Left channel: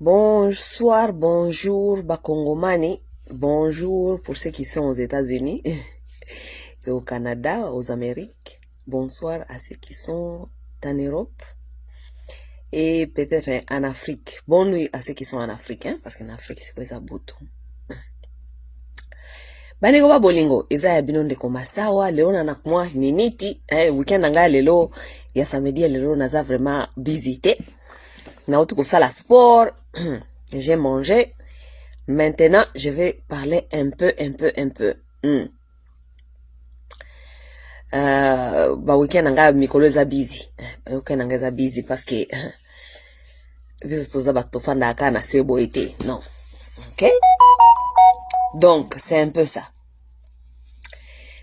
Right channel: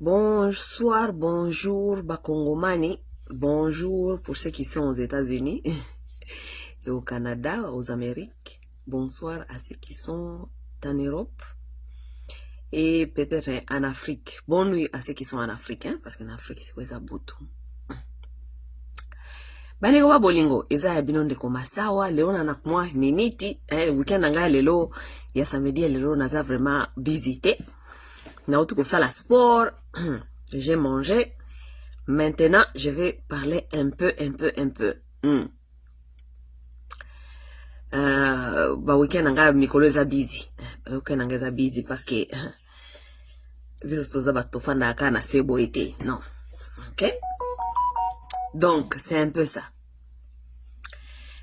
Bonsoir, bonjour, Bakongomani. Bonjour pour ceux qui sont aux États-Unis et au Canada, aux Amériques. Bonsoir à ceux qui sont en Europe et peut-être en Afrique. Bonne nuit à ceux qui sont en Afrique, hein, parce qu'en Afrique, c'est quoi ça, boto. Bani goba bolingo, eza ya binonde koma sawa, leo na nakumwa miniti, weekend anga lelo, ya samedi lelo naza vraiment visité. Na utu kusala sport, j'ai mangé. Maintenant, je vais parler un peu. Ba weekend anga mikolo eza busy. Weekend anga eza busy parce que biso toza bato fanda aka na sebo ete. Non. OK? Donc, c'est un peu ça.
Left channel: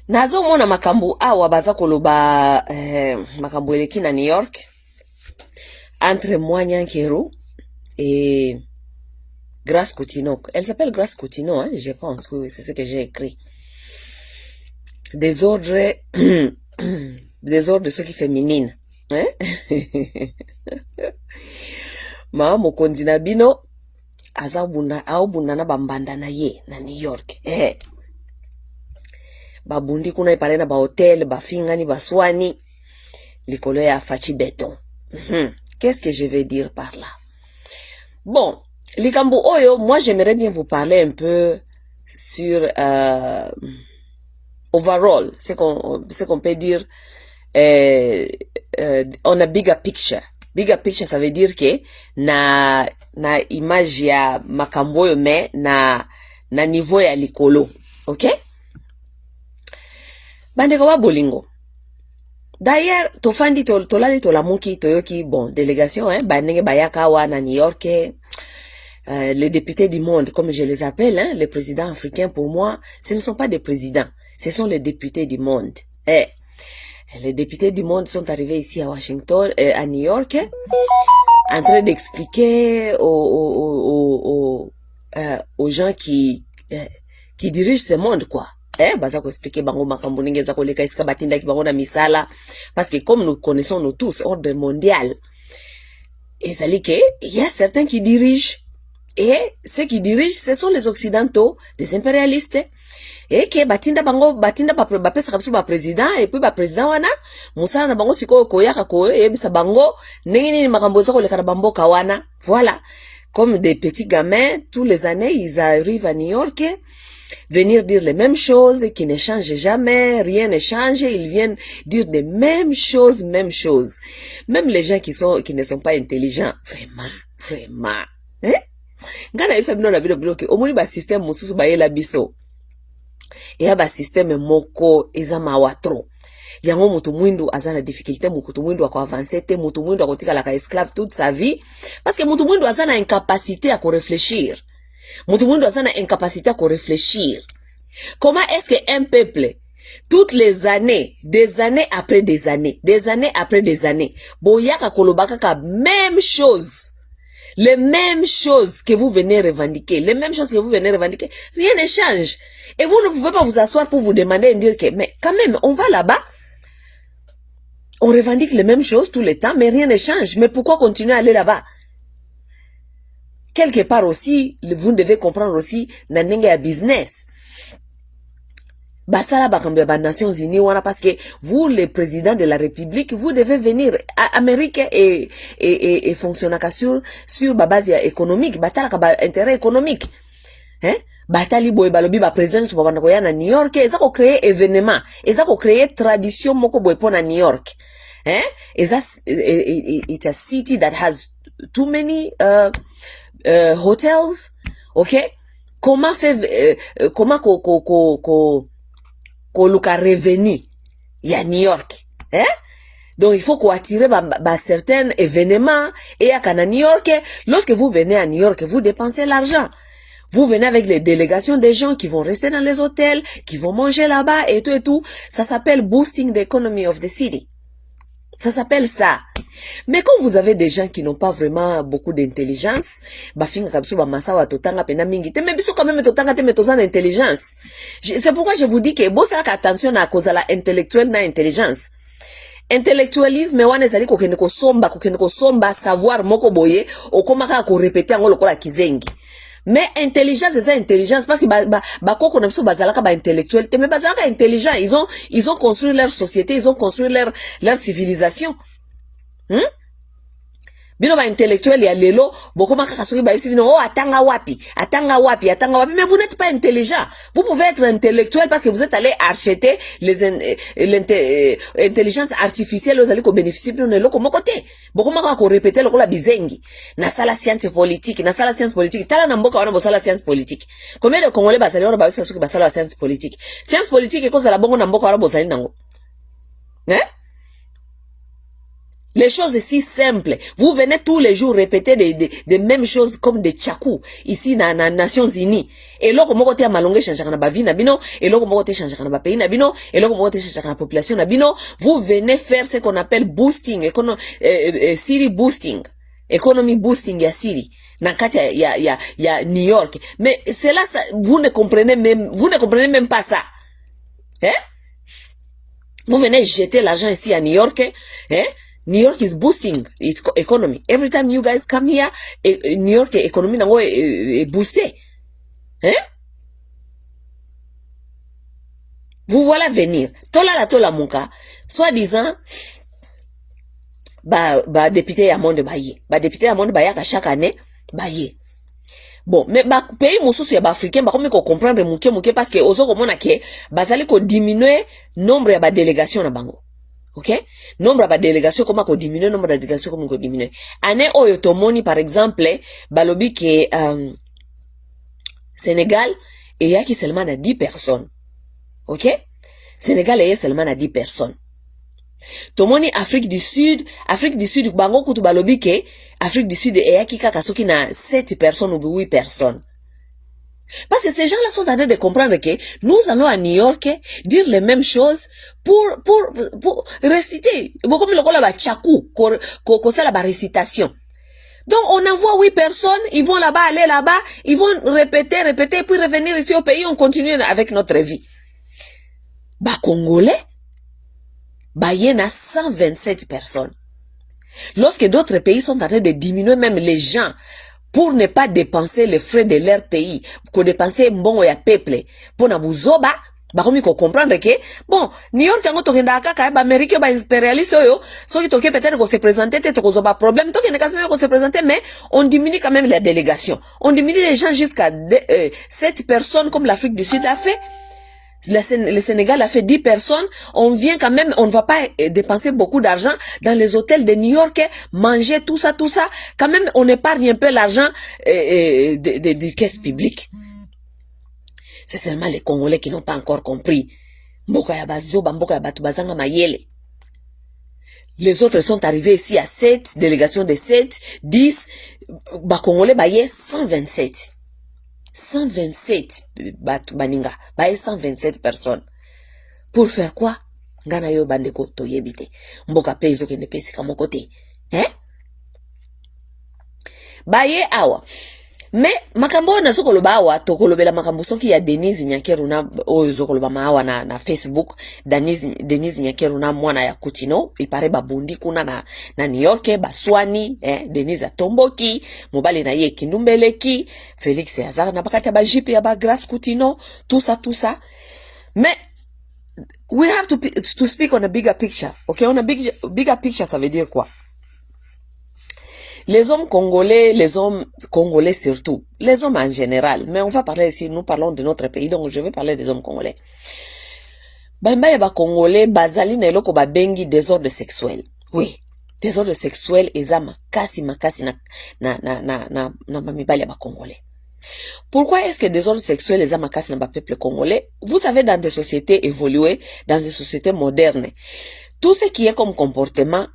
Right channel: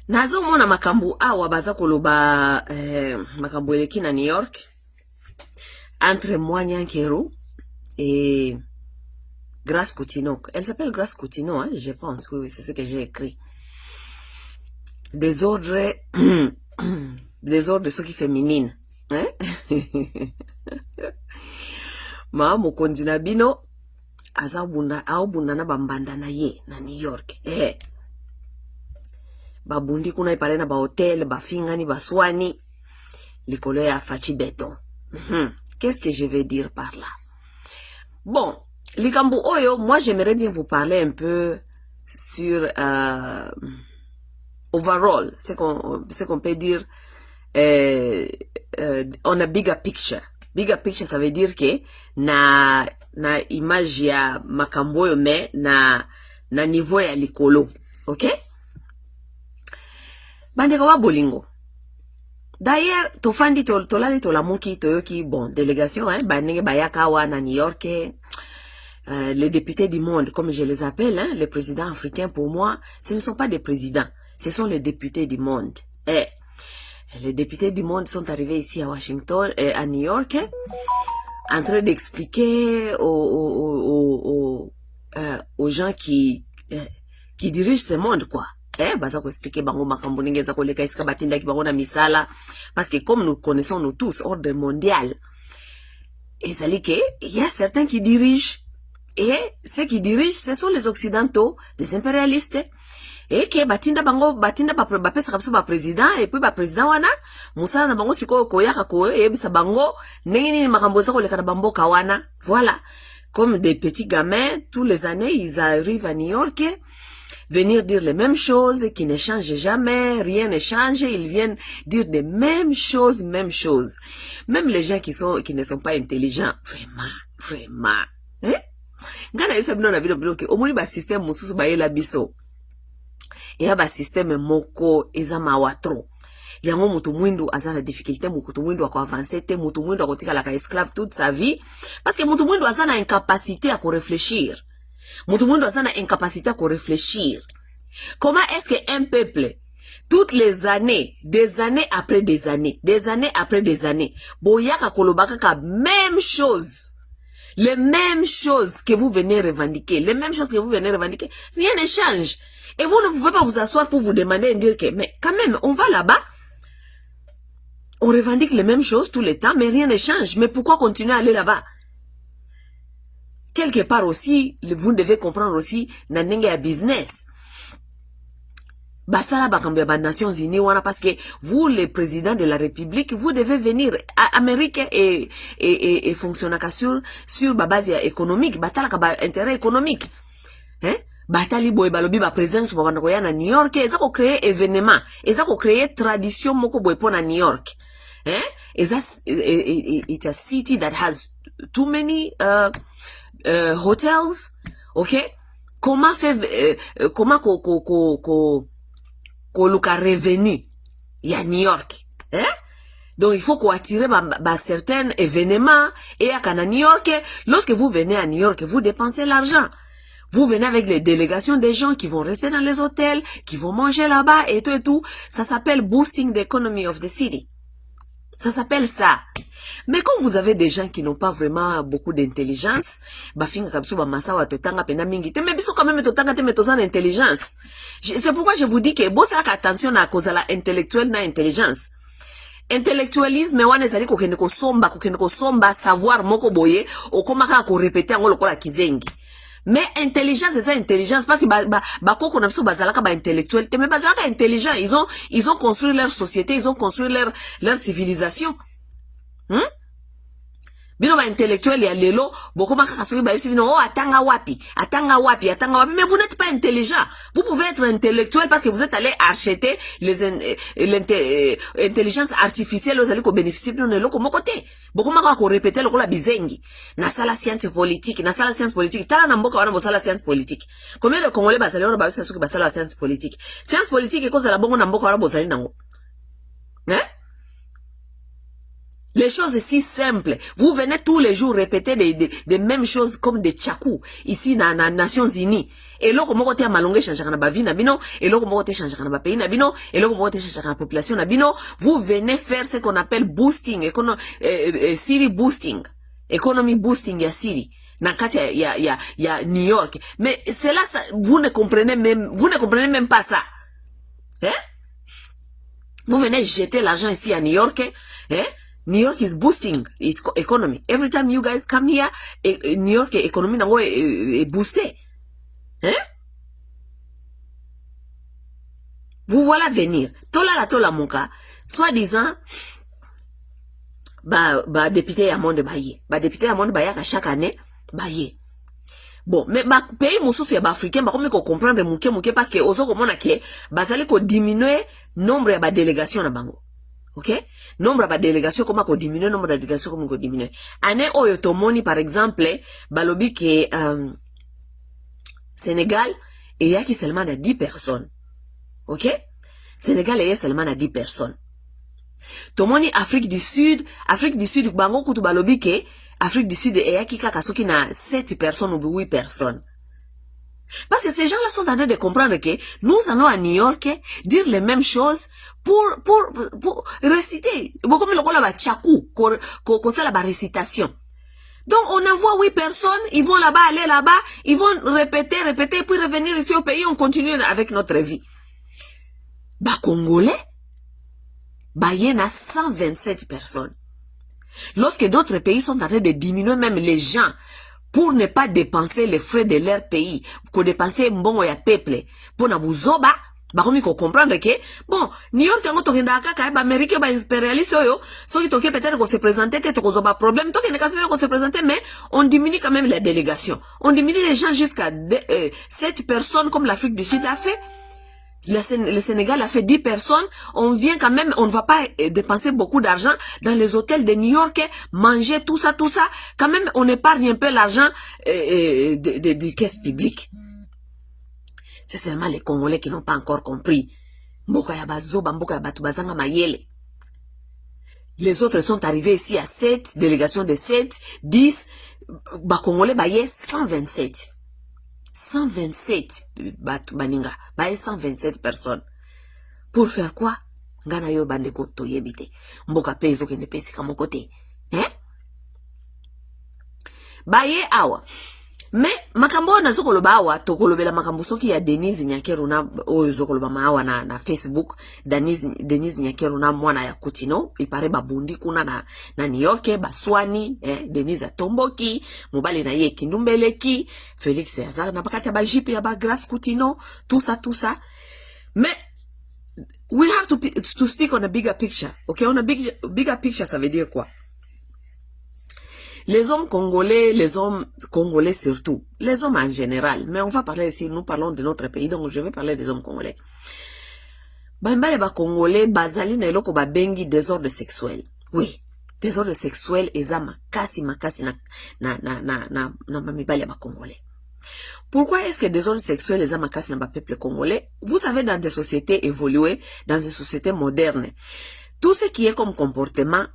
Nazo mona makambo awa baza koloba makambo eleki na New York entre moi Nyankeru et Grace Coutinho. Elle s'appelle Grace Coutinho, hein, je pense. Oui, c'est ce que j'ai écrit. Des ordres soki féminine, hein? Ma mokonzi na bino aobunda na bambanda na ye na New York. Babundi kuna ipale na ba hotel, bafingani, baswani, likolo ya fachi béton. Qu'est-ce que je vais dire par là? Bon, likambo oyo, moi j'aimerais bien vous parler un peu sur overall, c'est qu'on peut dire on a bigger picture. Bigger picture, ça veut dire que na image ya makambo yo me na niveau ya likolo. OK? Bandeko ba bolingo. D'ailleurs, tofandi tolali tolamuki toyoki bon délégation hein banenge bayaka wa na New York les députés du monde comme je les appelle hein, les présidents africains pour moi, ce ne sont pas des présidents, ce sont les députés du monde. Les députés du monde sont arrivés ici à Washington à New York en train d'expliquer aux gens qui dirigent ce monde quoi. Baza ko expliquer bango makambo ningeza ko leka iska batinda ki bango na misala parce que comme nous connaissons nous tous ordre mondial il y a certains qui dirigent et ceux qui dirigent ce sont les occidentaux, les impérialistes et que batinda ba pesa kapsu ba président et puis ba président wana musala na bango siko koyaka ko yebisa bango nini makambo zo ko leka na bamboka wana. Voilà, comme des petits gamins tous les années ils arrivent à New York venir dire les mêmes choses qui ne changent jamais, rien ne change, ils viennent dire les mêmes choses. Même les gens qui ne sont pas intelligents, vraiment. Ngana yesa bino na bilo bloqué. Omoni ba système mususu ba yela biso. Ya ba système moko eza mawatro. Yango mutu mwindu azana difficulté mutu mwindu ako avancer te mutu mwindu akotika la ka esclave toute sa vie parce que mutu mwindu azana incapacité à réfléchir. Mutu mwindu azana incapacité à réfléchir. Comment est-ce qu'un peuple, toutes les années, des années après des années, boyaka kolobaka ka même chose, les mêmes choses que vous venez revendiquer, rien ne change. Et vous ne pouvez pas vous asseoir pour vous demander et dire que, mais quand même, on va là-bas, on revendique les mêmes choses tout le temps, mais rien ne change. Mais pourquoi continuer à aller là-bas? Quelque part aussi, vous devez comprendre aussi, nanenga business. Basala bakambe ba Nations Unies wana parce que vous le président de la République vous devez venir à Amérique et fonctionner sur ba base économique batala ka ba intérêt économique batali boy balobi ba président ba bana koya na New York eza ko créer événement eza ko créer tradition moko boy pona New York it's a city that has too many hotels. OK, comment koluka revenu ya New York donc il faut attirer certains événements et à New York lorsque vous venez à New York vous dépensez l'argent, vous venez avec les délégations des gens qui vont rester dans les hôtels, qui vont manger là-bas et tout, ça s'appelle boosting the economy of the city, ça s'appelle ça. Mais quand vous avez des gens qui n'ont pas vraiment beaucoup d'intelligence, bafinga kabsu ba masawa totanga pena mingi te, mais biso quand même totanga te metozana intelligence. C'est pourquoi je vous dis que bossa attention à cause la intellectuelle na intelligence. intellectualisme wana ezali kokende kosomba savoir moko boye okomaka ko répéter ngo lokola kizengi. Mais intelligence c'est ça intelligence parce que bakoko na biso bazalaka ba intellectuel mais bazalaka intelligent, ils ont construit leur société, ils ont construit leur civilisation. Bino ba intellectuel ya lelo bokoma kaka soki ba bisi bino atanga wapi mais vous n'êtes pas intelligent. Vous pouvez être intellectuel parce que vous êtes allé acheter l'intelligence artificielle aux allez ko bénéficier bino lelo komo côté bokoma ka ko répéter lokola bizengi na sala science politique tala na mboka wana bosala science politique. Combien de Congolais basali wana ba bisi soki basala science politique ekoza la bongo na mboka wana bosali nango Les choses si simples. Vous venez tous les jours répéter des mêmes choses comme des tchakou ici dans les Nations Unies. Et là, comment on malongé changer na ba vie na bino, et là comment on changer na ba pays na bino, et là comment on changer na population na bino. Vous venez faire ce qu'on appelle boosting, City boosting, economy boosting ya City. Na kati ya New York. Mais cela, vous ne comprenez même pas ça. Vous venez jeter l'argent ici à New York, New York is boosting its economy. Every time you guys come here, New York economy nango est boosté. Vous voilà venir. Tola monka. Soi-disant, député à monde baye. Député à monde baye chaque année, baye. Bon, mais pays mosusu ya africain comme ko comprendre muke parce que ozo komona ke bazali ko diminuer nombre ya délégation na bango. OK? Nombre de délégations comment qu'on diminue, nombre de délégations comment qu'on diminue. Année oyo tomoni par exemple, balobi ke Sénégal et yaki seulement à 10 personnes. OK? Sénégal est seulement à 10 personnes. Tomoni Afrique du Sud bango kutu balobi ke Afrique du Sud et yaki kaka soki na 7 personnes ou 8 personnes. Parce que ces gens-là sont en train de comprendre que nous allons à New York dire les mêmes choses pour réciter. Bon, comme le cola ba tchakou, qu'on la récitation. Donc, on envoie 8 personnes, ils vont là-bas, aller là-bas, ils vont répéter, puis revenir ici au pays, on continue avec notre vie. Congolais, y a 127 personnes. Lorsque d'autres pays sont en train de diminuer même les gens, pour ne pas dépenser les frais de leur pays, pour dépenser mbongo ya peuple, pour na buzoba, comme ko comprendre que, bon, New York yango tokenda kaka ba Amérique ba impérialiste yo, so ki toke peut-être ko se présenter tete ko zoba problème, toke ne kasme ko se présenter mais on diminue quand même la délégation. On diminue les gens jusqu'à 7 personnes comme l'Afrique du Sud a fait. Le Sénégal a fait 10 personnes, on vient quand même, on ne va pas dépenser beaucoup d'argent dans les hôtels de New York, manger tout ça, quand même on épargne un peu l'argent des caisses publiques. C'est seulement les Congolais qui n'ont pas encore compris. Les autres sont arrivés ici à 7, délégation de 7, 10, Congolais baye 127. 127 baninga, 127 personnes. Pour faire quoi? Ngana yo bandeko toyebite. Mboka pezo kende pesi kamo kote. Baye awa. Mais makambo na soko loba awa tokolobela makambo soki ya Denise Nyakeru na ozokoloba maawa na Facebook. Denise Nyakeru na mwana ya Kutino ipare babundi kuna na New York baswani Denise atomboki mobali na ye kindumbeleki Felix Yazar na bakati ba jipe ya ba Grace Kutino tout ça. Mais we have to speak on a bigger picture. OK, on a bigger picture, ça veut dire quoi? Les hommes congolais surtout, les hommes en général, mais on va parler ici, nous parlons de notre pays, donc je vais parler des hommes congolais. Ba congolais, bazali na eloko ba bengi désordre sexuel. Oui, désordre sexuel eza makasi na mibali ba congolais. Pourquoi est-ce que désordre sexuel eza makasi na ba peuple congolais? Vous savez, dans des sociétés évoluées, dans des sociétés modernes, tout ce qui est comme comportement,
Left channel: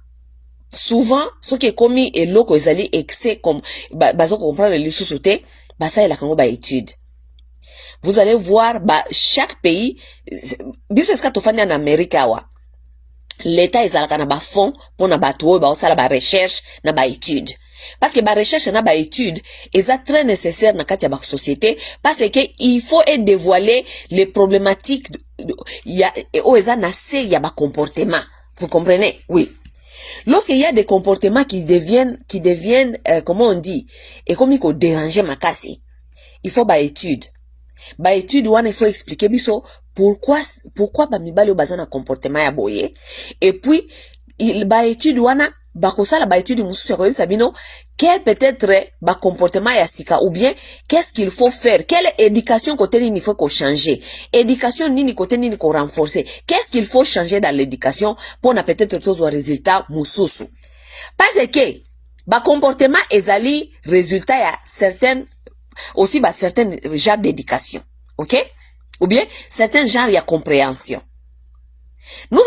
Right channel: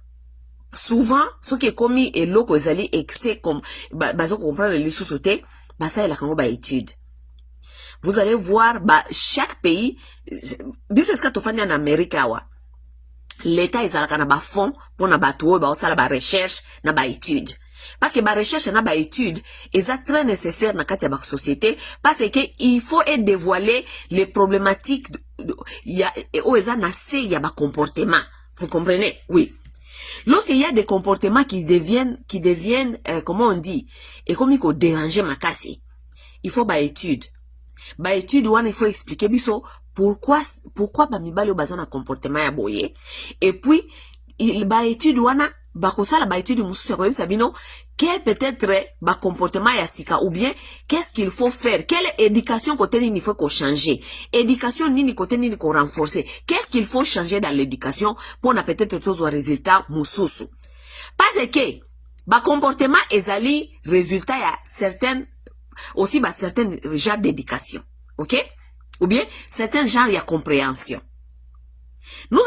souvent, ce qui est commis et loko ezali excès comme, bazo comprendre les sous-sautés, ça est la kango étude. Vous allez voir, chaque pays, biseska tofani en Amérique awa, l'État ezalaka na ba fond, pour na ba tuo, osala ba recherche, na ba étude. Parce que ba recherche na ba étude, est très nécessaire na kati ya ba société, parce que il faut dévoiler les problématiques, ya, eza na se ya ba comportement. Vous comprenez? Oui. Lorsqu'il y a des comportements qui deviennent comment on dit, et comme il faut déranger ma casse, il faut étude. Étude, il faut expliquer pourquoi bamibali au bazana comportement ya boye. Et puis, étude étude mususu ya sabino, quel peut-être comportement ya sika, ou bien, qu'est-ce qu'il faut faire? Quelle éducation côté nini faut qu'on changer? Éducation nini côté nini qu'on renforcer? Qu'est-ce qu'il faut changer dans l'éducation pour na peut-être tous un résultat mususu? Parce que, comportement ezali résultat ya certains genres d'éducation. Ok? Ou bien, certains genres de compréhension. Nous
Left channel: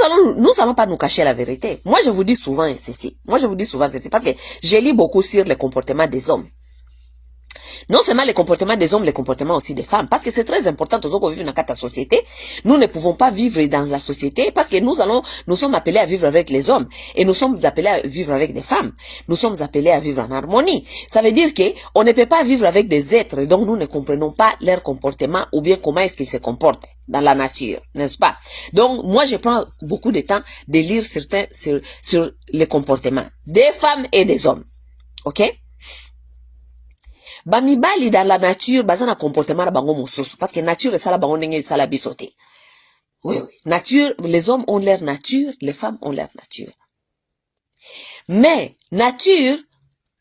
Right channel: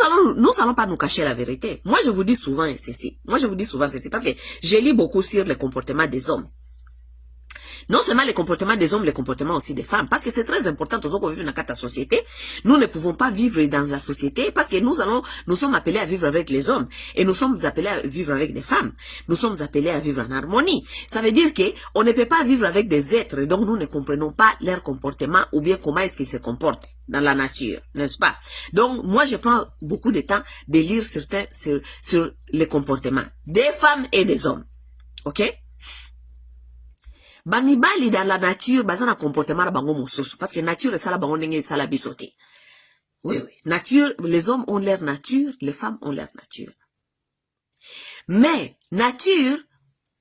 allons pas nous cacher la vérité. Moi, je vous dis souvent ceci. Parce que je lis beaucoup sur le comportement des hommes. Non seulement les comportements des hommes, les comportements aussi des femmes. Parce que c'est très important, tous qu'on vit dans la société. Nous ne pouvons pas vivre dans la société parce que nous sommes appelés à vivre avec les hommes. Et nous sommes appelés à vivre avec des femmes. Nous sommes appelés à vivre en harmonie. Ça veut dire que on ne peut pas vivre avec des êtres dont nous ne comprenons pas leur comportement ou bien comment est-ce qu'ils se comportent dans la nature, n'est-ce pas? Donc, moi, je prends beaucoup de temps de lire certains sur les comportements des femmes et des hommes. Ok? Bamibali dans la nature, bazana comportement na bango mosusu. Parce que nature, ça la bango nenge, ça la bisoté. Oui. Nature, les hommes ont leur nature, les femmes ont leur nature. Mais, nature,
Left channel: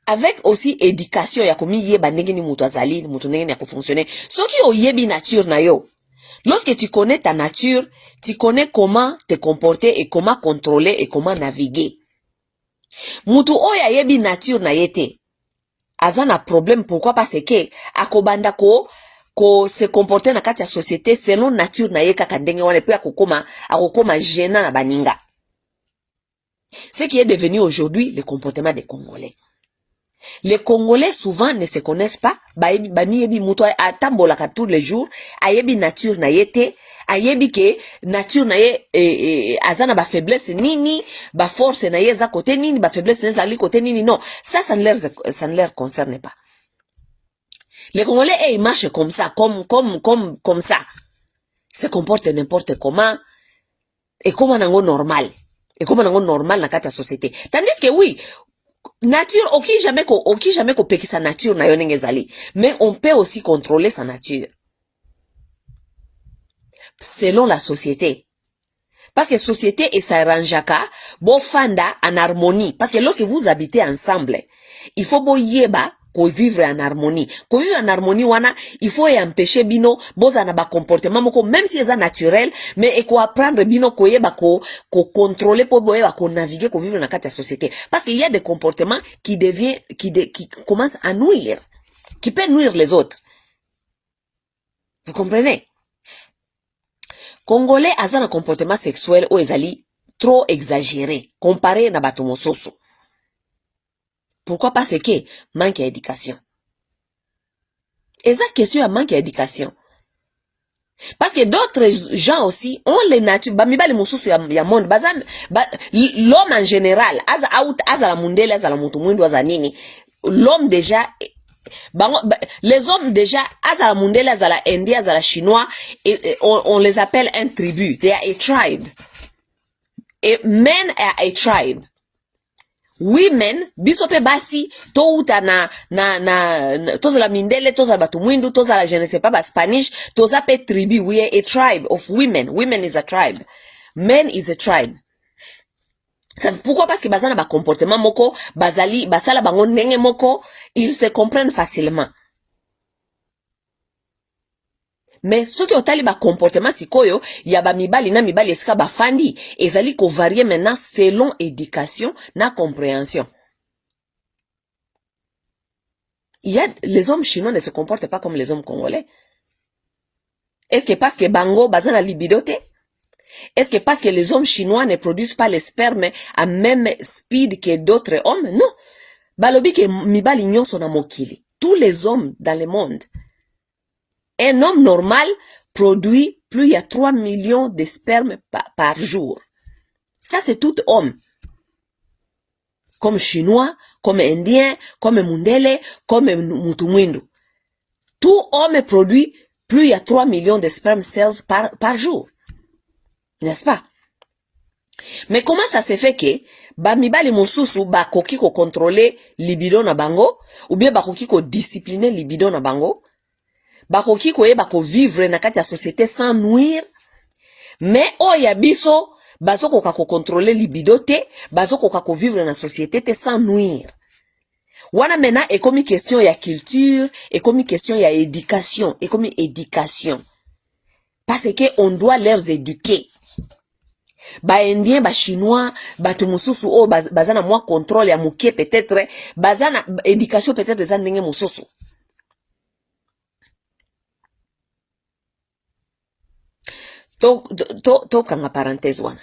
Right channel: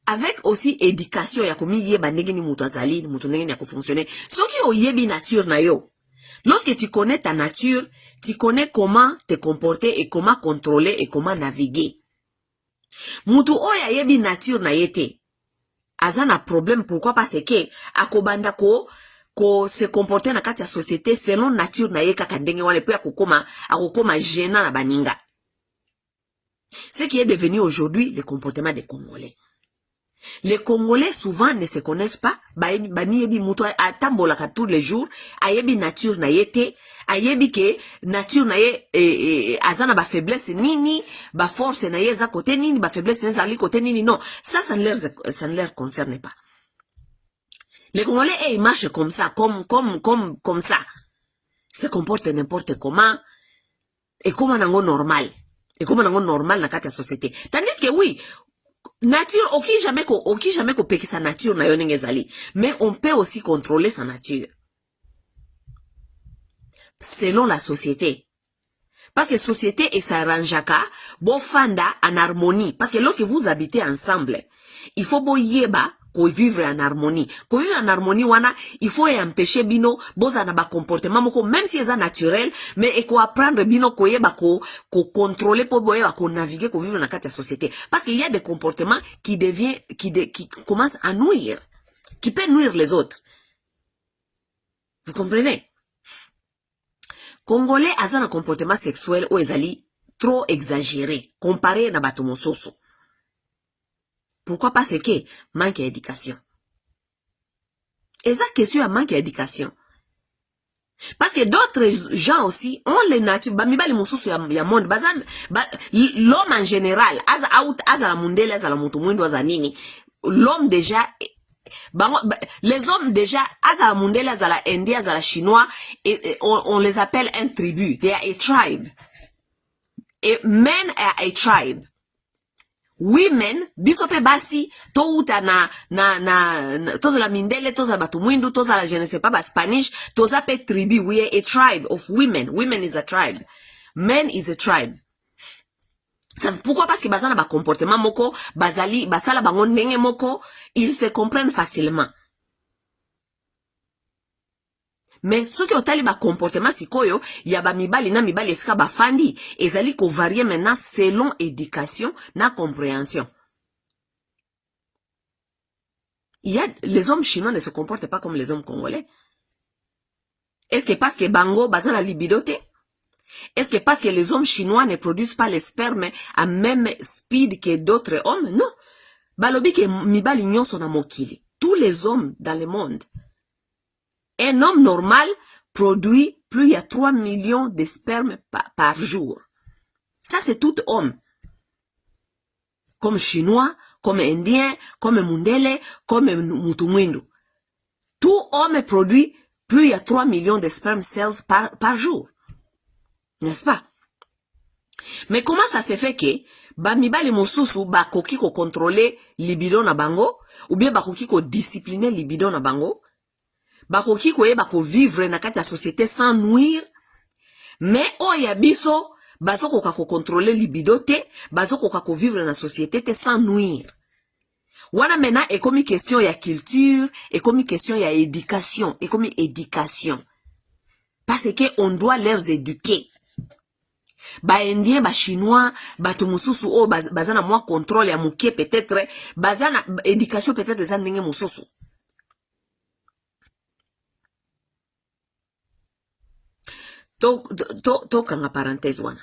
avec aussi éducation, ya komi yeba nenge ni mutu azali, ni mutu nenge ni yako fonctionner. Soki o yebi nature na yo. Lorsque tu connais ta nature, tu connais comment te comporter et comment contrôler et comment naviguer. Mutu oya yebi nature na yete. Azana problème, pourquoi? Parce que akobanda ko se comporter na kati ya société selon nature na ye kaka ndenge wana, puis akokoma gênant na baninga. Ce qui est devenu aujourd'hui le comportement des Congolais. Les Congolais souvent ne se connaissent pas, bani yebi muto atambolaka tous les jours, ayebi nature na yete, ayebi ke nature na ye azana ba faiblesse nini, ba force na ye za côté nini, ba faiblesse na za côté nini, non, ça ne leur concerne pas. Les Congolais ils marchent comme ça, comme ça. Se comportent n'importe comment et comme nango normal. Et comme nango normal na kati ya société. Tandis que oui, nature, oki jamais ko peki sa nature na yonenge zali. Mais on peut aussi contrôler sa nature. Selon la société. Parce que société et sa ranjaka, bo fanda en harmonie. Parce que lorsque vous habitez ensemble, il faut bo yeba ko vivre en harmonie. Ko vivre en harmonie wana, il faut empêcher bino boza na ba comportement moko, même si c'est naturel, mais il faut apprendre bino ko yeba ko contrôler po boyeba ko naviguer ko vivre dans la société. Parce qu'il y a des comportements qui commencent à nuire, qui peuvent nuire les autres. Vous comprenez? Congolais a un comportement sexuel ou ezali trop exagéré comparé na bato mosusu. Pourquoi? Parce que manque d'éducation. Et ça question à manque d'éducation. Parce que d'autres gens aussi ont les natures, bamiba les mosusu ya monde, l'homme en général, la mundele, la mutumwindu, nini, l'homme déjà, les hommes déjà, la mundele, la indien, la chinois, on les appelle un tribu, they are a tribe. Et men are a tribe. Women, bisope basi, to uta toza la mindele, toza la batumwindu, toza la je ne sais pas, Spanish, toza pe tribu. We are a tribe of women. Women is a tribe. Men is a tribe. Pourquoi? Parce que bazana ba comportement moko, basala bango nenge moko, ils se comprennent facilement. Mais ceux qui ont tali ba comportement sikoyo, ya ba mibali na mibali esika ba fandi, ezali ko varier maintenant selon éducation na compréhension. Les hommes chinois ne se comportent pas comme les hommes congolais. Est-ce que parce que bango bazana libidote? Est-ce que parce que les hommes chinois ne produisent pas les spermes à même speed que d'autres hommes? Non. Balobi ke mibali nyonso na mokili. Tous les hommes dans le monde. Un homme normal produit plus de 3 millions de spermes par jour. Ça, c'est tout homme. Comme chinois, comme indien, comme mundele, comme mutumwindu. Tout homme produit plus de 3 millions de sperm cells par jour. N'est-ce pas? Mais comment ça se fait que ba mibali mosusu ba koki ko contrôler libido na bango ou bien ba koki ko discipliner libido na bango, ba koki ko yeba ko vivre na kati ya société sans nuire, mais oya biso bazo koka ko contrôler libido te, bazo koka ko vivre na société te sans nuire. Wana mena est comme question ya culture, est comme question ya éducation, est comme éducation. Parce que on doit les éduquer. Ba indien, ba chinois, ba tumususu o bazana moi contrôle ya muke peut-être, bazana éducation peut-être za ndenge mususu. To kanga parenthèse wana.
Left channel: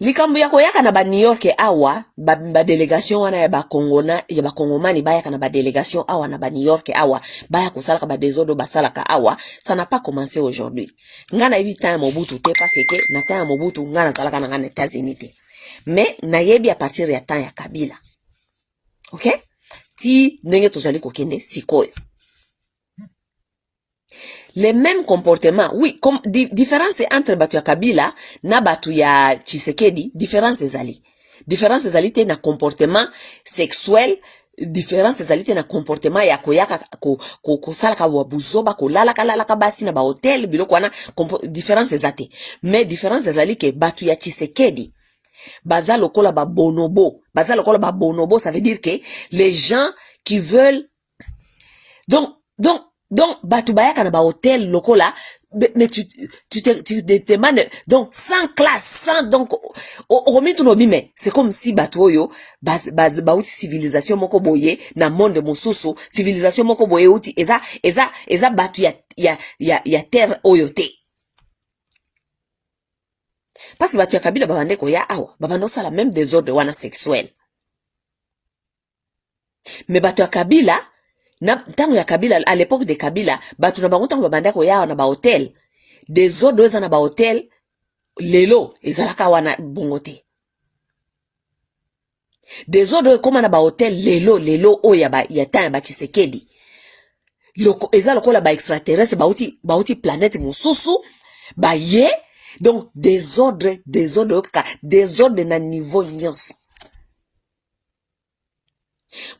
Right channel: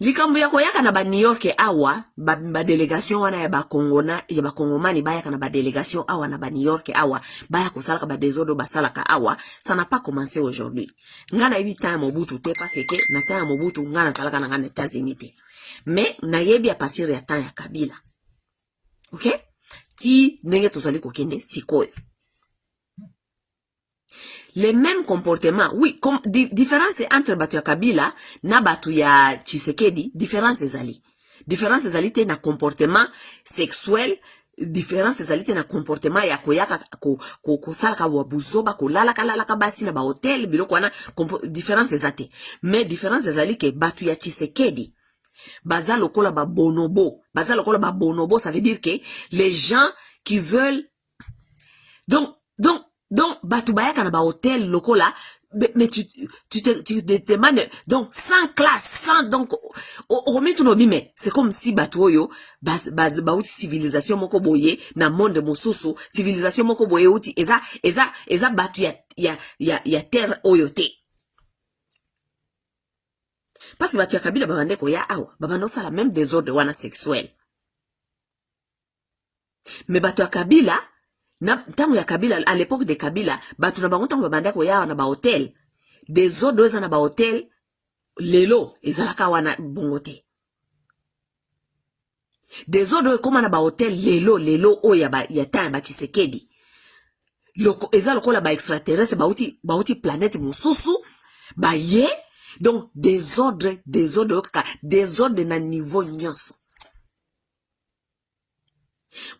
Likambo yako yaka na ba New York awa ba délégation wana ya ba Congomani ba yaka na ba délégation awa na ba New York awa ba ya kosalaka ba désodo ba salaka awa, ça n'a pas commencé aujourd'hui. Ngana yebi temps Mobutu te parce que na temps Mobutu ngana salaka na ngana États-Unis te. Mais na yebi à partir ya temps ya Kabila. OK? Ti ndenge tozali kokende sikoyo. Les mêmes comportements, oui, comme différence entre batu ya Kabila na batu ya Tshisekedi, différence ezali. Différence ezali te na comportement sexuel, différence ezali te na comportement ya koyaka ko salaka wa buzoba ko lalaka basi na ba hotel biloko wana, différence ezate. Mais différence ezali ke batu ya Tshisekedi baza lokola ba bonobo, ça veut dire que les gens qui veulent donc batu bayaka na ba hôtel lokola, mais tu te demandes, donc sans classe, sans donc mais c'est comme si batu oyo uti civilisation moko boye na monde mosusu, civilisation moko boye uti eza batu ya terre oyo te. Parce que batu ya Kabila babande ko ya awa babando sala même désordre wana sexuel. Mais batu ya Kabila na tango ya Kabila, à l'époque de Kabila, batu na bango tango babanda ko ya na ba hotel, des autres eza na ba hotel lelo ezalaka wana bongote. Des autres comme na ba hotel lelo o ya temps ba Tshisekedi. Loko eza lokola ba extraterrestre ba uti planète mususu ba ye, donc des ordres na niveau nyonso.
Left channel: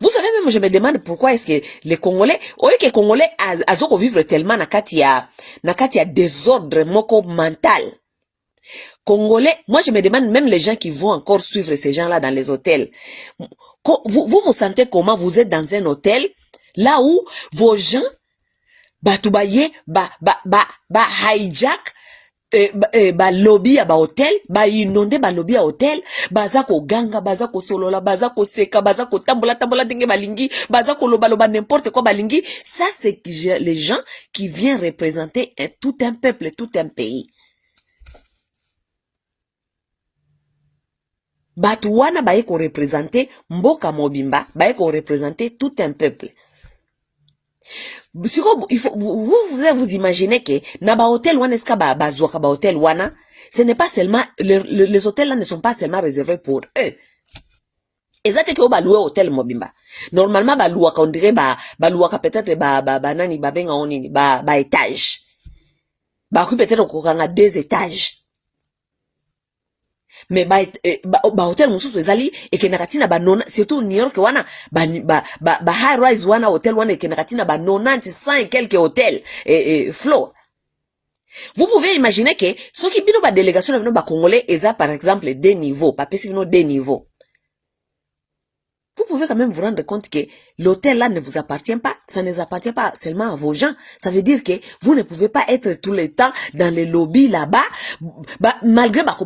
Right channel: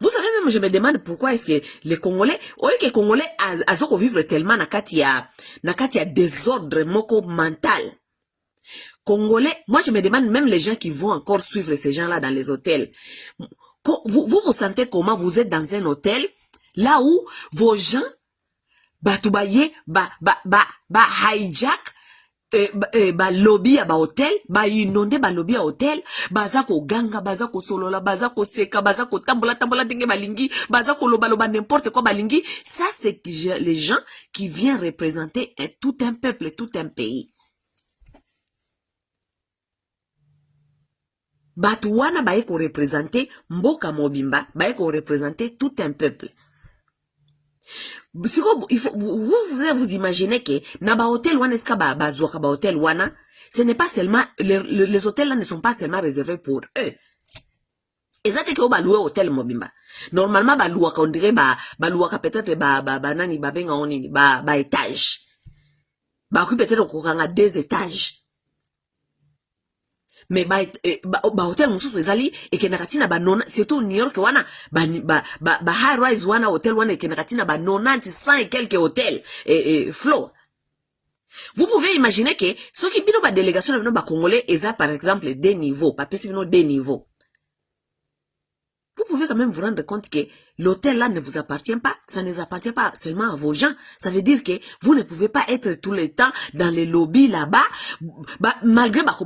Vous savez, même je me demande pourquoi est-ce que les Congolais, les Congolais azoko vivre tellement na kati ya désordre moko mental. Congolais, moi je me demande même les gens qui vont encore suivre ces gens-là dans les hôtels. Vous sentez comment vous êtes dans un hôtel là où vos gens batubaye hijack ba lobby ya ba hotel, ba inonde ba lobby ya hotel, baza ko ganga, baza ko solola, baza ko seka, baza ko tambola ndenge balingi, baza ko loba n'importe quoi balingi. Ça c'est les gens qui viennent représenter tout un peuple, tout un pays. Batu wana baye ko représenter mboka mobimba, baye ko représenter tout un peuple. Il faut, vous imaginez que na ba hôtel wana eska bazouaka ba hôtel wana, ce n'est pas seulement les hôtels là ne sont pas seulement réservés pour eux. Ezate ke ba louer hôtel mobimba. Normalement ba louaka on dirait ba louaka peut-être ba nani ba benga onini ba étage. Ba ku peut-être kokanga 2 étages. Mais ba hotel mususu ezali ekenakatina ba nona, surtout New York wana ba high rise wana hotel wana ekenakatina ba 90 100 et quelques hôtels floor. Vous pouvez imaginer que ceux qui bino ba délégation na ba congolais eza par exemple des niveaux, pas spécifiquement des niveaux. Vous pouvez quand même vous rendre compte que l'hôtel là ne vous appartient pas. Ça ne vous appartient pas seulement à vos gens. Ça veut dire que vous ne pouvez pas être tout le temps dans les lobbies là-bas. Malgré ba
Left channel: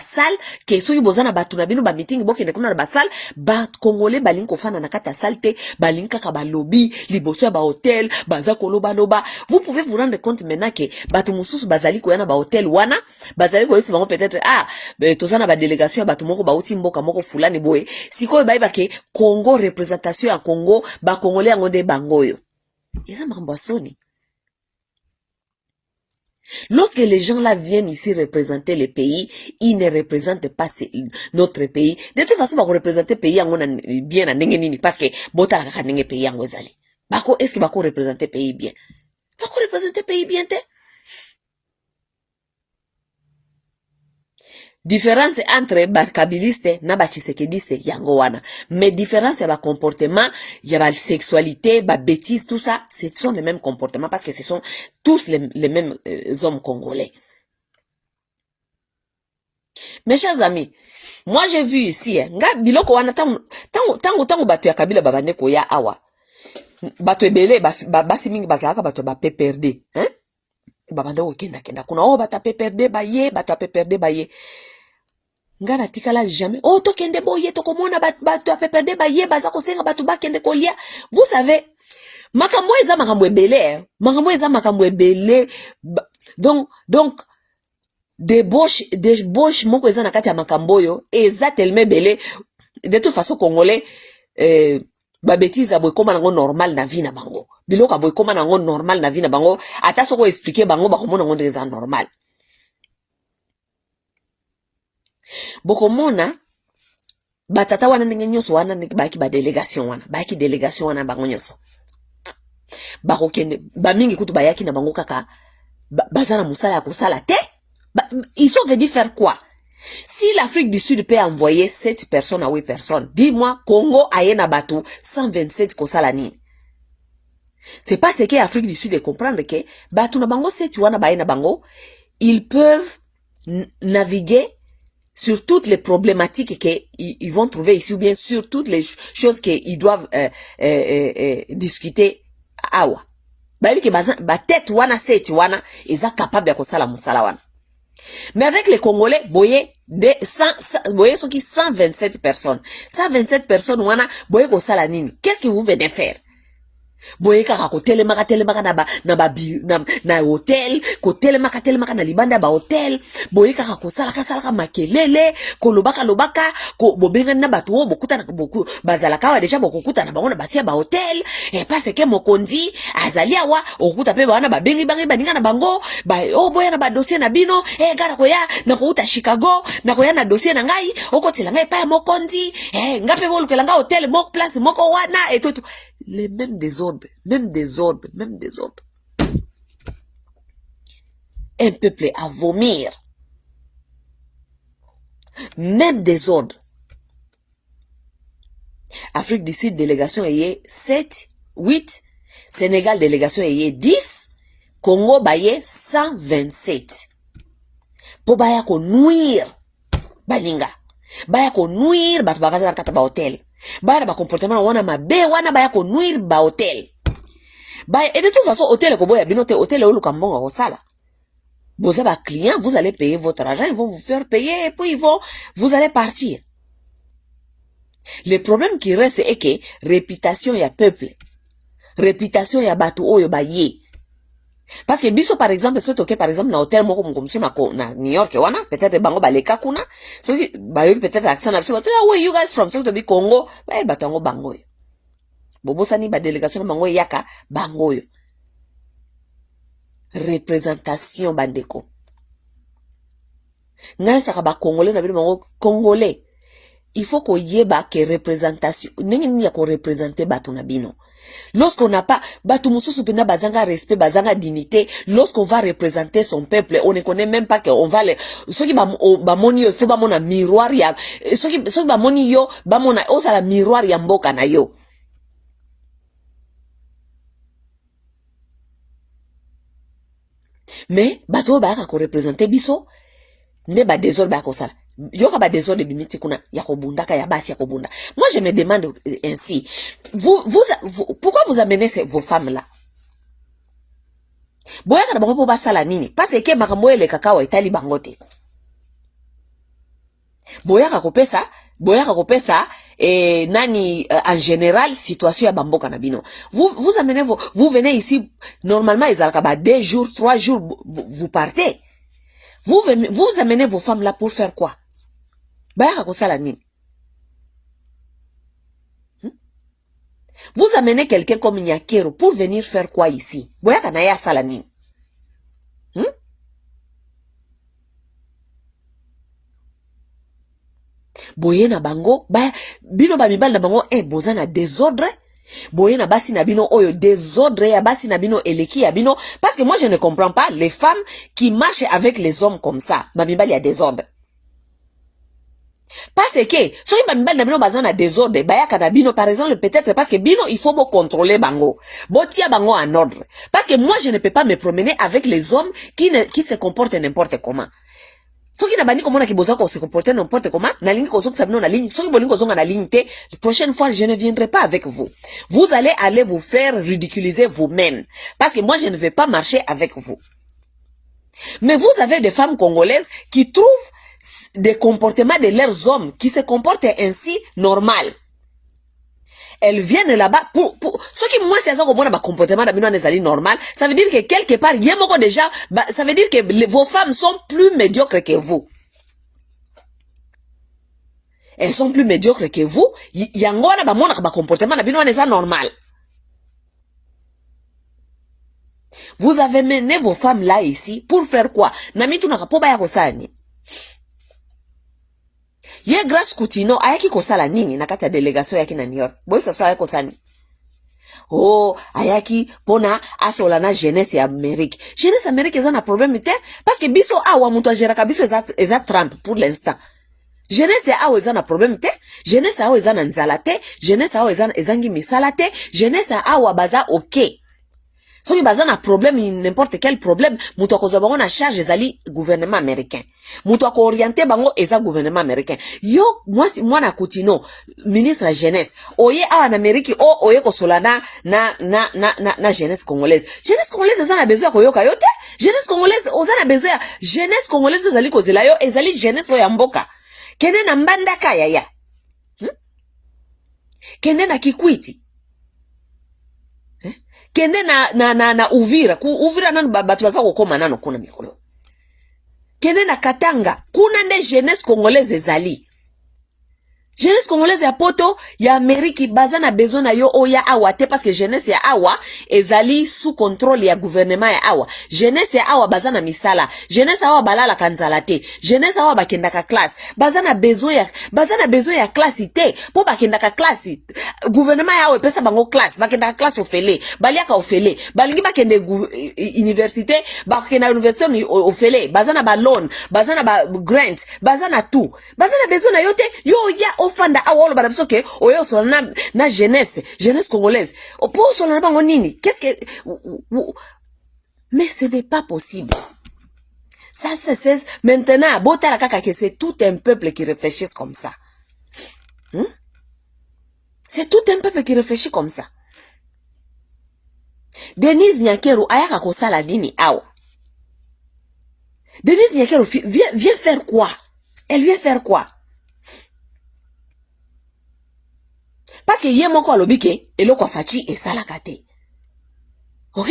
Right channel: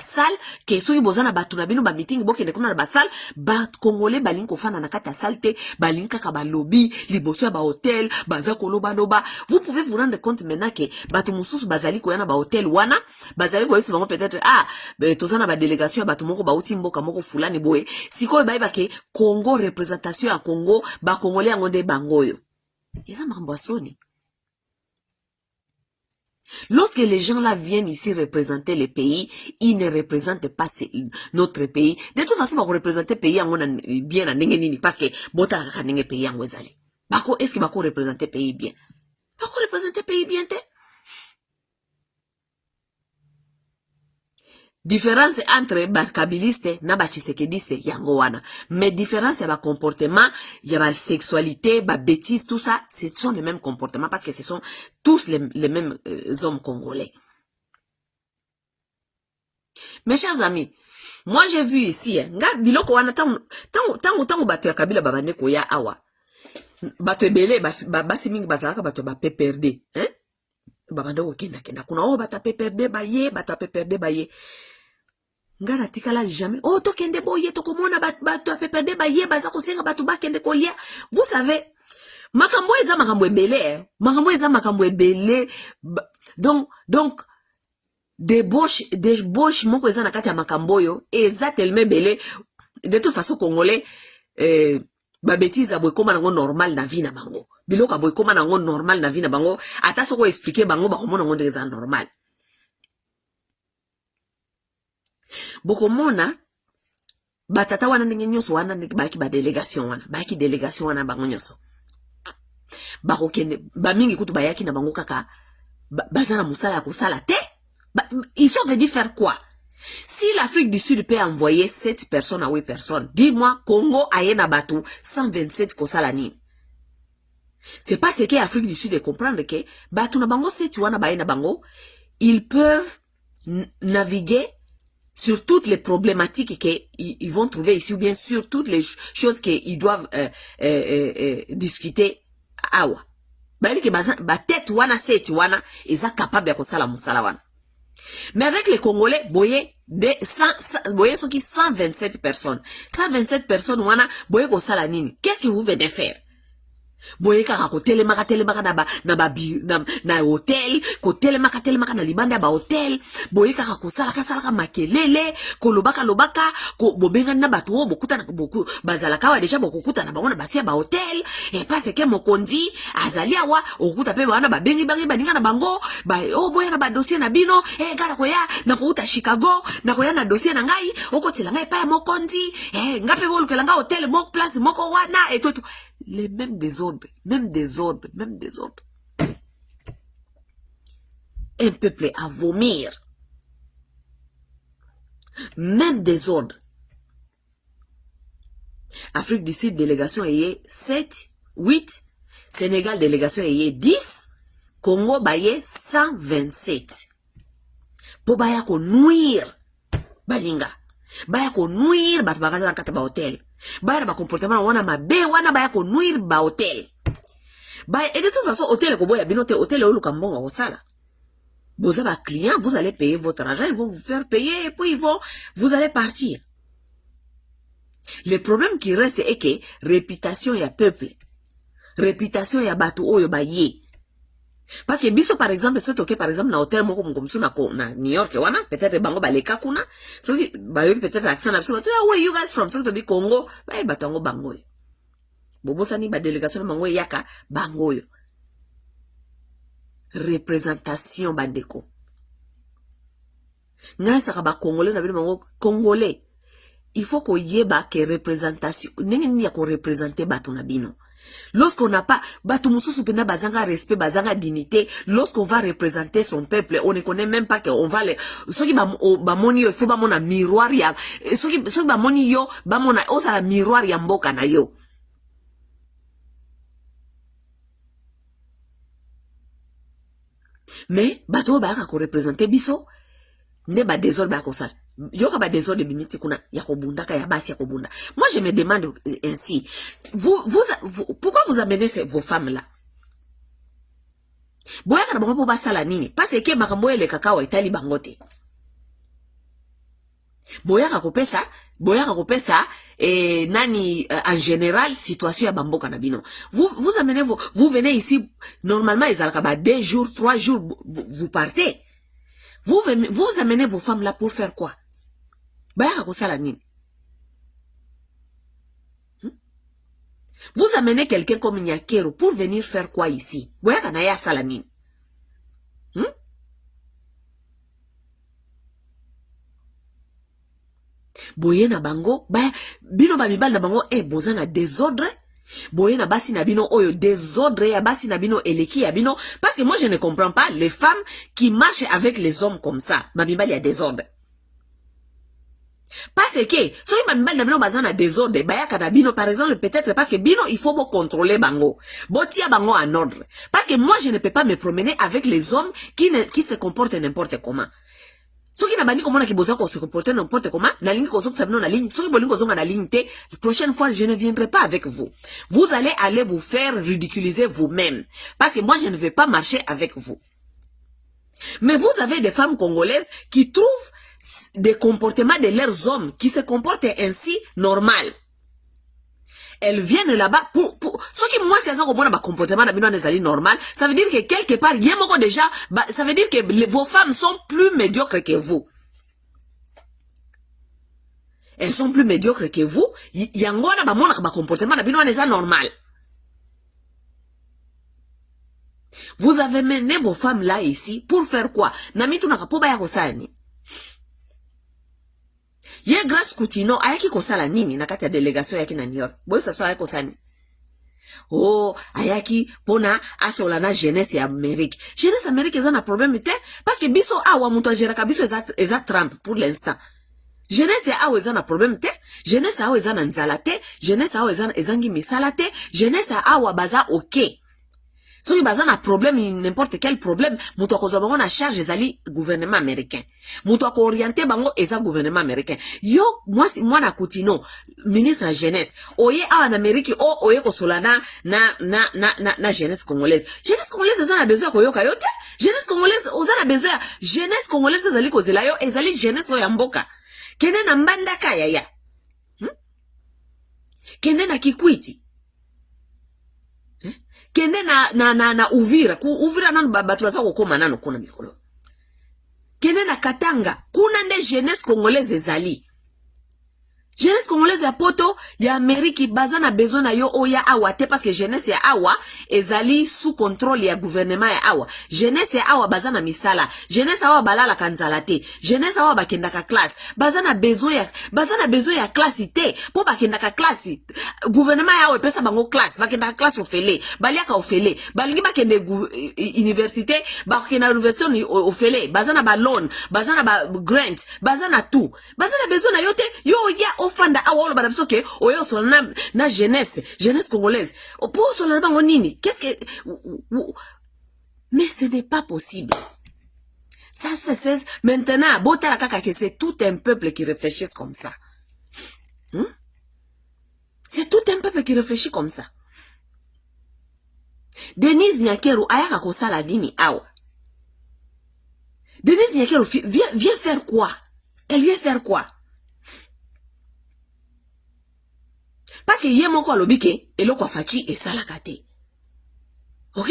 salle, que ceux qui bozana ba tunabino ba meeting, boke ne kuna ba salle, ba congolais ba linko fana na kata salte, ba linka ka ba lobby, liboso ba hôtel, baza koloba noba. Vous pouvez vous rendre compte maintenant que batu mususu bazali ko yana ba hôtel wana, bazali ko yesi bango peut-être tozana ba délégation ba tumoko ba uti mboka moko fulani boye. Siko ba ke Congo représentation à Congo ba congolais ngonde bangoyo. Eza makambo soni. Lorsque les gens là viennent ici représenter les pays, ils ne représentent pas notre pays. De toute façon, ba représenter pays ngona bien na ndenge nini parce que bota ka ndenge pays ngo ezali. Bako est-ce que bako représenter pays bien? Bako représenter pays bien te? Différence entre ba kabiliste na ba chisekediste yango wana. Mais différence ya ba comportement, ya ba sexualité, ba bêtise, tout ça, ce sont les mêmes comportements parce que ce sont tous les mêmes hommes congolais. Mes chers amis, moi j'ai vu ici, nga biloko wana tangu bato ya kabila babande ko ya awa. Bato ebele basi mingi bazalaka bato ba PPRD, hein? Babande ko kenda kuna bata PPRD ba ye. Nga na tikala jamais to kende boye to komona bato ya PPRD ba ye baza ko senga bato ba kende kolia. Vous savez, makambo eza makambo ebele, makambo ebele. Donc débauche moko eza na kati ya makambo yo eza tellement belé. De toute façon congolais ba bêtise aboy koma nango normal na vie na bango, biloko aboy koma nango normal na vie na bango, ata soko expliquer bango ba komona ngo ndeza normal. Bokomona batata wana ndenge nyonso wana baki ba délégation wana bango nyonso bakokende bamingi kutu bayaki na bango kaka bazana musala ya kosala te. Ils sont venus faire quoi? Si l'Afrique du Sud peut envoyer 7 personnes à 8 personnes, dis-moi, Congo ayena bato 127 kosala nini? C'est pas ce que l'Afrique du Sud de comprendre que bato na bango 7 wana bayena bango, ils peuvent naviguer sur toutes les problématiques qu'ils vont trouver ici, ou bien sur toutes les choses qu'ils doivent discuter awa. Babi ke ba tête wana 7 wana eza capable ya kosala musala wana. Mais avec les Congolais, boye 127 personnes. 127 personnes wana boye ko sala nini? Qu'est-ce que vous venez faire? Boye kaka ko telemaka na hotel, ko telemaka na libanda ba hotel, boye kaka ko sala makelele, ko lobaka ko bobenga na batu o bokuta na boku bazalaka wa deja bokuta na bango basia ba hotel, et parce que mokonzi azali awa okuta pe bana babengi baninga na bango, boye na ba dossier na bino, gara ko ya na ko uta Chicago, na ko ya na dossier na ngai, okotela ngai pa mokonzi, ngape bolukela nga hotel moko place moko wana et tout. Les mêmes désordres. Un peuple à vomir. Même désordre. Afrique du Sud, délégation ayé 7, 8. Sénégal, délégation ayé 10. Congo, baye 127. Po baya ko nuire. Balinga. Baya ko nuire, bat bagaza na kata ba hotel. Baya ba comportement wana mabe wana baya ko nuire ba hotel. Baya, et de toute façon, hôtel ko boya binote hôtel ou lukambonga ko sala. Vous avez un client, vous allez payer votre argent, ils vont vous faire payer et puis vous allez partir. Le problème qui reste est que réputation ya peuple. Réputation ya batu oyo baye. Parce que biso par exemple, soit ok par exemple na hôtel moko mkomsi na New York wana, peut-être bango baleka kuna, so bayo peut-être accent na biso, where you guys from? So to be Congo, batango bango yo. Bobo sani ba délégation na bango yaka bango yo. Représentation bandeko. Nga saka ba congolais na bino bango congolais. Il faut qu'on yeba que représentation, nini ya ko représenter batu na bino. Lorsqu'on n'a pas, batu mususu pena bazanga respect, bazanga dignité, lorsqu'on va représenter son peuple, on ne connaît même pas qu'on va les, ceux qui ba moni yo, fait ba mona miroir ya, ceux qui ba moni yo, ba mona, osa la miroir ya mboka na yo. Mais, bato ba ko représenter biso, ne ba désordre ba ko sala. Yoka ba désordre bimiti kuna ya kobundaka ya basi ya kobunda. Moi je me demande ainsi, pourquoi vous amenez vos femmes là? Boyaka na bango po basala nini? Parce que makambo ele kakao etali bangote. Boyaka kopesa nani en général situation ya bamboka na bino. Vous amenez vous venez ici normalement ezalaka ba 2 jours, 3 jours vous partez. Vous amenez vos femmes là pour faire quoi? Boyaka kosala nini? Vous amenez quelqu'un comme Nyakero pour venir faire quoi ici? Boyaka na ya sala nini? Boye na bango, bino ba mibali na bango, boza na désordre. Boye na basi na bino oyo désordre ya basi na bino eleki ya bino. Parce que moi je ne comprends pas les femmes qui marchent avec les hommes comme ça. Ma mibali ya désordre. Parce que, so y bambal na bino bazana désordre, baya kadabino, par exemple, peut-être parce que bino, il faut contrôler bango. Botia bango en ordre. Parce que moi, je ne peux pas me promener avec les hommes qui se comportent n'importe comment. So qui n'a bani comment qui bosa se comporter n'importe comment, na ligne kozo sabino na ligne, so qui bolingo zonga na ligne te, la prochaine fois, je ne viendrai pas avec vous. Vous allez aller vous faire ridiculiser vous-même. Parce que moi, je ne vais pas marcher avec vous. Mais vous avez des femmes congolaises qui trouvent des comportements de leurs hommes qui se comportent ainsi normal. Elles viennent là-bas pour ce qui moi c'est ça comme un comportement d'abino normal, ça veut dire que quelque part il y a déjà ça veut dire que vos femmes sont plus médiocres que vous. Elles sont plus médiocres que vous, yangona ba mona ba comportement d'abino ça normal. Vous avez mené vos femmes là ici pour faire quoi? Namitu nakapoba ya kosani. Ye Grace Kutino ayaki kosala nini na kati ya délégation yaki na New York. Boy sabso ayaki kosani. Oh, ayaki pona asola na jeunesse ya Amérique. Jeunesse Amérique eza na problème te parce que biso awa mutu agera ka biso eza Trump pour l'instant. Jeunesse awa eza na problème te, jeunesse awa eza na nzala te, jeunesse awa eza ngi misala te, jeunesse awa baza OK. So il bazana problème, n'importe quel problème, muto ko zobango na charge ezali gouvernement américain. Muto ko orienté bango eza gouvernement américain. Yo moi na Kutino, ministre la jeunesse. Oye awa en Amérique oye ko solana na jeunesse congolaise. Jeunesse congolaise eza na besoin ko yoka yote. Jeunesse congolaise oza na besoin jeunesse congolaise ezali ko zela yo ezali jeunesse ya mboka. Kene na mbanda kaya ya. Kene na Kikwiti. Kende na Uvira, Uvira nanu batu baza kokoma nanu kuna mikolo. Kende na Katanga, kuna nde jeunesse congolaise ezali. Jeunesse congolaise ya poto ya Amérique baza na besoin na yo oya awa te parce que jeunesse ya awa ezali sous contrôle ya gouvernement ya awa. Jeunesse ya awa baza na misala. Jeunesse awa balala kanzala te. Jeunesse awa bakenda ka classe. Baza na besoin ya classe te. Po bakenda ka classe. Gouvernement ya awa pesa bango classe. Bakenda ka classe ofele. Baliaka ofele. Balingi bakende université. Bakenda université ofele. Baza na ba loan. Baza na ba grant. Baza na tout. Baza na besoin na yo te. Yo ya ofanda awolo bana biso ke oyo so na jeunesse congolaise pour so na bango nini qu'est-ce que mais ce n'est pas possible ça c'est maintenant botala kaka que c'est tout un peuple qui réfléchit comme ça c'est tout un peuple qui réfléchit comme ça. Denise Nyakeru ayaka kosala nini awa Denise Nyakeru vient faire quoi? Elle vient faire quoi? Parce que yé moko alobi ke eloko fachi esalaka te. OK?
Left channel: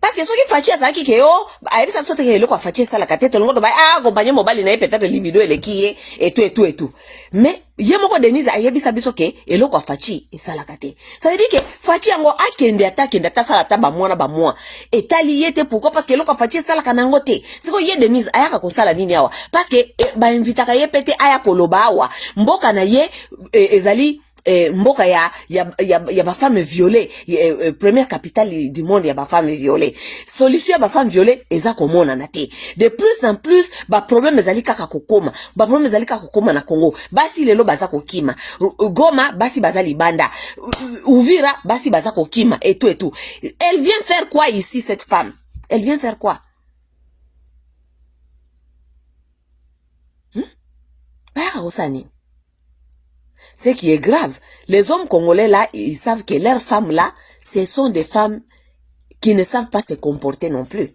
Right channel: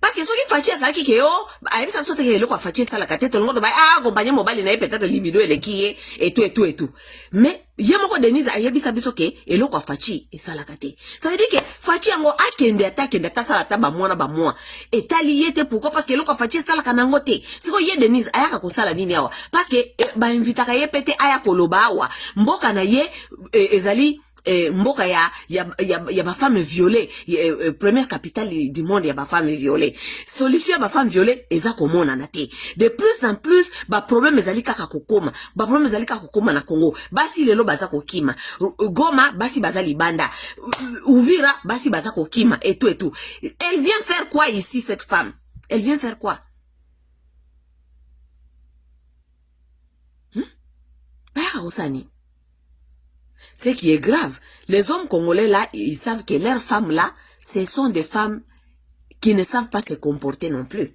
Parce que soki fachi azalaki ke yo ayebisa biso te ke eloko fachi esalaka te tolongo to ba accompagner mobali na ye peut-être libido eleki ye et tout. Mais yé moko Denise ayebisa biso ke eloko fachi esalaka te. Ça veut dire que fachi yango akende ata sala ta ba mwa etali ye te pourquoi parce que eloko fachi esalaka nango te. Siko ye Denise ayaka kosala nini awa parce que ba invitaka ye pete aya koloba awa mboka na ye ezali mboka ya ba femme violée première capitale du monde ya ba femme violée solution ya ba femme violée eza komona na te de plus en plus ba problème ezali kaka kokoma na Congo basi lelo baza kokima Goma basi baza libanda Uvira basi baza kokima et tout elle vient faire quoi ici cette femme elle vient faire quoi ba osani. Ce qui est grave, les hommes congolais là, ils savent que leurs femmes là, ce sont des femmes qui ne savent pas se comporter non plus.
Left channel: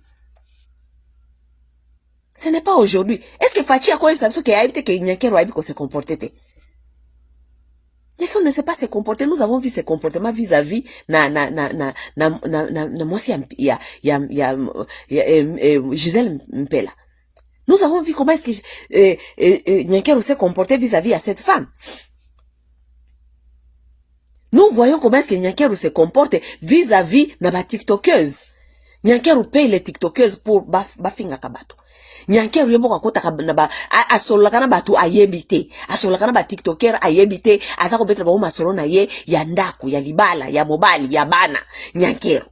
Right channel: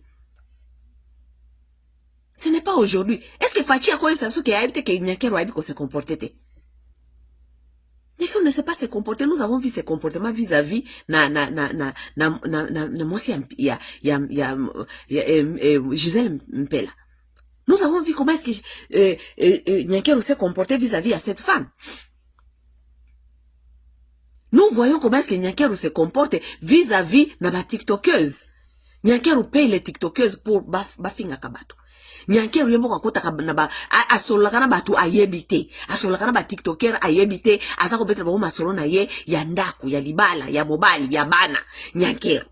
Ce n'est pas aujourd'hui. Est-ce que Fachi a quoi ça veut dire que Nyakeru a dit qu'on se comportait? Les femmes ne savent pas se comporter. Nous avons vu ce comportement vis-à-vis Gisèle Mpela. Nous avons vu comment est-ce que Nyakeru s'est comporté vis-à-vis à cette femme. Nous voyons comment est-ce que Nyakeru se comporte vis-à-vis de la tiktokeuse. Nyakeru paye les tiktokeuses pour bafinga kabato. Nyakeru yemo kakota na asolaka na batu ayebite. Asolaka na ba tiktoker ayebite. Azako betre ba masolo na ye ya ndaku, ya libala, ya mobali, ya bana. Nyakeru.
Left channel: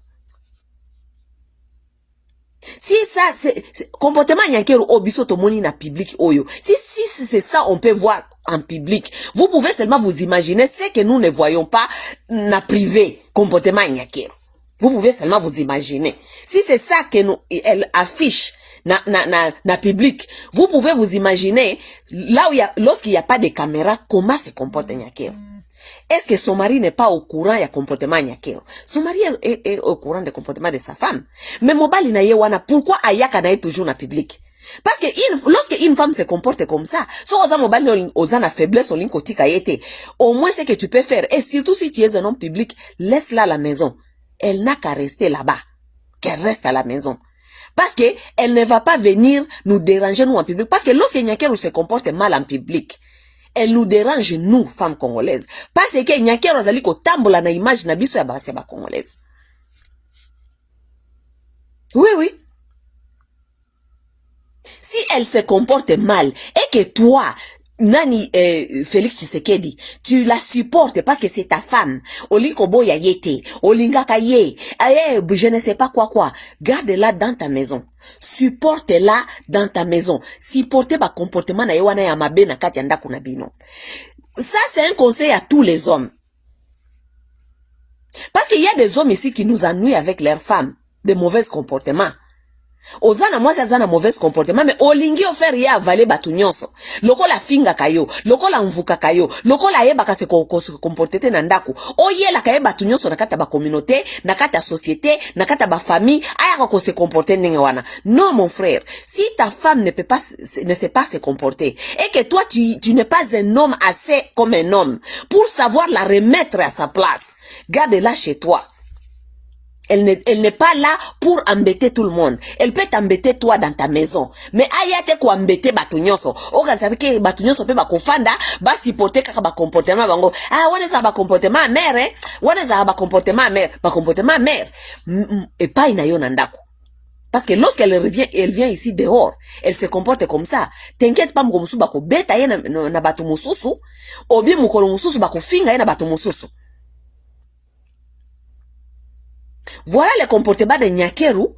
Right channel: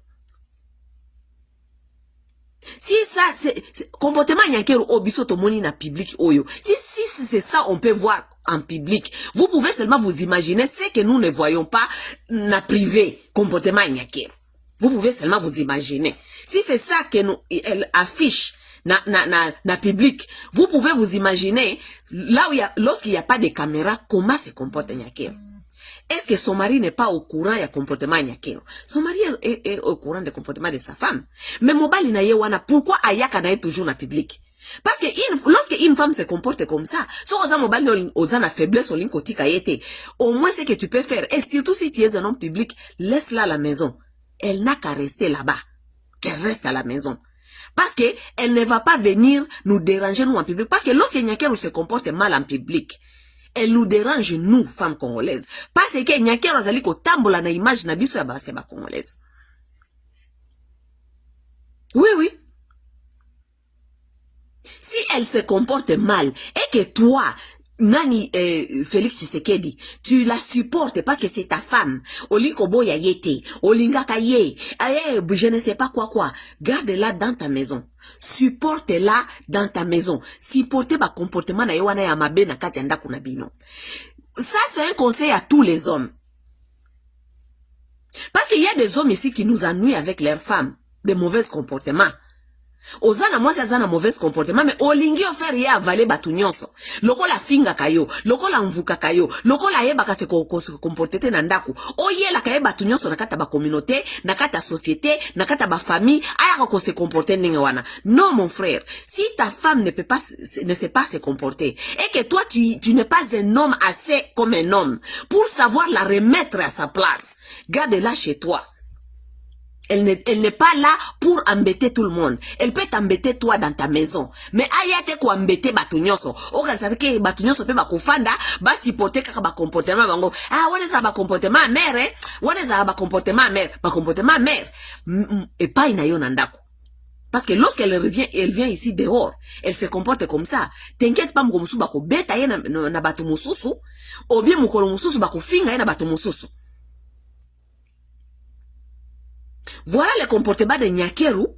Si ça, c'est comportement nyankero obiso tomoni na public oyo. Si c'est ça, on peut voir en public. Vous pouvez seulement vous imaginer ce que nous ne voyons pas na privé, comportement nyankero. Vous pouvez seulement vous imaginer. Si c'est ça que nous, elle affiche na public, vous pouvez vous imaginer là où lorsqu'il n'y a pas de caméra, comment se comporte nyankero. Est-ce que son mari n'est pas au courant du comportement nyakero? Son mari est au courant du comportement de sa femme. Mais mobali na ye wana, pourquoi ayaka na ye toujours na public? Parce que lorsque une femme se comporte comme ça, so oza mobali oza na faiblesse olin kotika yete, au moins ce que tu peux faire, et surtout si tu es un homme public, laisse-la à la maison. Elle n'a qu'à rester là-bas. Qu'elle reste à la maison. Parce que elle ne va pas venir nous déranger nous en public. Parce que lorsque nyakero se comporte mal en public, elle nous dérange, nous, femmes congolaises. Parce que nyakero azali ko tambola na image na biso ya basi ba congolaise. Oui, oui. Si elle se comporte mal et que toi, Nani Félix Tshisekedi, tu la supportes parce que c'est ta femme. Oliko boya yete, olinga kaye, je ne sais pas quoi. Garde-la dans ta maison. Supporte-la dans ta maison. Supporte ba comportement na yewana ya mabe na kati anda kuna bino. Ça c'est un conseil à tous les hommes. Parce qu'il y a des hommes ici qui nous ennuient avec leurs femmes, de mauvais comportements. Ozana mwasi azana mauvais comportement, mais olingi ofer ye avale batu nyonso. Loko la finga kayo, loko la mvuka kayo, loko la yeba ka se comportete na ndaku. Oye la kaye batu nyonso nakata ba communauté, nakata société, nakata ba famille, aya ko se comporter ndenge wana. Non mon frère, si ta femme ne sait pas se comporter et que toi tu n'es pas un homme assez comme un homme pour savoir la remettre à sa place, garde-la chez toi. Elle n'est pas là pour embêter tout le monde. Elle peut t'embêter toi dans ta maison. Mais ayate ko embêter batu nyonso. Oka sabi ke batu nyonso pe ba kofanda, ba supporter kaka ba comportement bango. Ah, wane za ba comportement mère, wane za ba comportement mère, ba comportement mère. Et pas ina yo nandako. Parce que lorsqu'elle revient, elle vient ici dehors, elle se comporte comme ça. T'inquiète pas mko musu ba ko beta ye na batu mususu, ou bien mko mususu ba ko finga ye na batu mususu. Voilà le comportement de Nyakero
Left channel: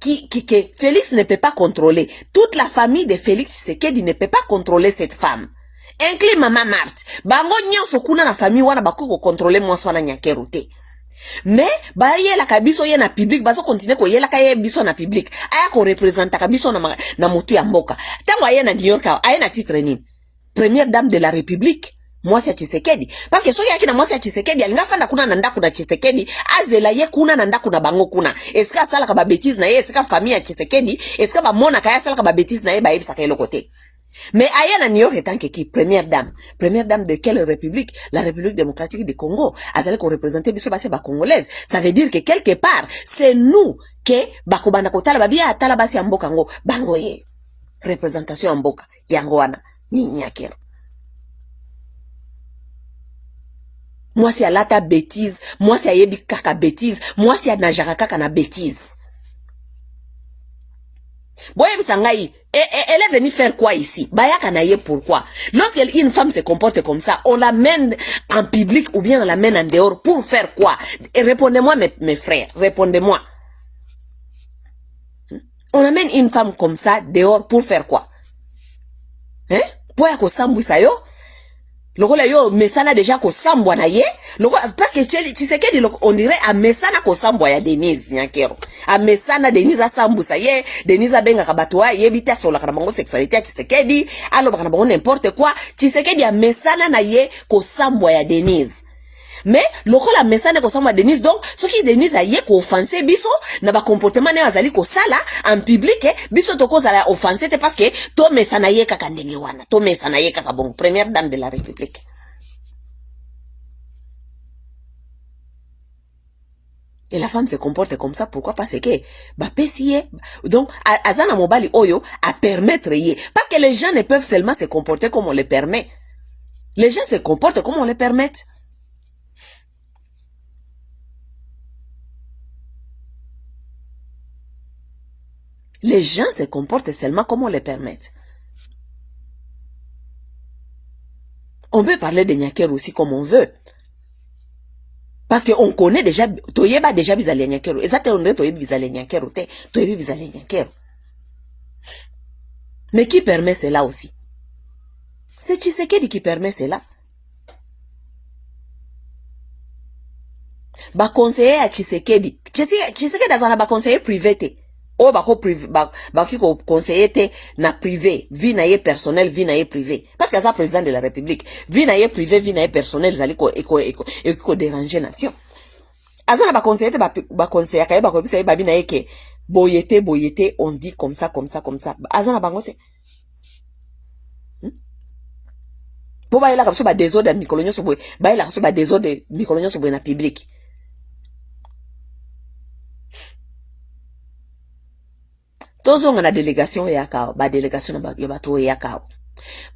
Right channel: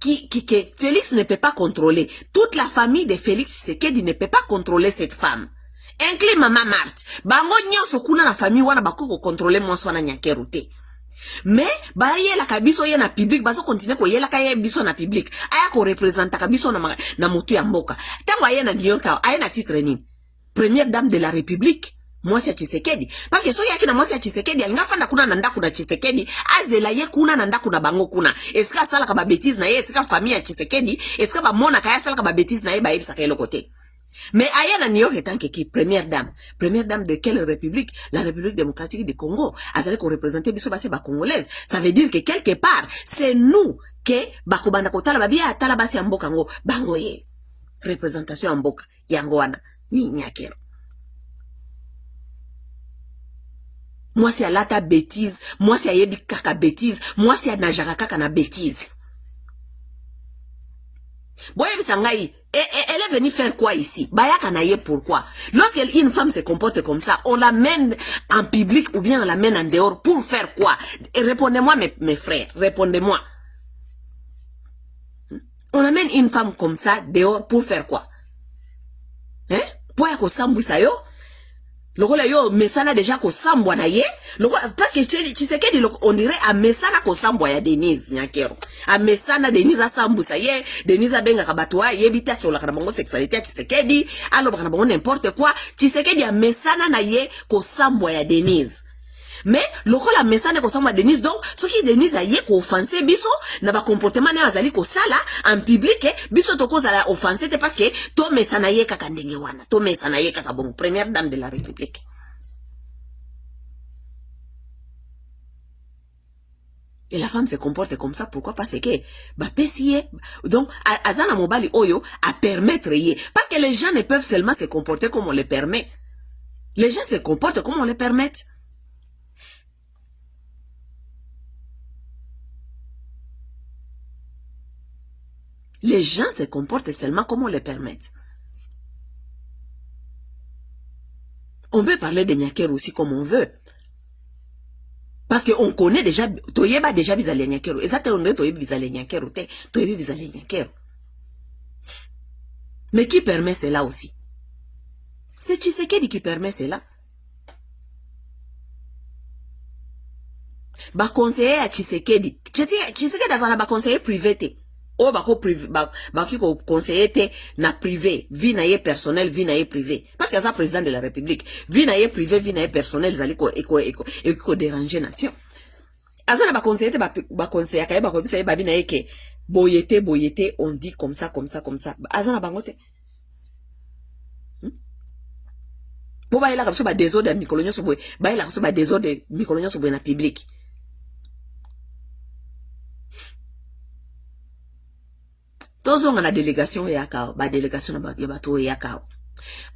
que Félix ne peut pas contrôler. Toute la famille de Félix Tshisekedi ne peut pas contrôler cette femme. Inclus Maman Marthe. Bango nyonso kuna na famille wana bako contrôler mwasi wana Nyakero te. Mais ba yela kabiso ye na public baso continue ko yela kaye biso na public. Aya ko représenter kabiso na mutu ya mboka. Tango aya na New York aya na titre nini? Première dame de la République. Mwasi ya Tshisekedi. Parce que so yaki na mwasi ya Tshisekedi alinga fanda kuna na ndaku na Tshisekedi, azela ye kuna na ndaku na bango kuna. Eska asala ka ba bêtise na ye, eska famille ya Tshisekedi, eska ba mona kaya asala ka ba bêtise na ye ba yebisa ka yelo côté. Mais aya na New York etant que qui première dame de quelle république? La République démocratique du Congo. Azali ko représenter biso basi ba congolaise. Ça veut dire que quelque part, c'est nous que bakobanda ko tala babia tala basi ya mboka ngo bango ye. Représentation ya mboka yango wana ni Nyakero. Moi c'est à lata bêtise, moi c'est à yebi kaka bêtise, moi c'est à najara kaka na bêtise. Boye bisangai, elle est venue faire quoi ici? Bayaka na ye pourquoi? Lorsqu'une femme se comporte comme ça, on l'amène en public ou bien on l'amène en dehors pour faire quoi? Répondez-moi mes frères, répondez-moi. On amène une femme comme ça dehors pour faire quoi? Hein? Pour yako sambwisa yo? Lokola yo mesana déjà ko sambwa na ye, parce que Tshisekedi on dirait a mesana ko sambwa ya Denise Nyakero. A mesana Denise a sambusa ye, Denise a benga kabatwa ye bita sur la bango sexualité ya Tshisekedi, alo bana bango n'importe quoi, Tshisekedi a mesana na ye ko sambwa ya Denise. Mais lokola mesana ko sambwa Denise, donc ce qui Denise a ye ko offenser biso na ba comportement na azali ko sala en public, biso to ko zala offenser te parce que to mesana ye kaka ndenge wana, to mesana ye kaka bon première dame de la République. Et la femme se comporte comme ça, pourquoi? Parce que bah pesiye, donc azana mobali oyo à permettre ye, parce que les gens ne peuvent seulement se comporter comme on les permet. Les gens se comportent comme on les permet. Les gens se comportent seulement comme on les permet. On peut parler de Nyakero aussi comme on veut. Parce que on connaît déjà, toyeba déjà bizali nyakero. Et ça te onde toyebi bizali nyakero te, toyebi bizali nyakero. Mais qui permet cela aussi? C'est Tshisekedi qui permet cela. Ba conseiller à Tshisekedi. Tshisekedi azana ba conseiller privé te. O ba ko privé ba ki ko conseiller te na privé, vie na ye personnel, vie na ye privé. Parce que ça président de la République, vie na ye privé, vie na ye personnel, zali ko déranger nation. Azana ba conseiller te ba conseiller ka ba ko bisa ba bi na ye ke boyete on dit comme ça. Azana bango te. Po ba ila ka so ba désordre mikolo so boy, ba ila ka so ba désordre mikolo so boy na public. Tozo nga na délégation ya kao, ba délégation ya bato ya kao.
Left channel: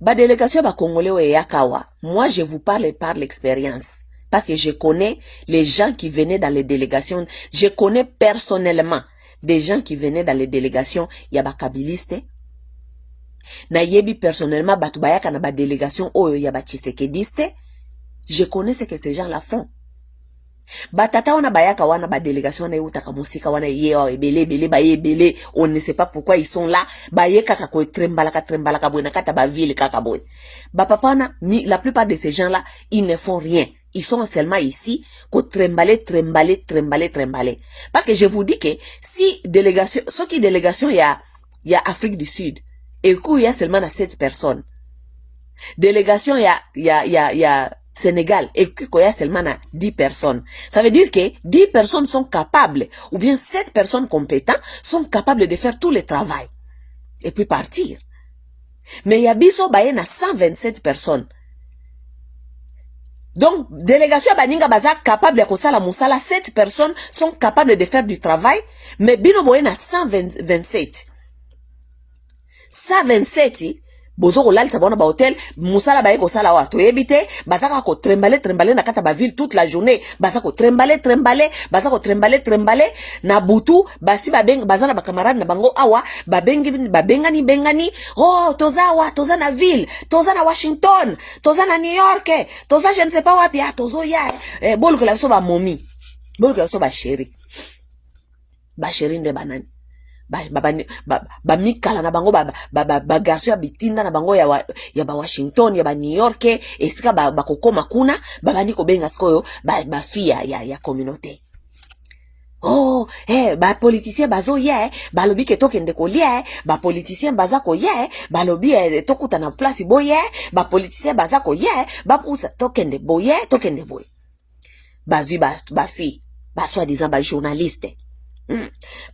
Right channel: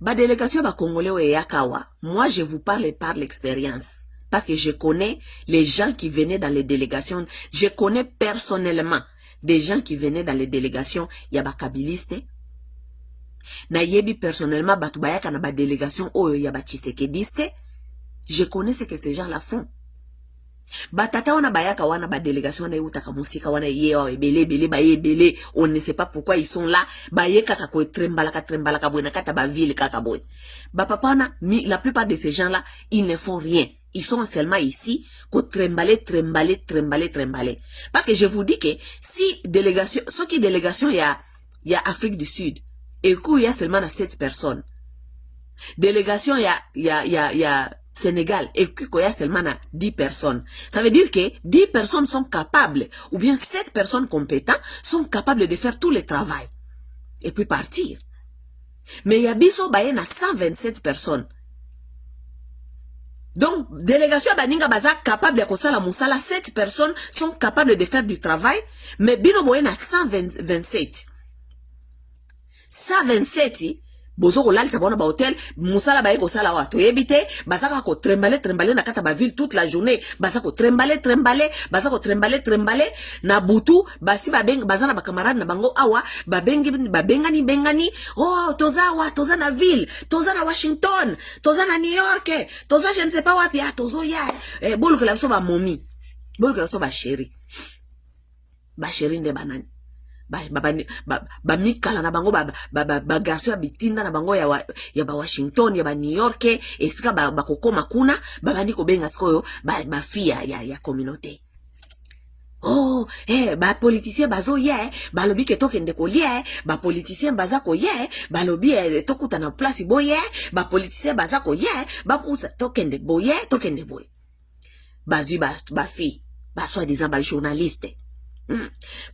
Ba délégation ba congolais ya kawa. Moi je vous parle par l'expérience parce que je connais les gens qui venaient dans les délégations, je connais personnellement des gens qui venaient dans les délégations ya ba kabiliste. Na yebi personnellement batu bayaka na ba délégation oyo ya ba tshisekediste. Je connais ce que ces gens-là font. Batata wana bayaka wana ba délégation na utaka musika wana yewa ebele ba ebele, on ne sait pas pourquoi ils sont là, ba ye kaka ko trembala ka bwana kata ba ville kaka boy. Ba papa wana la plupart de ces gens-là, ils ne font rien. Ils sont seulement ici ko trembaler. Parce que je vous dis que si délégation, ce qui délégation y a Afrique du Sud et qu'il y a seulement 7 personnes. Délégation y a Sénégal et qu'il y a seulement 10 personnes. Ça veut dire que 10 personnes sont capables, ou bien 7 personnes compétentes sont capables de faire tout le travail. Et puis partir. Mais il y a biso baye na 127 personnes. Donc, délégation baninga baza capable de faire la moussala, 7 personnes sont capables de faire du travail, mais bino boye na 127. 127, bozo ko lalisa bona ba hotel, musala baye ko sala wa to ebite, bazaka ko trembaler na kata ba ville toute la journée, bazaka ko trembaler, bazaka ko trembaler na butu, basi bazana ba camarade na bango awa, bengani, oh toza na ville, toza na Washington, toza na New York, toza je ne sais pas wapi, tozo ya, bol que la so ba momi, bol que la so ba chéri nde banani. Ba mikala na bango ba garçon bitinda na bango ya ba Washington ya ba New York esika ba kokoma kuna ba bandi ko benga skoyo ba fia ya communauté. Oh ba politicien bazo ya ba lobi ke tokende ko lia ba politicien baza ko ya ba lobi tokuta na place boye ba politicien baza ko ya ba pousa tokende boye bazui ba fi ba soi-disant ba journaliste.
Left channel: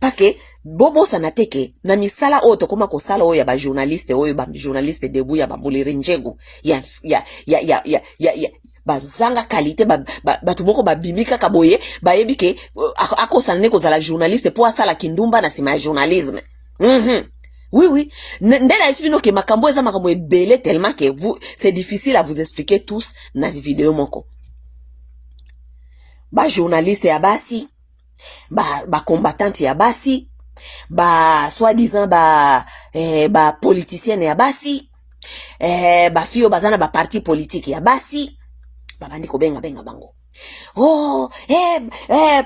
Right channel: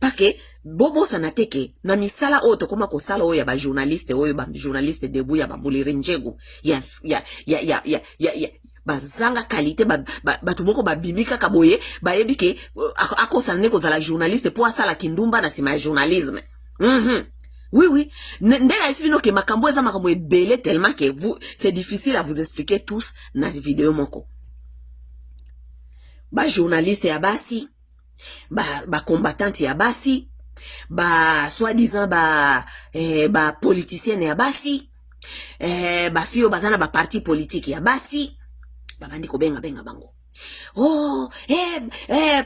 Parce que bobo sanateke na misala oyo tokoma kosala oyo ya ba journaliste debu ya babuliri njegu ya bazanga qualité batu moko babimika kaboye bayebi ke akosana ne kozala journaliste po asala kindumba na sima ya journalisme. Oui. Ndela isibino ke makambo eza makambo ebele tellement que c'est difficile à vous expliquer tous na vidéo moko. Ba journaliste ya basi, ba combattante ya basi, ba soi-disant ba politicien ya basi, ba fio bazana ba parti politique ya basi, ba bandi ko benga bango. Oh,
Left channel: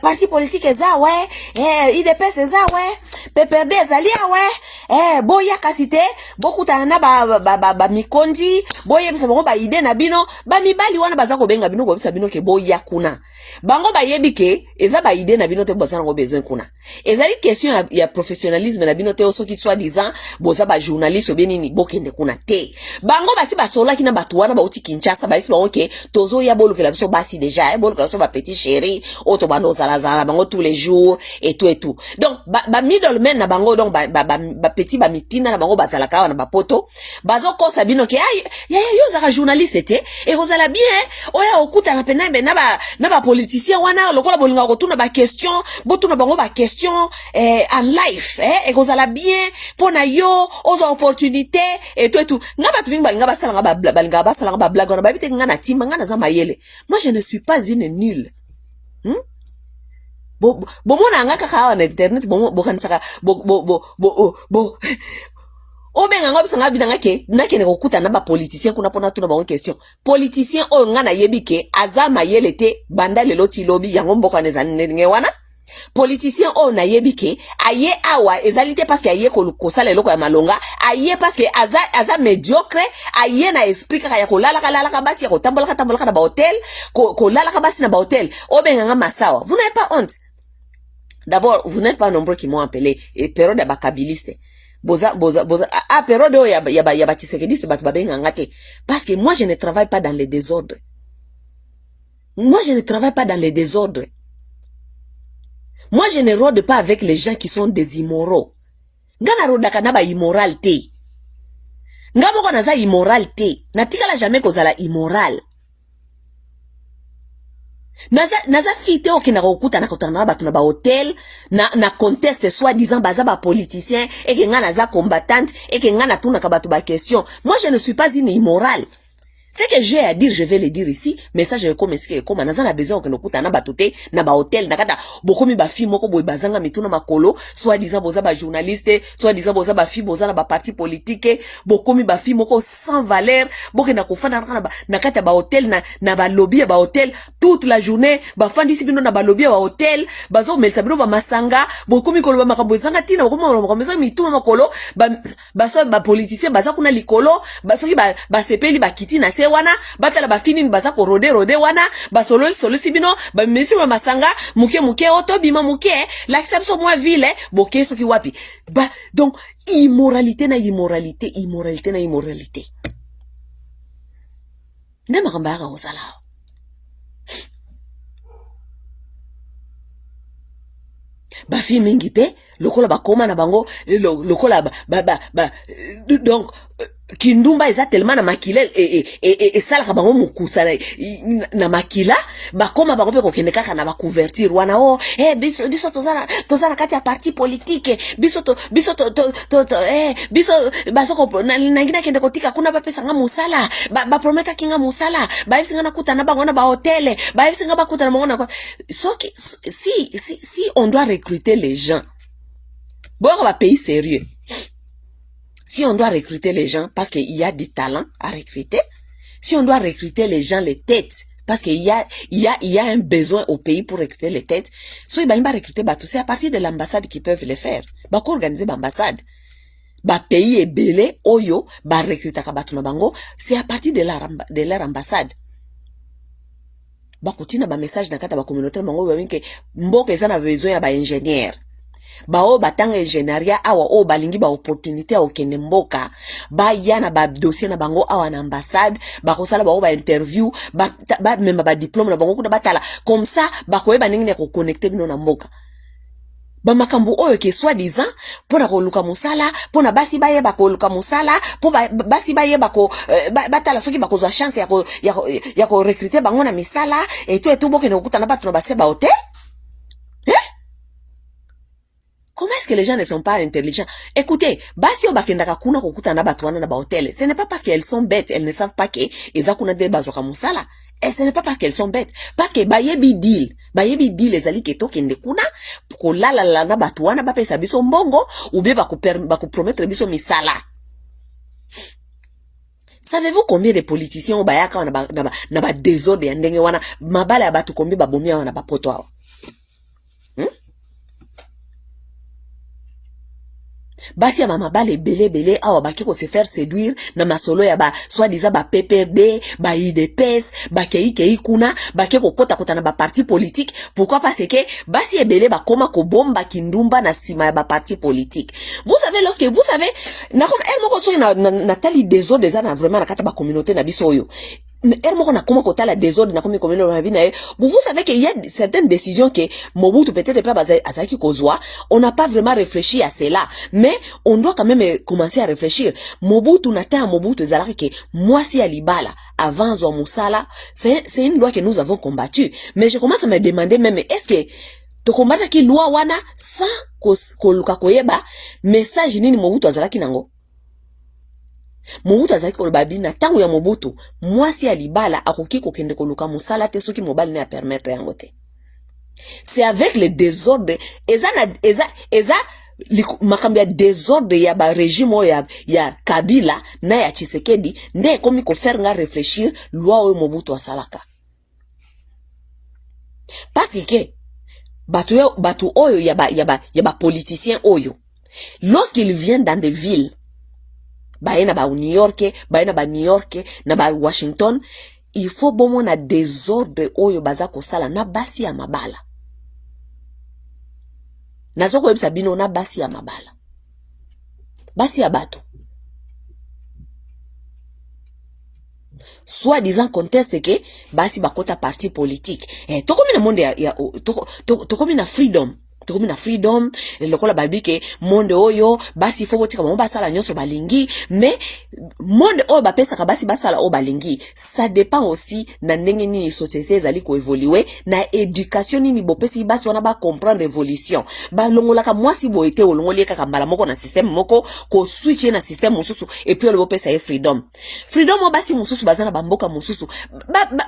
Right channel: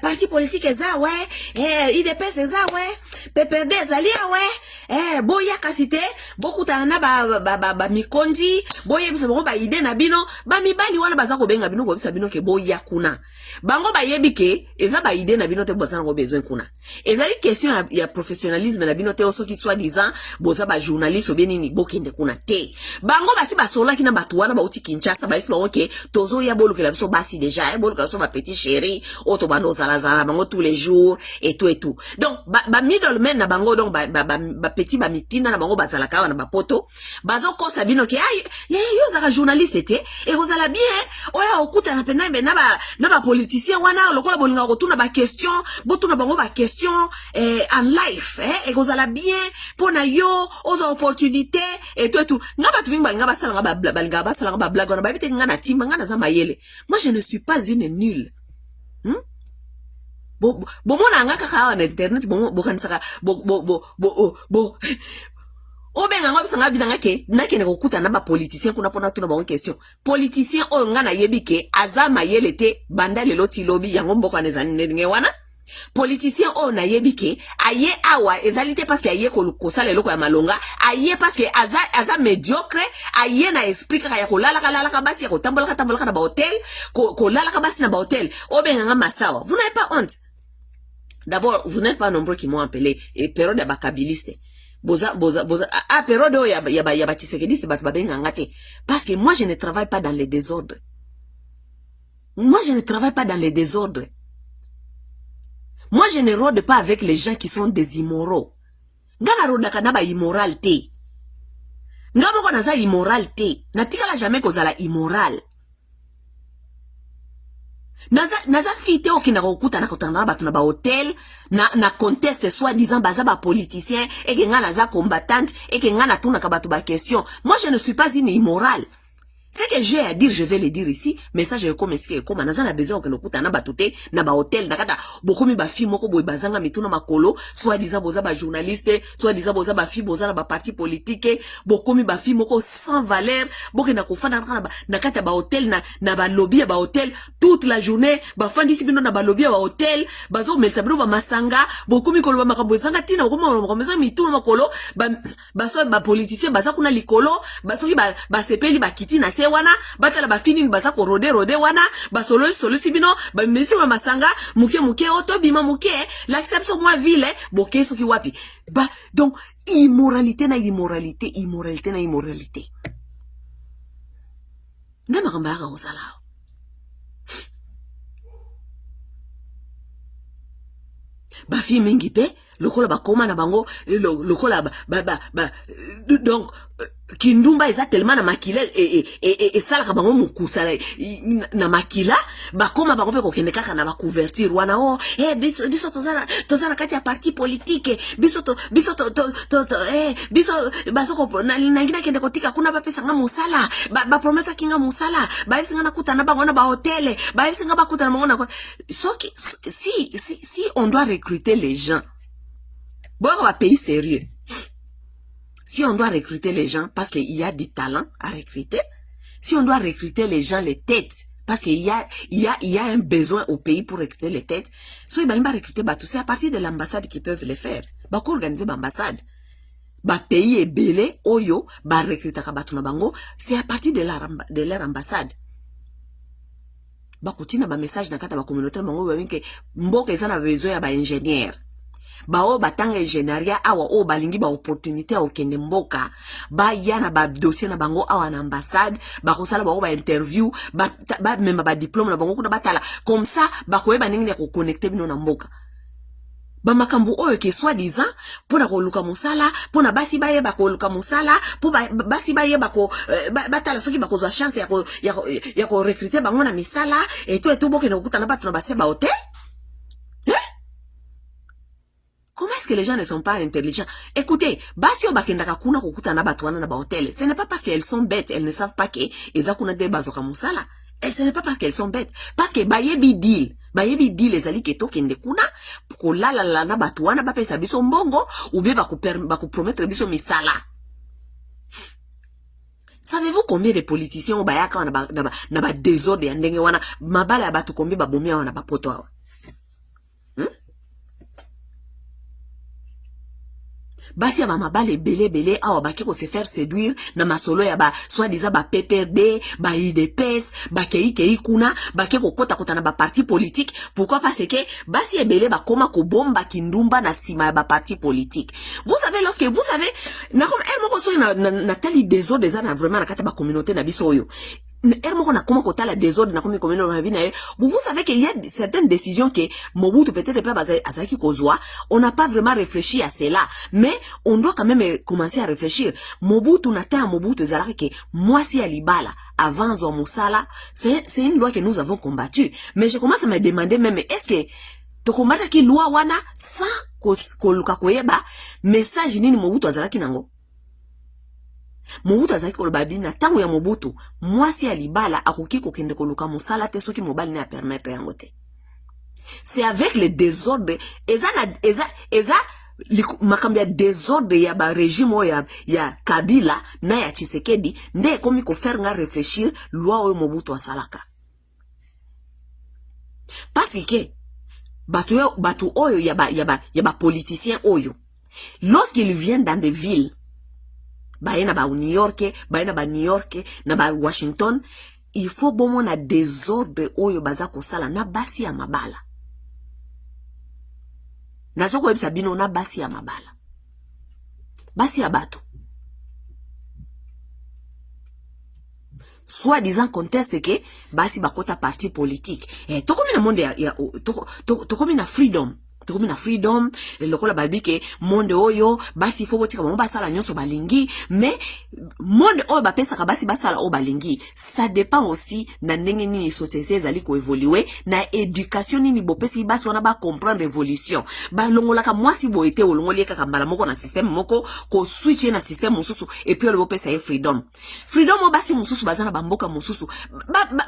parti politique eza we, IDPS eza we, PPRD ezalia we, boya kasite, bokutana na ba mikondi, boye bisa bango ba ide na bino, ba mibali wana baza ko benga bino ko bisa bino ke boya kuna. Bango ba yebi ke eza ba ide na bino te boza ngo besoin kuna. Ezali question ya professionnalisme na bino te oso ki soit disant boza ba journaliste obeni ni bokende kuna te. Bango basi ba sola kina batu wana ba uti Kinshasa ba isi ba oke tozo ya bolo ke la biso basi déjà bolo ke ba petit chéri auto bano zala bango tous les jours et tout. Donc ba middleman na bango donc ba petit ba mitina na bango bazala ka na ba poto bazo ko sabino ke ya yo za journaliste te et vous allez bien oya okuta na pena na ba politicien wana lokola bolinga ko tuna ba question botuna bango ba question en life et vous allez bien pona yo aux opportunités et tout ngaba tu binga ngaba sala ngaba balinga ba sala ngaba blague na ba bite ngana timba ngana za mayele. Moi je ne suis pas une nulle. Bo mona ngaka ka na internet bo kan saka bo Obenga ngo bisanga bidanga ke nakene kokuta na ba politicien kuna pona tuna ba question. Politicien o nga na yebi ke azama yelete banda lelo ti lobby yango mboko neza nenge wana. Politicien o na yebi ke aye awa ezalite parce que aye ko sala eloko ya malonga, aye parce que aza médiocre, aye na esprit ka ya ko lala ka basi ya ko tambola ka na ba hotel, ko lala ka basi na ba hotel. Obenga nga masawa. Vous n'avez pas honte. D'abord, vous n'êtes pas nombreux qui m'ont appelé et période ya bakabiliste. Boza période ya ba tshisekediste batu babenga ngate parce que moi je ne travaille pas dans les désordres. Moi je ne travaille pas dans les désordres. Moi je ne rôde pas avec les gens qui sont des immoraux. Ngana rodaka na ba immoralité. Ngabo ko naza immoralité. Natikala jamais kozala immoral. Naza fite okina kokuta na kotana batu na ba hotel na conteste soi-disant baza ba politicien et que nga naza combattante et que nga na tuna ka batu ba question. Moi je ne suis pas une immorale. Ce que j'ai à dire, je vais le dire ici, mais ça je vais comme est-ce comme naza na besoin okina kokuta na batote na ba hotel na kata bokomi ba fi moko boy bazanga mituna makolo soi-disant boza ba journaliste, soi-disant boza ba fi boza na ba parti politique, bokomi ba fi moko sans valeur, bokena kofana na kata ba hotel na ba lobby ba hotel toute la journée, ba fandi sibino na ba lobby ba hotel, bazo melsa bino ba masanga, bokomi kolo ba makambo zanga tina bokomi kolo makambo mituna makolo, ba politicien baza kuna likolo, basoki ba sepeli ba kiti na wana batala ba fini baza ko rode wana ba solo sibino ba mesi ba masanga muke oto bima muke l'acception moi ville boke soki wapi ba donc immoralité na immoralité ndema kamba ka osala ba fi mingi pe lokola ba koma na bango lokola donc kindumba eza tellement na makila et sala ka bango mukusa na makila bakoma bango pe kokende kaka na ba couverture wana biso tozana kati ya parti politique biso bazoko na ngina kende kotika kuna ba pesa nga musala ba prometa kinga musala ba yesinga na kuta na bango na ba hotel ba yesinga ba kuta na bango na si on doit recruter les gens bon va pays sérieux. Si on doit recruter les gens parce qu'il y a des talents à recruter, si on doit recruter les gens, les têtes, parce qu'il y a un besoin au pays pour recruter les têtes, soit ils vont recruter tout c'est à partir de l'ambassade qu'ils peuvent le faire. Bah organiser l'ambassade. Bah pays est belé, oyo, bah recruter kabatuna bango, c'est à partir de leur ambassade. Bah continue ba message dans kata ba communauté bango ba que mboka ezana besoin ya ba ingénieur. Bao batanga ingénieria awa o balingi ba opportunité au kende mboka ba yana ba dossier na bango awa na ambassade ba kosala ba interview ba même ba diplôme na bango kuna batala comme ça ba koyeba ndenge ko connecter bino na mboka ba makambu oyo ke soi-disant pona ko luka musala pona basi baye ba ko luka musala po basi baye ba ko batala soki ba ko za chance ya ko recruter bango na misala et tout boke na okuta na batu na base ba hotel. Comment est-ce que les gens ne sont pas intelligents? Écoutez, basio bakendaka kuna kokuta na batu wana na ba hotel. Ce n'est pas parce qu'elles sont bêtes, elles ne savent pas que ezakuna de bazoka musala. Et ce n'est pas parce qu'elles sont bêtes, parce que bayebi deal ezali ke tokende kuna pour la na batu wana ba pesa biso mbongo ou bien ba ko promettre biso misala. Savez-vous combien de politiciens au bayaka na ba désordre ya ndenge wana mabala ya batu combien ba bomia wana ba poto awa? Basi ya mama bale belé awa baki ko se faire séduire na masolo ya ba soi-disant ba PPRD ba IDPS ba kei kuna baki ko kota na ba parti politique. Pourquoi? Parce que basi ya belé ba koma ko bomba kindumba na sima ya ba parti politique. Vous savez lorsque vous savez na comme elle moko so na tali désordre des ana vraiment na kata ba communauté na biso yo. Ermoko na koma kota la désordre na komi komino na vie na vous savez qu'il y a certaines décisions que Mobutu peut-être pas azaki kozwa, on n'a pas vraiment réfléchi à cela, mais on doit quand même commencer à réfléchir. Mobutu nata Mobutu zalaki que moi si alibala avant zo musala, c'est une loi que nous avons combattue, mais je commence à me demander même est-ce que to combattre ki loi wana sans koluka koyeba message nini Mobutu azalaki nango. Mobutu azaki koloba bina tango ya Mobutu mwasi alibala akoki kokende koluka musala te soki mobali na permettre yango te. C'est avec le désordre eza makambo ya désordre ya ba régime ya Kabila na ya Tshisekedi nde komi ko faire nga réfléchir loi oyo Mobutu asalaka. Parce que batu oyo ya ba politicien oyo, lorsqu'ils viennent dans des villes, na ba New York, na ba Washington, il faut bon na désordre oyo baza kosala na basi ya mabala. Nazoko yebisa bino na basi ya mabala. Basi ya bato. Soit disant conteste que basi bakota parti politique. Tokomi na monde tokomi na freedom. Tokomi na freedom, lokola babi ke monde oyo basi fo botika mo basala nyonso balingi, mais monde oyo bapesa ka basi basala o balingi, ça dépend aussi na ndenge ni société ezali ko évoluer, na éducation ni bopesi basi wana ba comprendre évolution. Ba longola ka mwasi boete olongoli ka kambala moko na système moko ko switch na système mususu et puis le bopesa e freedom. Freedom o basi mususu bazana bamboka mususu.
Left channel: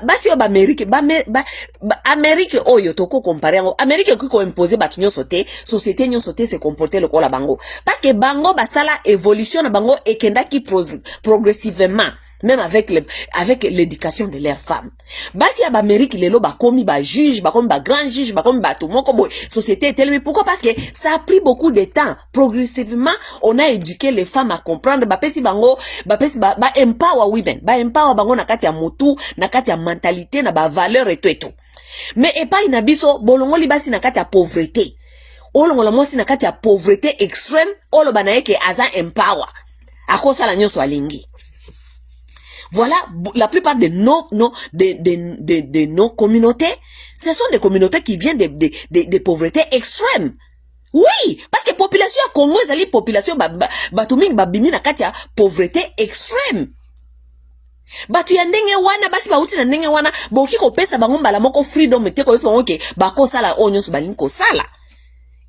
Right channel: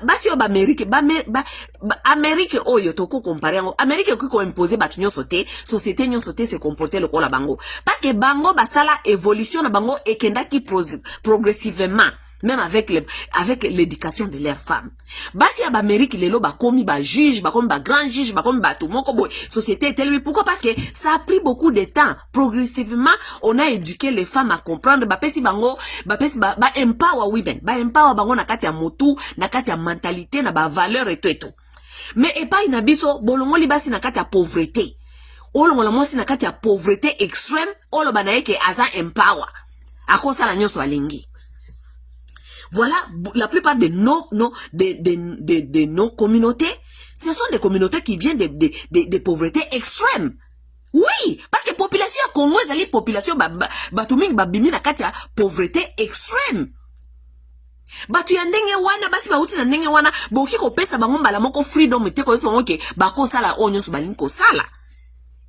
Basi o ba Amérique oyo toko comparer ngo Amérique ko imposer ba société nyonso te se comporter le kola bango parce que bango basala évolution na bango ekendaki progressivement, même avec l'éducation de leurs femmes. Basi ya Amérique lelo bakomi ba juge, bakomi ba grand juge, bakomi ba tout moko boy société est tellement. Pourquoi? Parce que ça a pris beaucoup de temps. Progressivement on a éduqué les femmes à comprendre ba empower women, ba empower bango na kati ya mutu, na kati ya mentalité, na ba valeur et tout. Mais epai na biso bolongo libasi na kati ya pauvreté. Olongo la mwasi na kati ya pauvreté extrême, olo banaeke aza empower. Akosa la nyonso alingi. Voilà, la plupart de nos communautés, ce sont des communautés qui viennent de pauvreté extrême. Oui, parce que population ya Congo ezali population batuming babimi na kati ya pauvreté extrême. Batu ya ndenge wana basi bauti na ndenge wana boki ko pesa bango mbala moko freedom te ko bango ke bako sala onyo so balingi ko sala.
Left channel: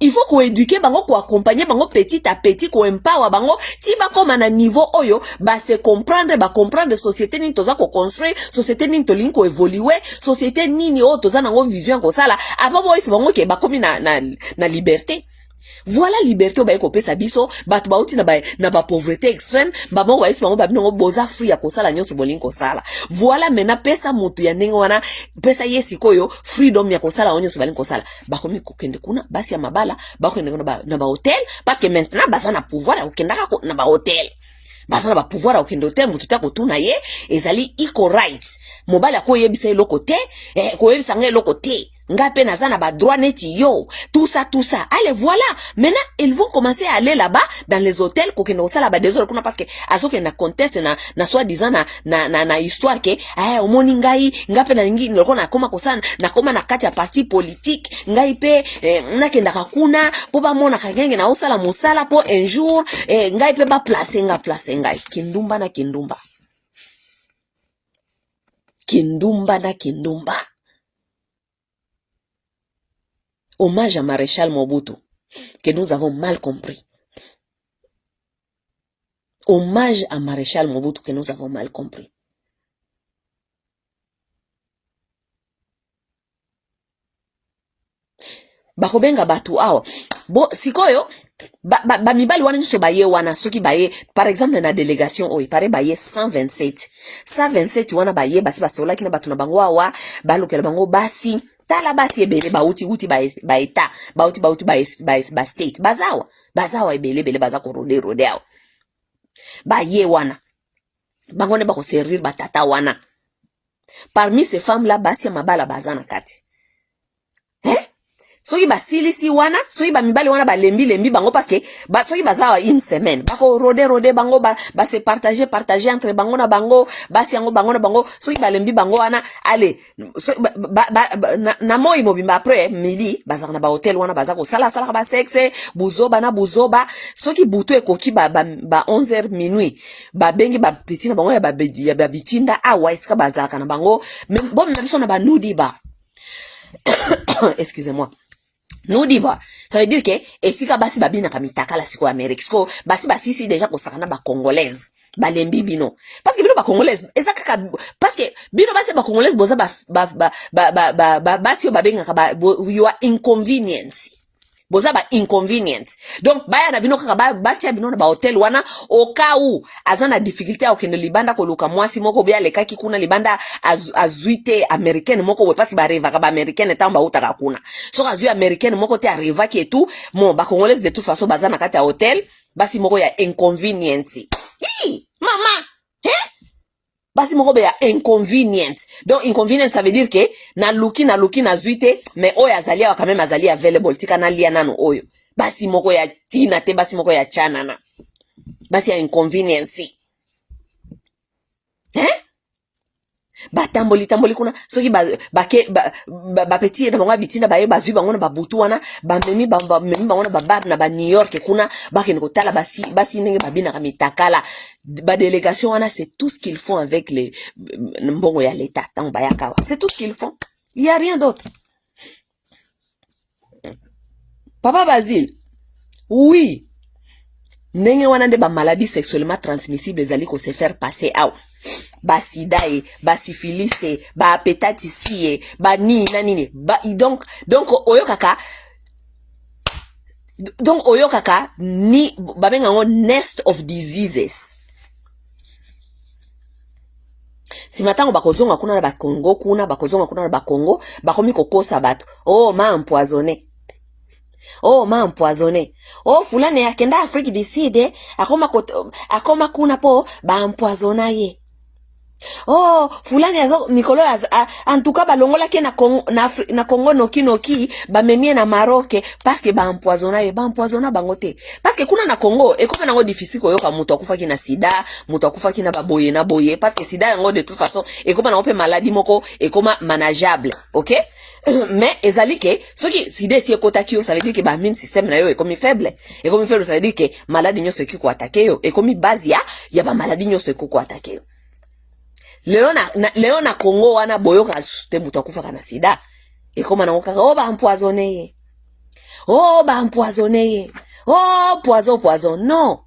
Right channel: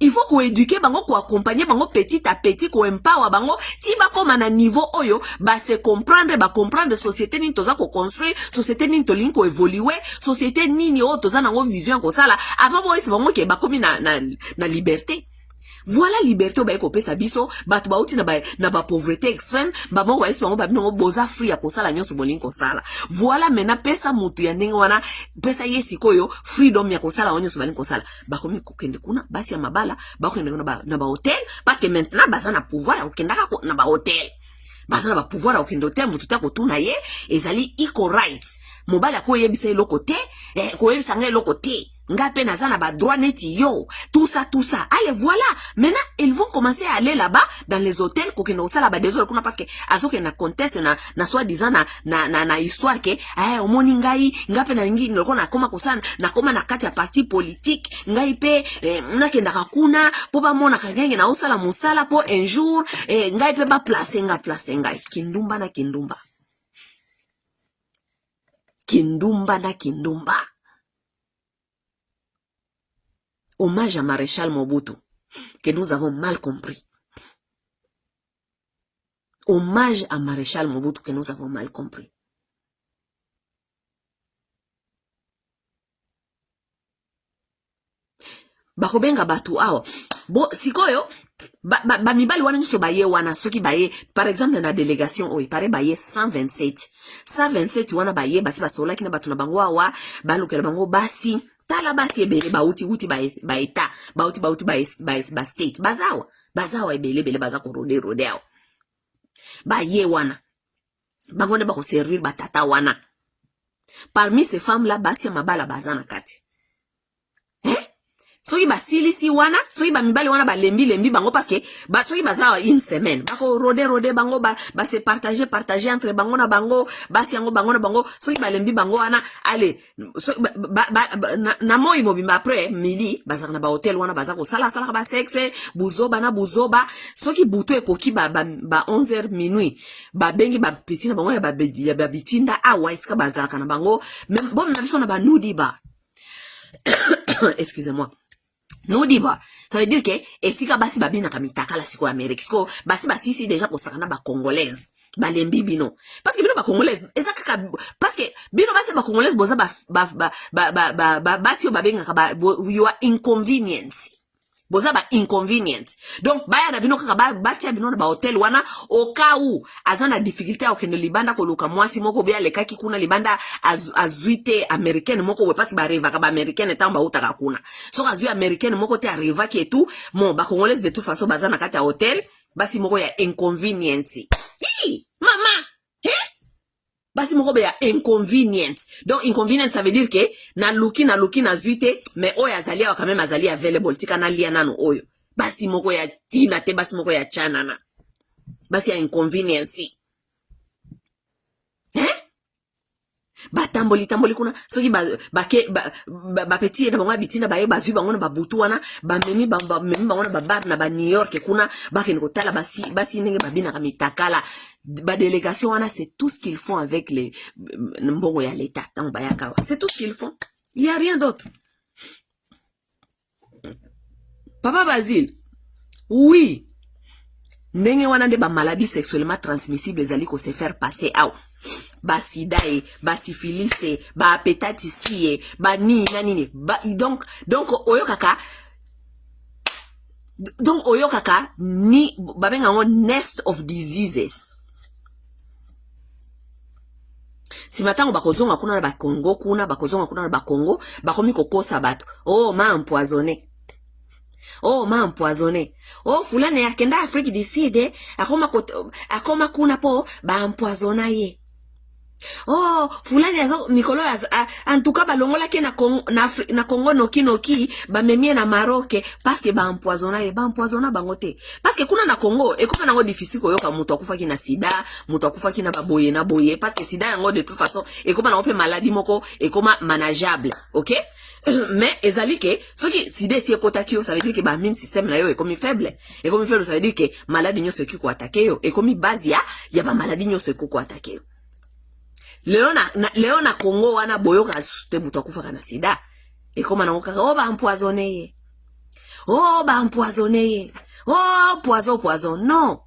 Il faut ko éduquer bango, ko accompagner bango petit à petit, ko empower bango ti bako mana niveau oyo ba se comprendre société ni toza ko construire, société ni to linko évoluer, société nini o toza nango vision ko sala avant boy se bango ke bakomi na liberté. Voilà liberté o ba ko pesa biso batu bauti na ba pauvreté extrême ba mo wa isi bango ba binongo boza free ya ko sala nyonso bolingi ko sala. Voilà mena pesa mutu ya ndenge wana pesa yesi koyo freedom ya ko sala nyonso balingi ko sala bakomi ko kende kuna basi ya mabala bakende na ba hôtel parce que maintenant baza na pouvoir ya kokenda ka na ba hôtel. Baza na ba pouvoir ya kokende hôtel mutu ta ko tuna ye ezali equal rights. Mobala ko yebisa eloko te ko yebisa nga eloko te. Ngape nazana ba droit neti yo tout ça. Allez voilà, maintenant ils vont commencer à aller là-bas dans les hôtels ko keno sala ba désolé kuna parce que azoke na conteste na soi disant na histoire ke omoni ngai ngape na ngi ndoko na koma kosana na koma na kati ya parti politique ngai pe nakenda kakuna po ba mona kangenge na osala musala po un jour ngai pe ba place ngai kindumba na kindumba Hommage à Maréchal Mobutu, que nous avons mal compris. Hommage à Maréchal Mobutu, que nous avons mal compris. Bakobenga batu awa. Bon, sikoyo, mibali wana nyuso baye wana, soki baye, par exemple, na délégation, pare baye 127. 127 wana baye, basi basola kina batu na bango awa, balokela bango basi, tala basi ebele bauti ba eta bauti ba state bazawa ebele baza ko rode awa ba ye wana bango ne ba ko servir batata wana. Parmi ces femmes là basi mabala bazana kati soki basilisi wana soki ba mibali wana ba lembi bango parce que soki bazawa une semaine bako rode bango ba se partager entre bango na bango basi yango bango na bango soki ba lembi bango wana allez na moi mobimba après midi bazaka na ba hotel wana bazako sala ba sexe buzoba soki butu ekoki ba 11h minuit ba bengi ba petit na bango ya ba bitinda awa iska bazaka na bango bon na biso na ba nudi ba excusez-moi. Nous dit bah, ça veut dire que esika basi babina kamitaka la siko Amérique. Siko basi sisi déjà ko sakana ba congolaise, ba lembi bino. Parce que bino ba congolaise, ezaka parce que bino basi ba congolaise boza basi o babenga ka ba you are inconvenience. boza ba inconvenient. Donc baya na bino kaka batia bino na ba hotel wana au cas où azana difficulté au kende libanda ko luka mwasi moko bia lekaki kuna libanda azuite américaine moko we parce ba reva ka ba américaine tamba utaka kuna. So azui américaine moko te arriva ki et tout, mo ba congolaise de toute façon bazana kati ya hotel, basi moko ya inconvenience. Hi, mama. Basi moko be ya inconvenient. Donc inconvenient ça veut dire que na luki na zuite mais oyo azalia wa quand même azalia available tika na lia nano oyo. Basi moko ya tina te basi moko ya chanana. Basi ya inconvenience. Tamboli kuna soki ba petit na bango bitina ba ye bazui bango na babutu wana ba memi bango na bar na ba New York kuna ba ke kotala basi ndenge babina ka mitakala ba délégation wana. C'est tout ce qu'ils font avec les mbongo ya l'état tant ba yakawa. C'est tout ce qu'ils font, il y a rien d'autre. Papa Basile, oui, ndenge wana nde ba maladie sexuellement transmissible ezali ko se faire passer out. Ba sida ba syphilis ba hépatite ba nini donc oyo kaka ni babenga ngo nest of diseases. Si matango bakozonga kuna na ba Congo kuna bakozonga kuna na ba Congo bakomi kokosa bato ma empoisonné. Oh fulani yakenda Afrique du Sud akoma kuna po ba empoisonna ye. Oh fulani azo mikolo en tout cas balongola ke na Congo noki ba memie na Maroc parce que ba empoisonna bangote parce que kuna na Congo e comme nango difficile ko yoka muto akufa ki na sida muto akufa ki na boye parce que sida yango de toute façon e comme na ope maladie moko e comme manageable, OK. Mais ezali ke soki sida si ekotaki yo ça veut dire que ba immune système na yo e comme faible ça veut dire que maladie nyoso ki ko attaquer yo e comme base ya ba maladie nyoso ko attaquer yo. Leo na Congo wana boyoka te muto akufa na sida e koma na okaka ba empoisonné poison non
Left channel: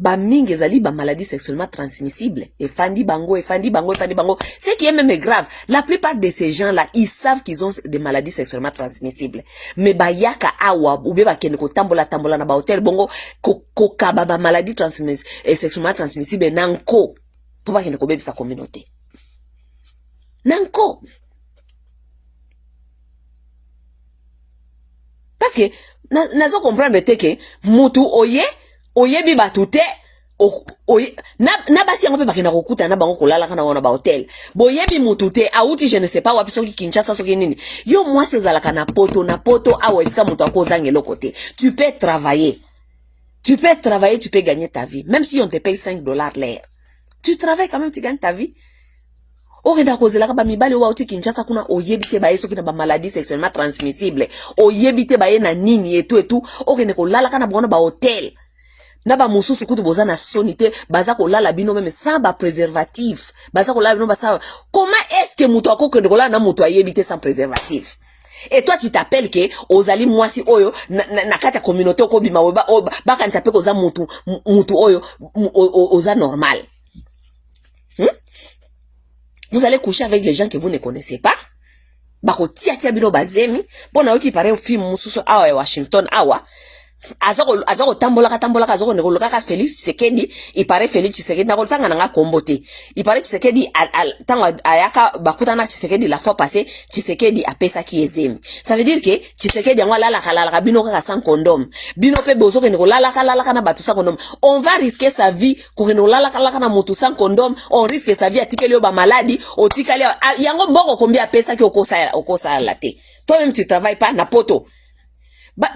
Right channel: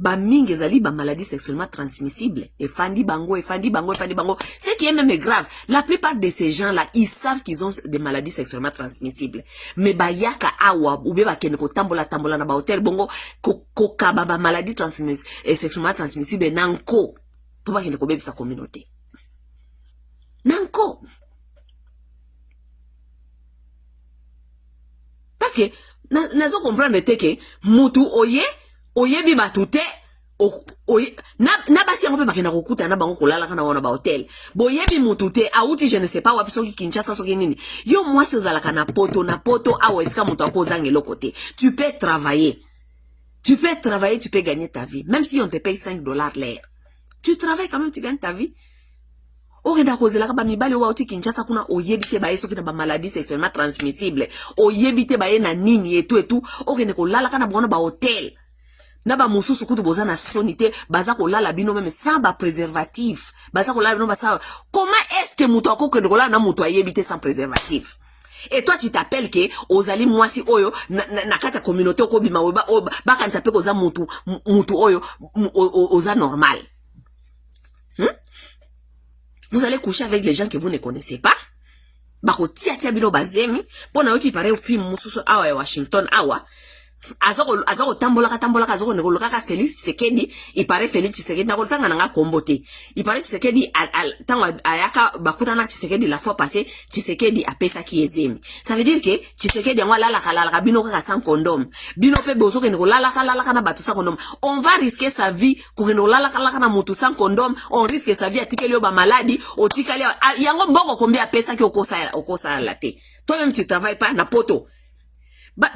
ba mingi ezali ba maladie sexuellement transmissible et fandi bango. Ce qui est même grave, la plupart de ces gens là ils savent qu'ils ont des maladies sexuellement transmissibles mais ba yaka awa ou be ba kene ko tambola na ba hotel bongo ko kaba ba maladie sexuellement transmissible nanko pour pas kene ko bebisa communauté nanko parce que nazo comprendre te que mutu oye bi batute na basi yango pe bakena kokuta na bango kolala kana wana ba hotel boyebi mutute auti je ne sais pas wapi soki Kinshasa soki nini yo mwasi ozalaka na poto awa esika mutu akozange lokote. Tu peux travailler, tu peux gagner ta vie même si on te paye $5 l'heure. Tu travailles quand même, tu gagnes ta vie. Okenda kozelaka ba mibali wa uti Kinshasa kuna oyebite baye soki na ba maladie sexuellement transmissible oyebite baye na nini et tout okenda ko lala kana bona ba hotel na ba mususu kutu boza na sonité baza ko lala bino même sans ba préservatif baza ko lala bino ba. Comment est-ce que muto akokenda ko lala na muto ayebite sans préservatif? Et toi tu t'appelles que ozali mwasi oyo na kata communauté ko bima ba kanisa pe ko za mutu oyo oza normal. Vous allez coucher avec les gens que vous ne connaissez pas. Bako tia bino bazemi. Pona oki pare film mususu awa Washington awa. Azako tambolaka azako nekolokaka Félix Tshisekedi. Il paraît Félix Tshisekedi na koltanga nanga kombote. Il paraît Tshisekedi tango ayaka bakuta na Tshisekedi la fois passée Tshisekedi a pesa ki ezemi. Ça veut dire que Tshisekedi yango lala bino kaka sans condom. Bino pe bozo ke nekolala na batu sans condom. On va risquer sa vie ko nekolala na mutu sans condom. On risque sa vie atikeli yo ba maladie, otikali yango mboko combien pesa ki okosa la te. Toi-même tu travailles pas na poto.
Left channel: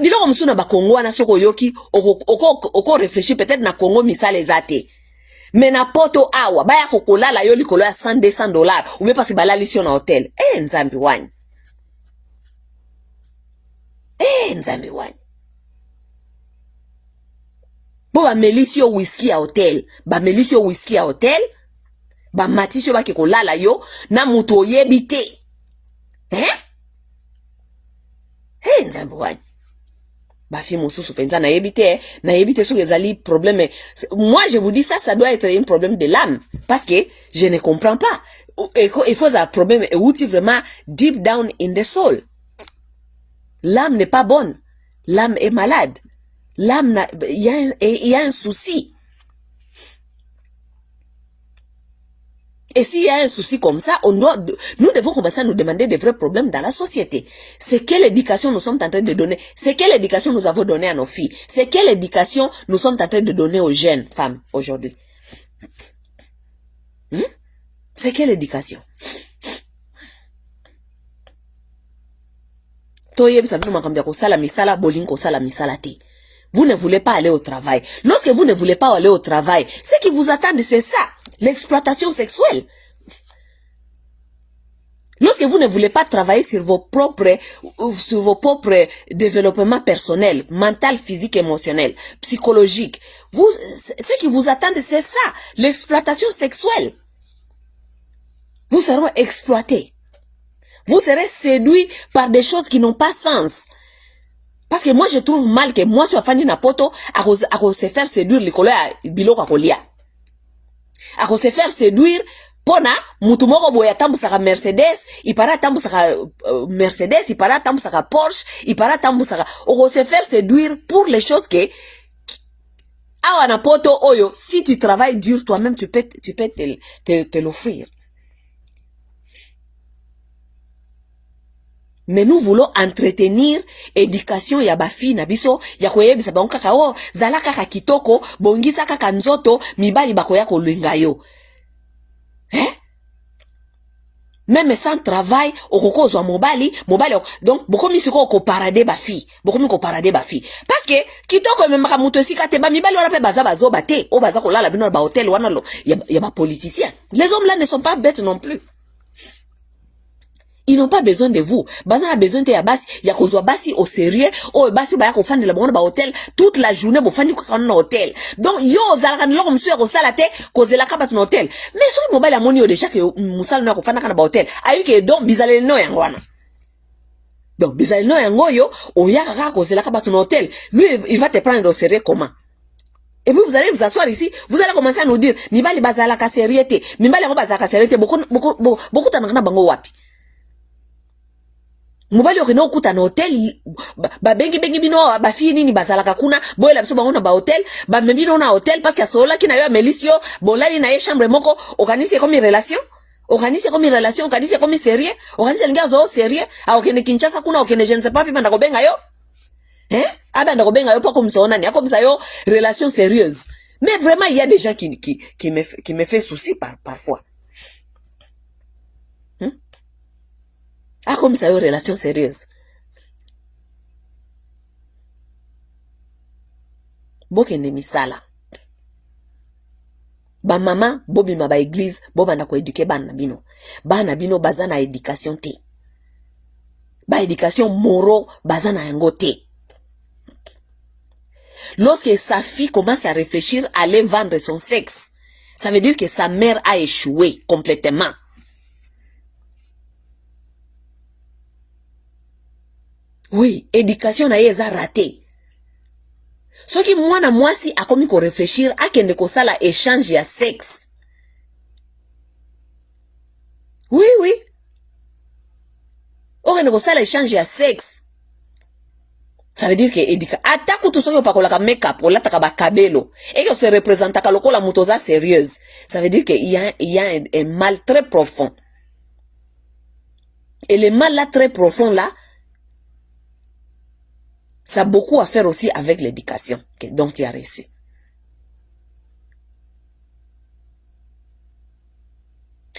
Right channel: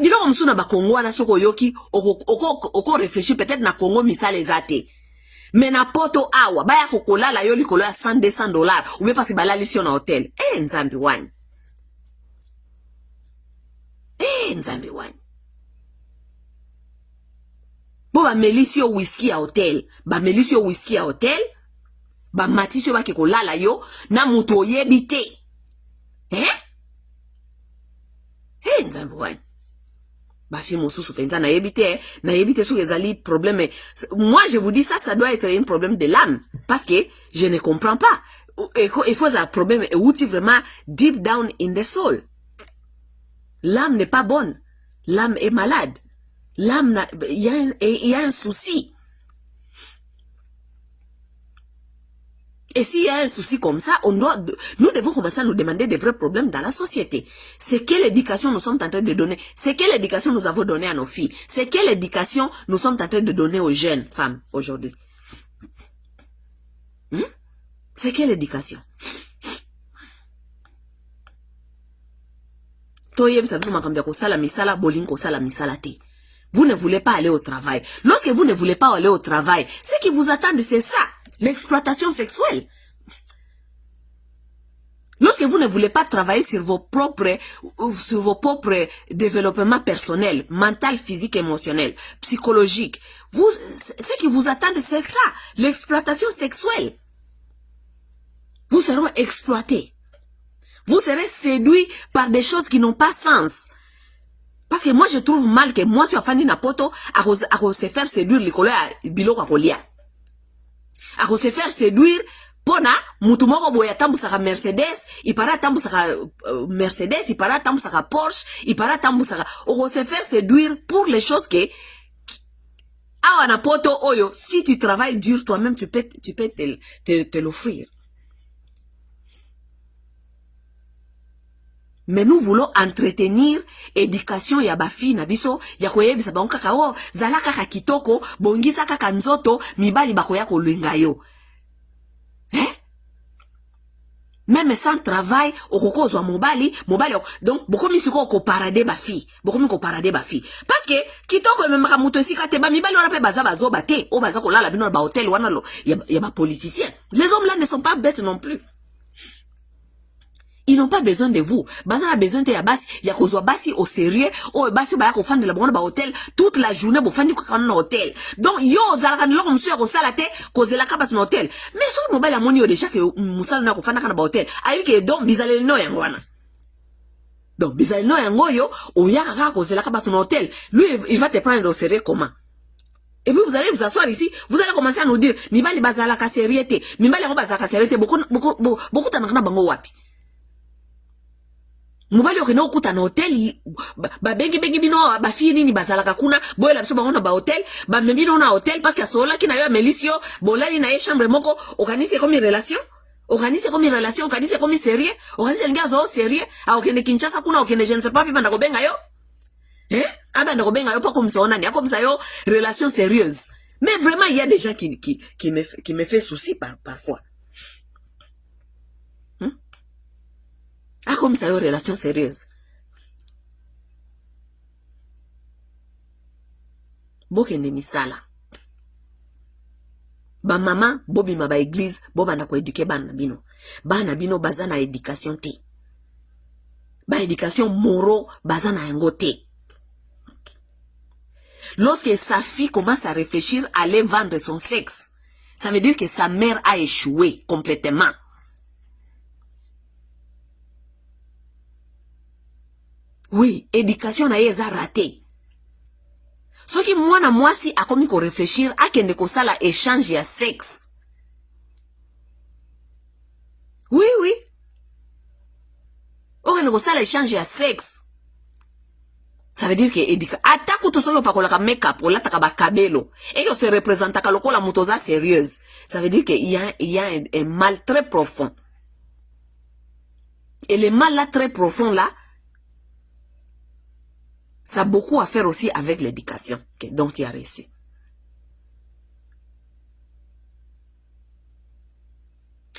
Biloko msuna ba Congo wana soko yoki oko réfléchir peut-être na Congo misale zate. Mais na poto awa baya kokolala yo likolo ya $100 ou bien parce balali sur na hotel. Nzambi wani. Nzambi wani. Bo ba melisio whisky à hotel. Ba melisio whisky à hotel. Ba matisio ba kekolala yo na muto yebite. Nzambi wani. Bafi mususu penza na yebite so ezali problème. Moi je vous dis ça doit être un problème de l'âme parce que je ne comprends pas. Il faut un problème où tu vraiment deep down in the soul. L'âme n'est pas bonne. L'âme est malade. L'âme, il y a un souci. Et s'il y a un souci comme ça, nous devons commencer à nous demander des vrais problèmes dans la société. C'est quelle éducation nous sommes en train de donner? C'est quelle éducation nous avons donné à nos filles? C'est quelle éducation nous sommes en train de donner aux jeunes femmes aujourd'hui? C'est quelle éducation? Vous ne voulez pas aller au travail. Lorsque vous ne voulez pas aller au travail, ce qui vous attend, c'est ça, l'exploitation sexuelle. Lorsque vous ne voulez pas travailler sur vos propres développements personnels, mental, physique, émotionnel, psychologique, ce qui vous attend, c'est ça, l'exploitation sexuelle. Vous serez exploité. Vous serez séduit par des choses qui n'ont pas sens. Parce que moi, je trouve mal que moi, je suis fan na poto, à se faire séduire les collègues à biloko kolia. À se faire séduire, pona, mutumoko boya tambusaka Mercedes, il para tambusaka Mercedes, il para tambusaka Porsche, il para tambusaka, on se faire séduire pour les choses que, awa na poto oyo, si tu travailles dur, toi-même, tu peux te l'offrir. Mais nous voulons entretenir éducation ya bafi na biso ya koyebisa bango kaka o zala kaka kitoko bongisa kaka nzoto mibali bakoya kolinga yo. Même sans travail okoko zo mobali donc bokomi siko ko parade bafi bokomi ko parade bafi parce que kitoko même ka muto esika te ba mibali wana pe baza bazo bate o baza ko lala bino ba hôtel wana lo ya ba politiciens. Les hommes là ne sont pas bêtes non plus. Ils n'ont pas besoin de vous. Bazan a besoin de basi, ya kozwa basi au sérieux, o basi ba ya ko fandi la bongo ba hôtel toute la journée bo fandi ko kana hôtel. Donc yo zala kan loko msu ya ko sala te kozela ka bat hôtel. Mais so mobile ya moni yo déjà que musala na ko fanda kana ba hôtel. Ayi ke donc bizaleli no yango wana. Donc bizaleli no yango yo o ya ka kozela ka bat hôtel. Lui il va te prendre au sérieux comment? Et puis vous allez vous asseoir ici, vous allez commencer à nous dire mibali bazala ka sérieuté, mibali ngo bazala ka sérieuté beaucoup tanakana bango wapi? Mobali okena okuta na hotel ba bengi bino ba fini nini bazalaka kuna boyela biso bango na ba hotel ba membino na hotel parce que sola kina yo Melisio bolali na ye chambre moko organiser comme relation organiser comme sérieux organiser linga zo sérieux a okene Kinshasa kuna okene je ne sais pas puis banda ko benga yo abanda ko benga yo pas comme ça on a comme ça yo relation sérieuse. Mais vraiment il y a des gens qui me fait souci parfois. Comme ça, une relation sérieuse. Bokende misala. Ba maman, bobi ma ba église, boba na ko éduquer bana bino. Bana bino bazana éducation te. Ba éducation moro bazana yango te. Lorsque sa fille commence à réfléchir à aller vendre son sexe, ça veut dire que sa mère a échoué complètement. Oui, éducation na ye eza raté. Soki mwana mwasi akomi ko réfléchir akende ko sala échange ya sexe. Oui. Okende ko sala échange ya sexe. Ça veut dire que éducation atako to soki pakola ka make-up o lataka ba kabelo et que se représente ka lokola mutoza sérieuse. Ça veut dire que il y a un mal très profond. Et le mal là très profond là, ça a beaucoup à faire aussi avec l'éducation dont tu as reçu.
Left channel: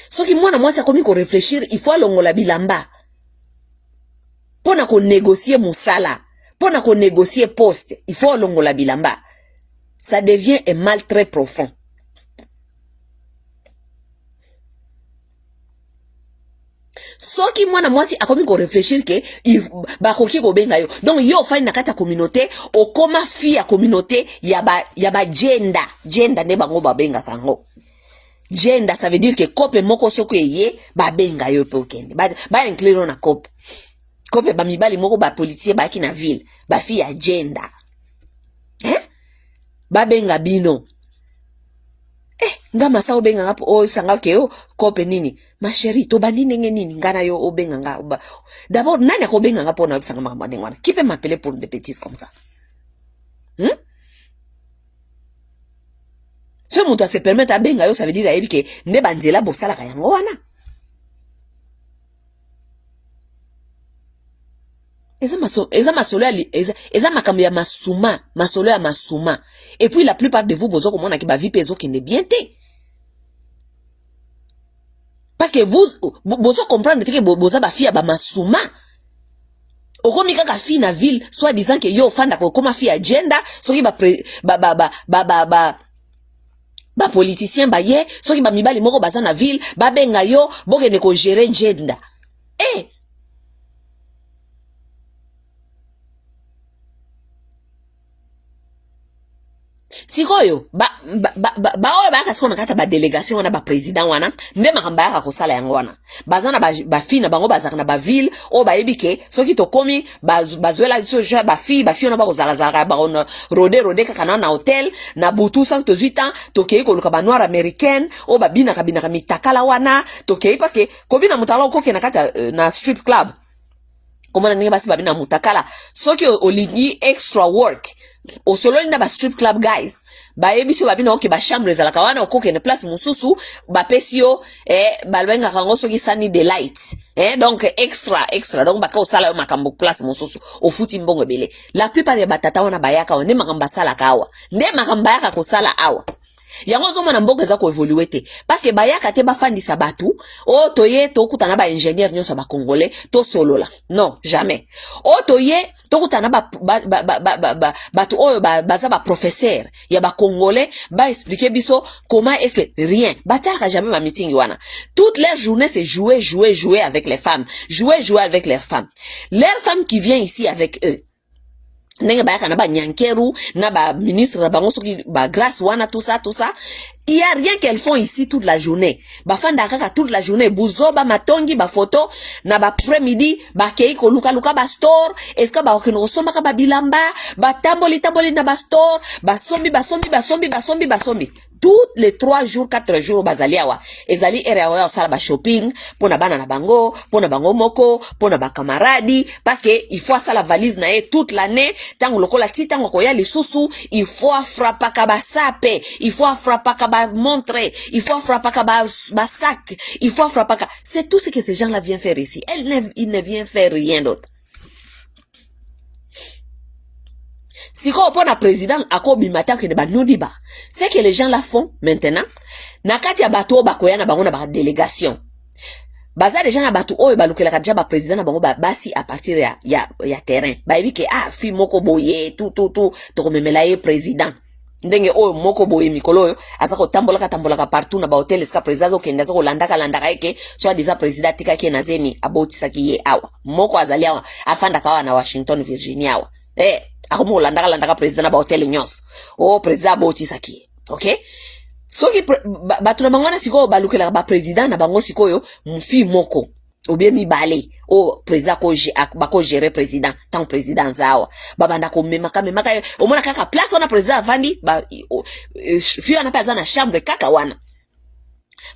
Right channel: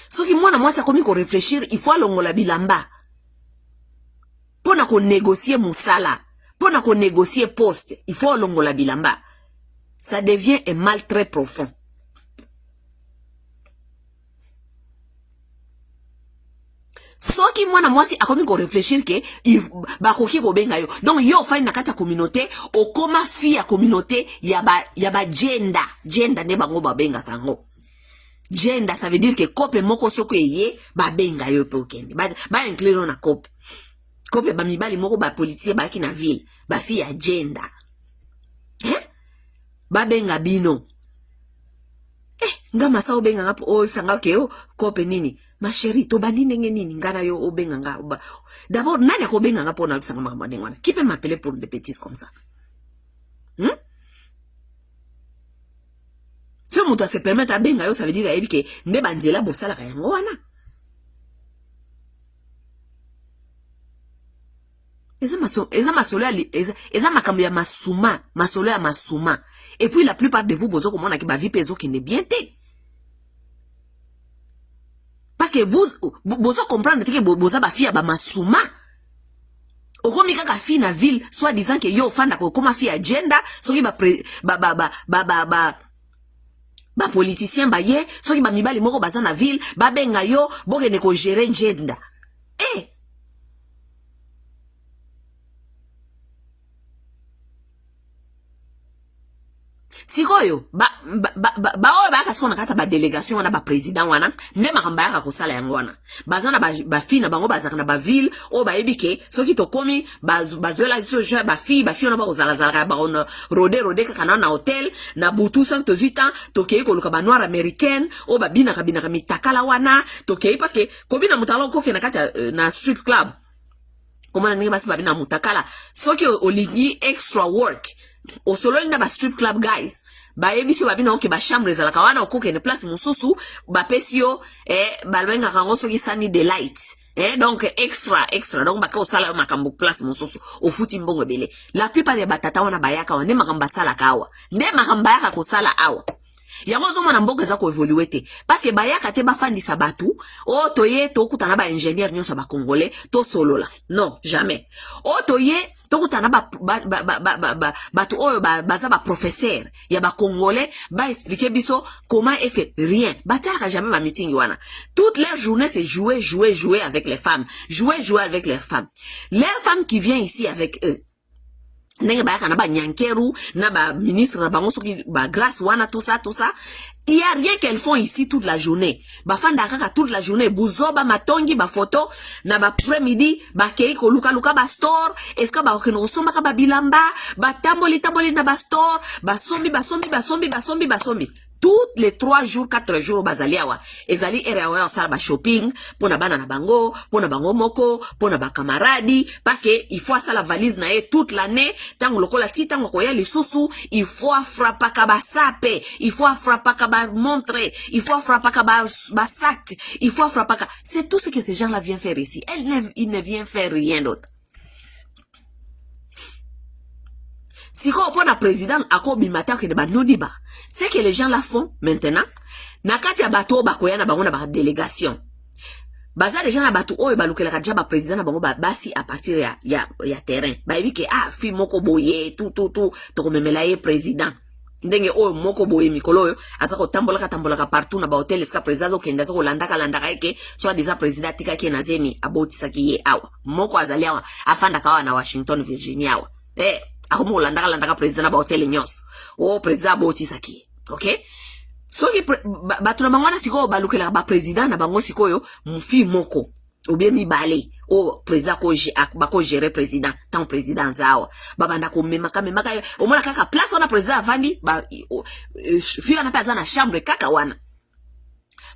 Ce qui moi ça comme qu'on réfléchir, il faut longola bilamba. Pona ko négocier musala, pona ko négocier poste, il faut longola bilamba. Ça devient un mal très profond. Soki mwana mwasi akomi ko réfléchir que ba koki ko benga yo. Donc yo fa na kata communauté o koma fi ya communauté ya ba gender ne bango ba benga kango. Gender ça veut dire que kope moko soko ye ba benga yo pe okende. Ba inclure na kope. Kope ba mibali moko ba politicien ba ki na ville, ba fi ya gender. Ba benga bino. Ngama sa obenga ngapo o sanga ke o kope nini ma chérie to bandi ndenge nini ngana yo obenga nga d'abord nani akobenga ngapo na bisanga mama ndengwana qui peut m'appeler pour des bêtises comme ça ce monde se permettre à benga yo ça veut dire ayebi ke nde banzela bosala ka yango wana eza masolo eza makambo ya masolo ya masuma et puis la plupart de vous bozo komona ki ba vie pezo ki ne bien té. Parce que vous comprendre que boza ba fille ba masuma. Okomi kaka fille na ville soit disant que yo fanda ko koma fille agenda soki ba politicien ba ye soki ba mibali moko baza na ville ba benga yo bokene ko gérer agenda. Sikoyo oyo bakasiko na kata ba délégation wana ba président wana nde makamba yaka kosala yango wana bazana ba fille na bango bazaka na ba ville o ba yebike soki to komi bazwela so je ba fille wana ba kozala zala ba on rode kaka na hotel na butu sa to 8 ans to kei ko luka ba noir américaine o ba bina kabina mitakala wana to kei parce que kobina mutala ko na kata na strip club komana ninge basi babina mutakala soki olingi extra work o solo linda ba strip club guys ba ebiso babina oke ba chambre za la kawana okoke ne place mususu ba pesio balwenga kango soki sani delight donc extra donc baka osala yo makambo place mususu o futi mbongo bele la plupart ya batata wana bayaka one makamba sala kawa nde makamba yaka ko sala awa yango zo mona mboka za ko evoluer te parce que bayaka te bafandisa batu o toye to kutana ba ingénieur nyonso ba congolais to solola non jamais o toye to kutana batu oyo baza ba professeur ya ba congolais ba expliquer biso comment est-ce que rien bataka jamais ma meeting wana toute leur journée c'est jouer avec les femmes jouer avec leurs femmes qui viennent ici avec eux ndenge bayaka na ba nyankeru na ba ministre na bango soki ba grâce wana tout ça il y a rien qu'elles font ici toute la journée ba fanda kaka toute la journée buzoba matongi ba photo na ba après-midi ba kei ko luka ba store est-ce que ba okino somba ka ba bilamba ba tamboli na ba store ba sombi toutes les 3 jours 4 jours bazaliawa ezali area wa sala ba shopping pona bana na bango pona bango moko pona ba camarade parce que il faut ça la valise na ye toute l'année tango lokola ti tango ko ya lisusu il faut frappa ka ba sape il faut frappa ka ba montrer il faut frappa ka ba sac il faut frappa ka c'est tout ce que ces gens là viennent faire ici ils ne viennent faire rien d'autre. Si on prend un président à Kobimata qui ne ba nudiba, c'est que les gens la font maintenant. Nakati ya bato bakoya na bango na ba délégation. Baza les gens na bato o balukela kadja ba président na bango basi à partir ya terrain. Ba ebi ke fi moko boye tout to komemela ye président. Ndenge o moko boye mikolo yo azako tambola ka partout na ba hotel ska président zo kenda zo landaka eke soit déjà président tika ke na zemi abotisa ki ye awa. Moko azali awa afanda kawa na Washington Virginia awa. Akomo landaka président na ba hotel nyos o président botisaki okay soki batu na mangwana siko balukela ba président na bango sikoyo mfi moko obie mibale o président ko gérer président tant président zawa babanda ko memaka omona kaka place wana président vandi ba fi ana paza na chambre kaka wana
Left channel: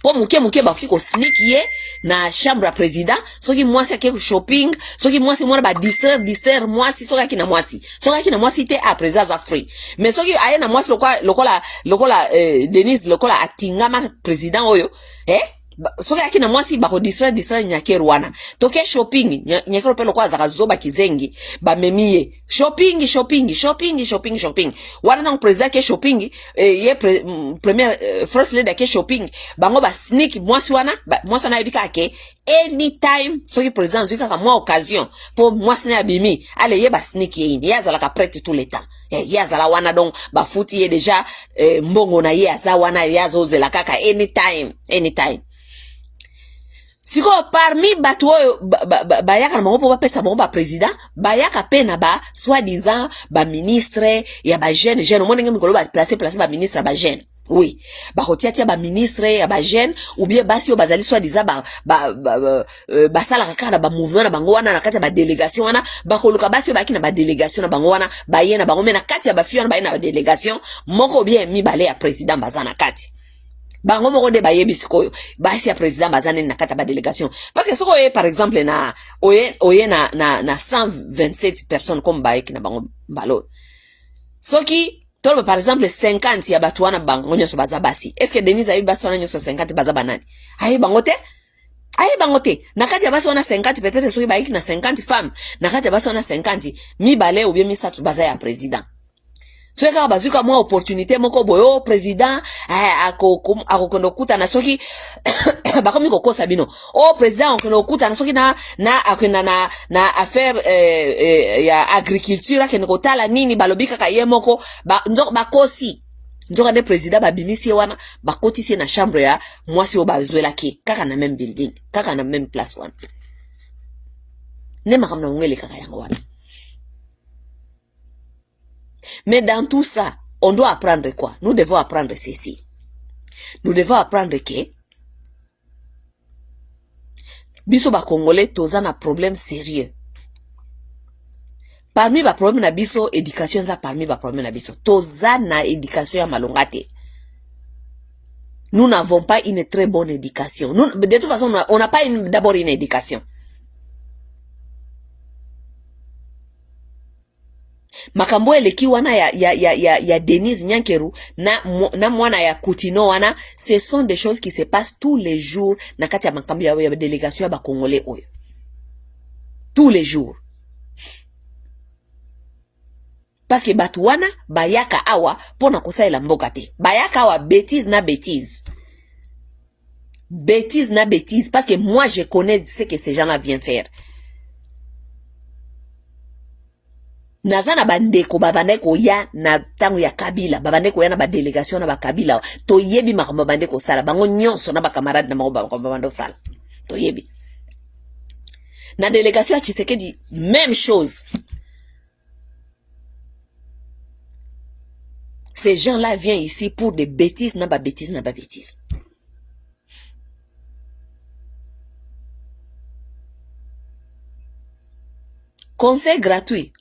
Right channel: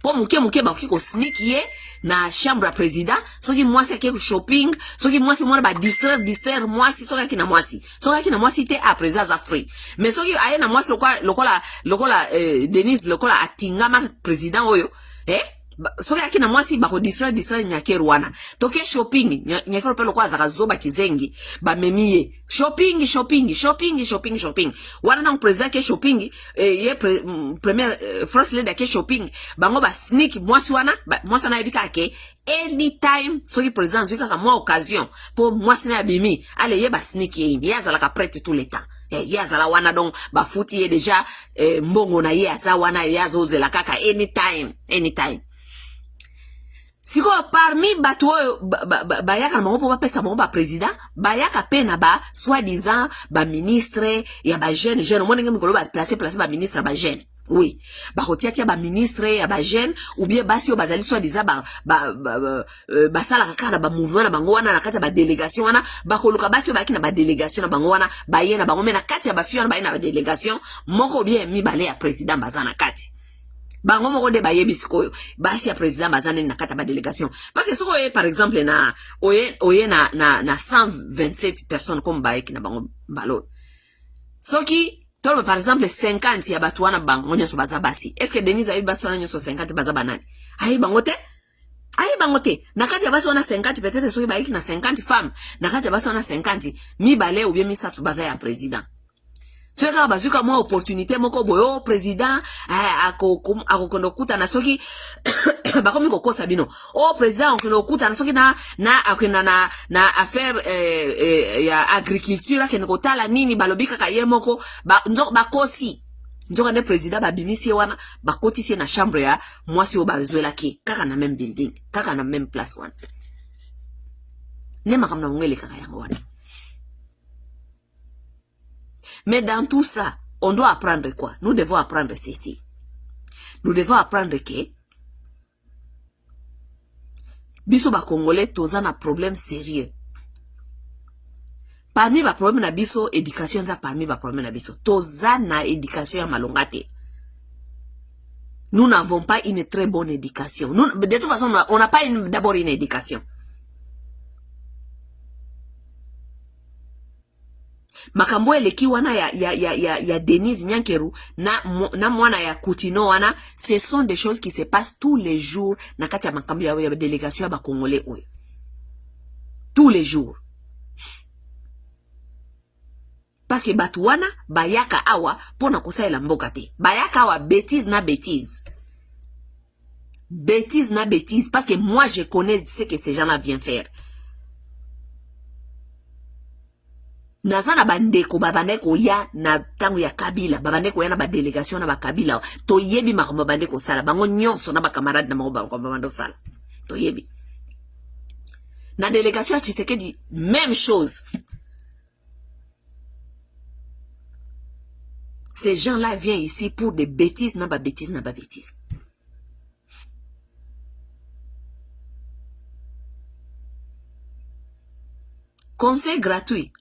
po muke ba kiko sneak ye na chambre à président soki mwasi ake shopping soki mwasi mwana ba distraire mwasi soki akina mwasi te a président za free mais soki aye na mwasi lokola Denise lokola atingama président oyo soki akina mwasi ba ko distraire nyakeru wana toke shopping nyakeru pe lokwa zaka zoba kizengi ba memie shopping wana na président ke shopping ye premier first lady ke shopping bango ba sneak mwasi wana yebika ke anytime soki président zika ka mo occasion po mwasi na bimi ale ye ba sneak ye ya zala ka prête tout le temps ya zala wana donc ba futi ye déjà mbongo na ye aza wana ya zozela kaka anytime. Siko parmi batu oyo bayaka na bango po bapesa bango ba président bayaka pe na ba soi-disant ba ministre ya ba jeune omona ngemi kolo ba placer ba ministre ba jeune oui ba kotia ba ministre ya ba jeune ou bien basi yo bazali soi-disant ba sala kaka na ba mouvement na bango wana na kati ya ba délégation wana ba koluka basi yo baki na ba délégation na bango wana ba ye na bango mena kati ya ba fi wana ba ye na ba délégation moko bien mibale ya président bazana kati bango moko de bayebi sikoyo basi ya président bazane na kata ba délégation parce que soko par exemple na oye na 127 personnes comme baeki na bango mbalo soki tolo par exemple 50 ya batu wana bango nyoso baza basi est-ce que Denise ayi basi wana nyoso 50 baza banani ayi bangote na kati ya basi wana 50 peut-être soki baeki na 50 femmes na kati ya basi wana 50 mi bale ou bien mi satu baza ya président so ka bazuka mo opportunité moko boyo président akokondo kuta na soki bakomi kokosa bino président okondo kuta na soki na akena na affaire ya agriculture kene kotala nini balobika ka ye moko bakosi nzoka de président babimisi wana bakotisi na chambre ya mwasi o bazwela ki kaka na même building kaka na même place wana ne makamna ngele kaka yango wana. Mais dans tout ça, on doit apprendre quoi? Nous devons apprendre ceci. Nous devons apprendre que biso ba Congolais toza na problème sérieux. Parmi ba problème na biso éducation za parmi ba problème na biso toza na éducation ya malongate. Nous n'avons pas une très bonne éducation. Nous, de toute façon, on n'a pas d'abord une éducation. Makambo eleki wana ya Denise Nyankeru na mwana ya Kutino wana, ce sont des choses qui se passent tous les jours na kati ya makambo ya délégation ya ba Congolais oyo. Tous les jours. Parce que batu wana bayaka awa pona kosaela mboka te. Bayaka awa bêtise na bêtise. Bêtise na bêtise parce que moi je connais ce que ces gens-là viennent faire. Nazana bandeko babandeko ya na tangu ya Kabila babandeko ya na ba délégation na ba Kabila to yebi makambo bandeko sala bango nyonso na ba camarade na makambo babando sala to yebi na délégation ya Tshisekedi même chose. Ces gens-là viennent ici pour des bêtises na ba bêtises. Conseil gratuit.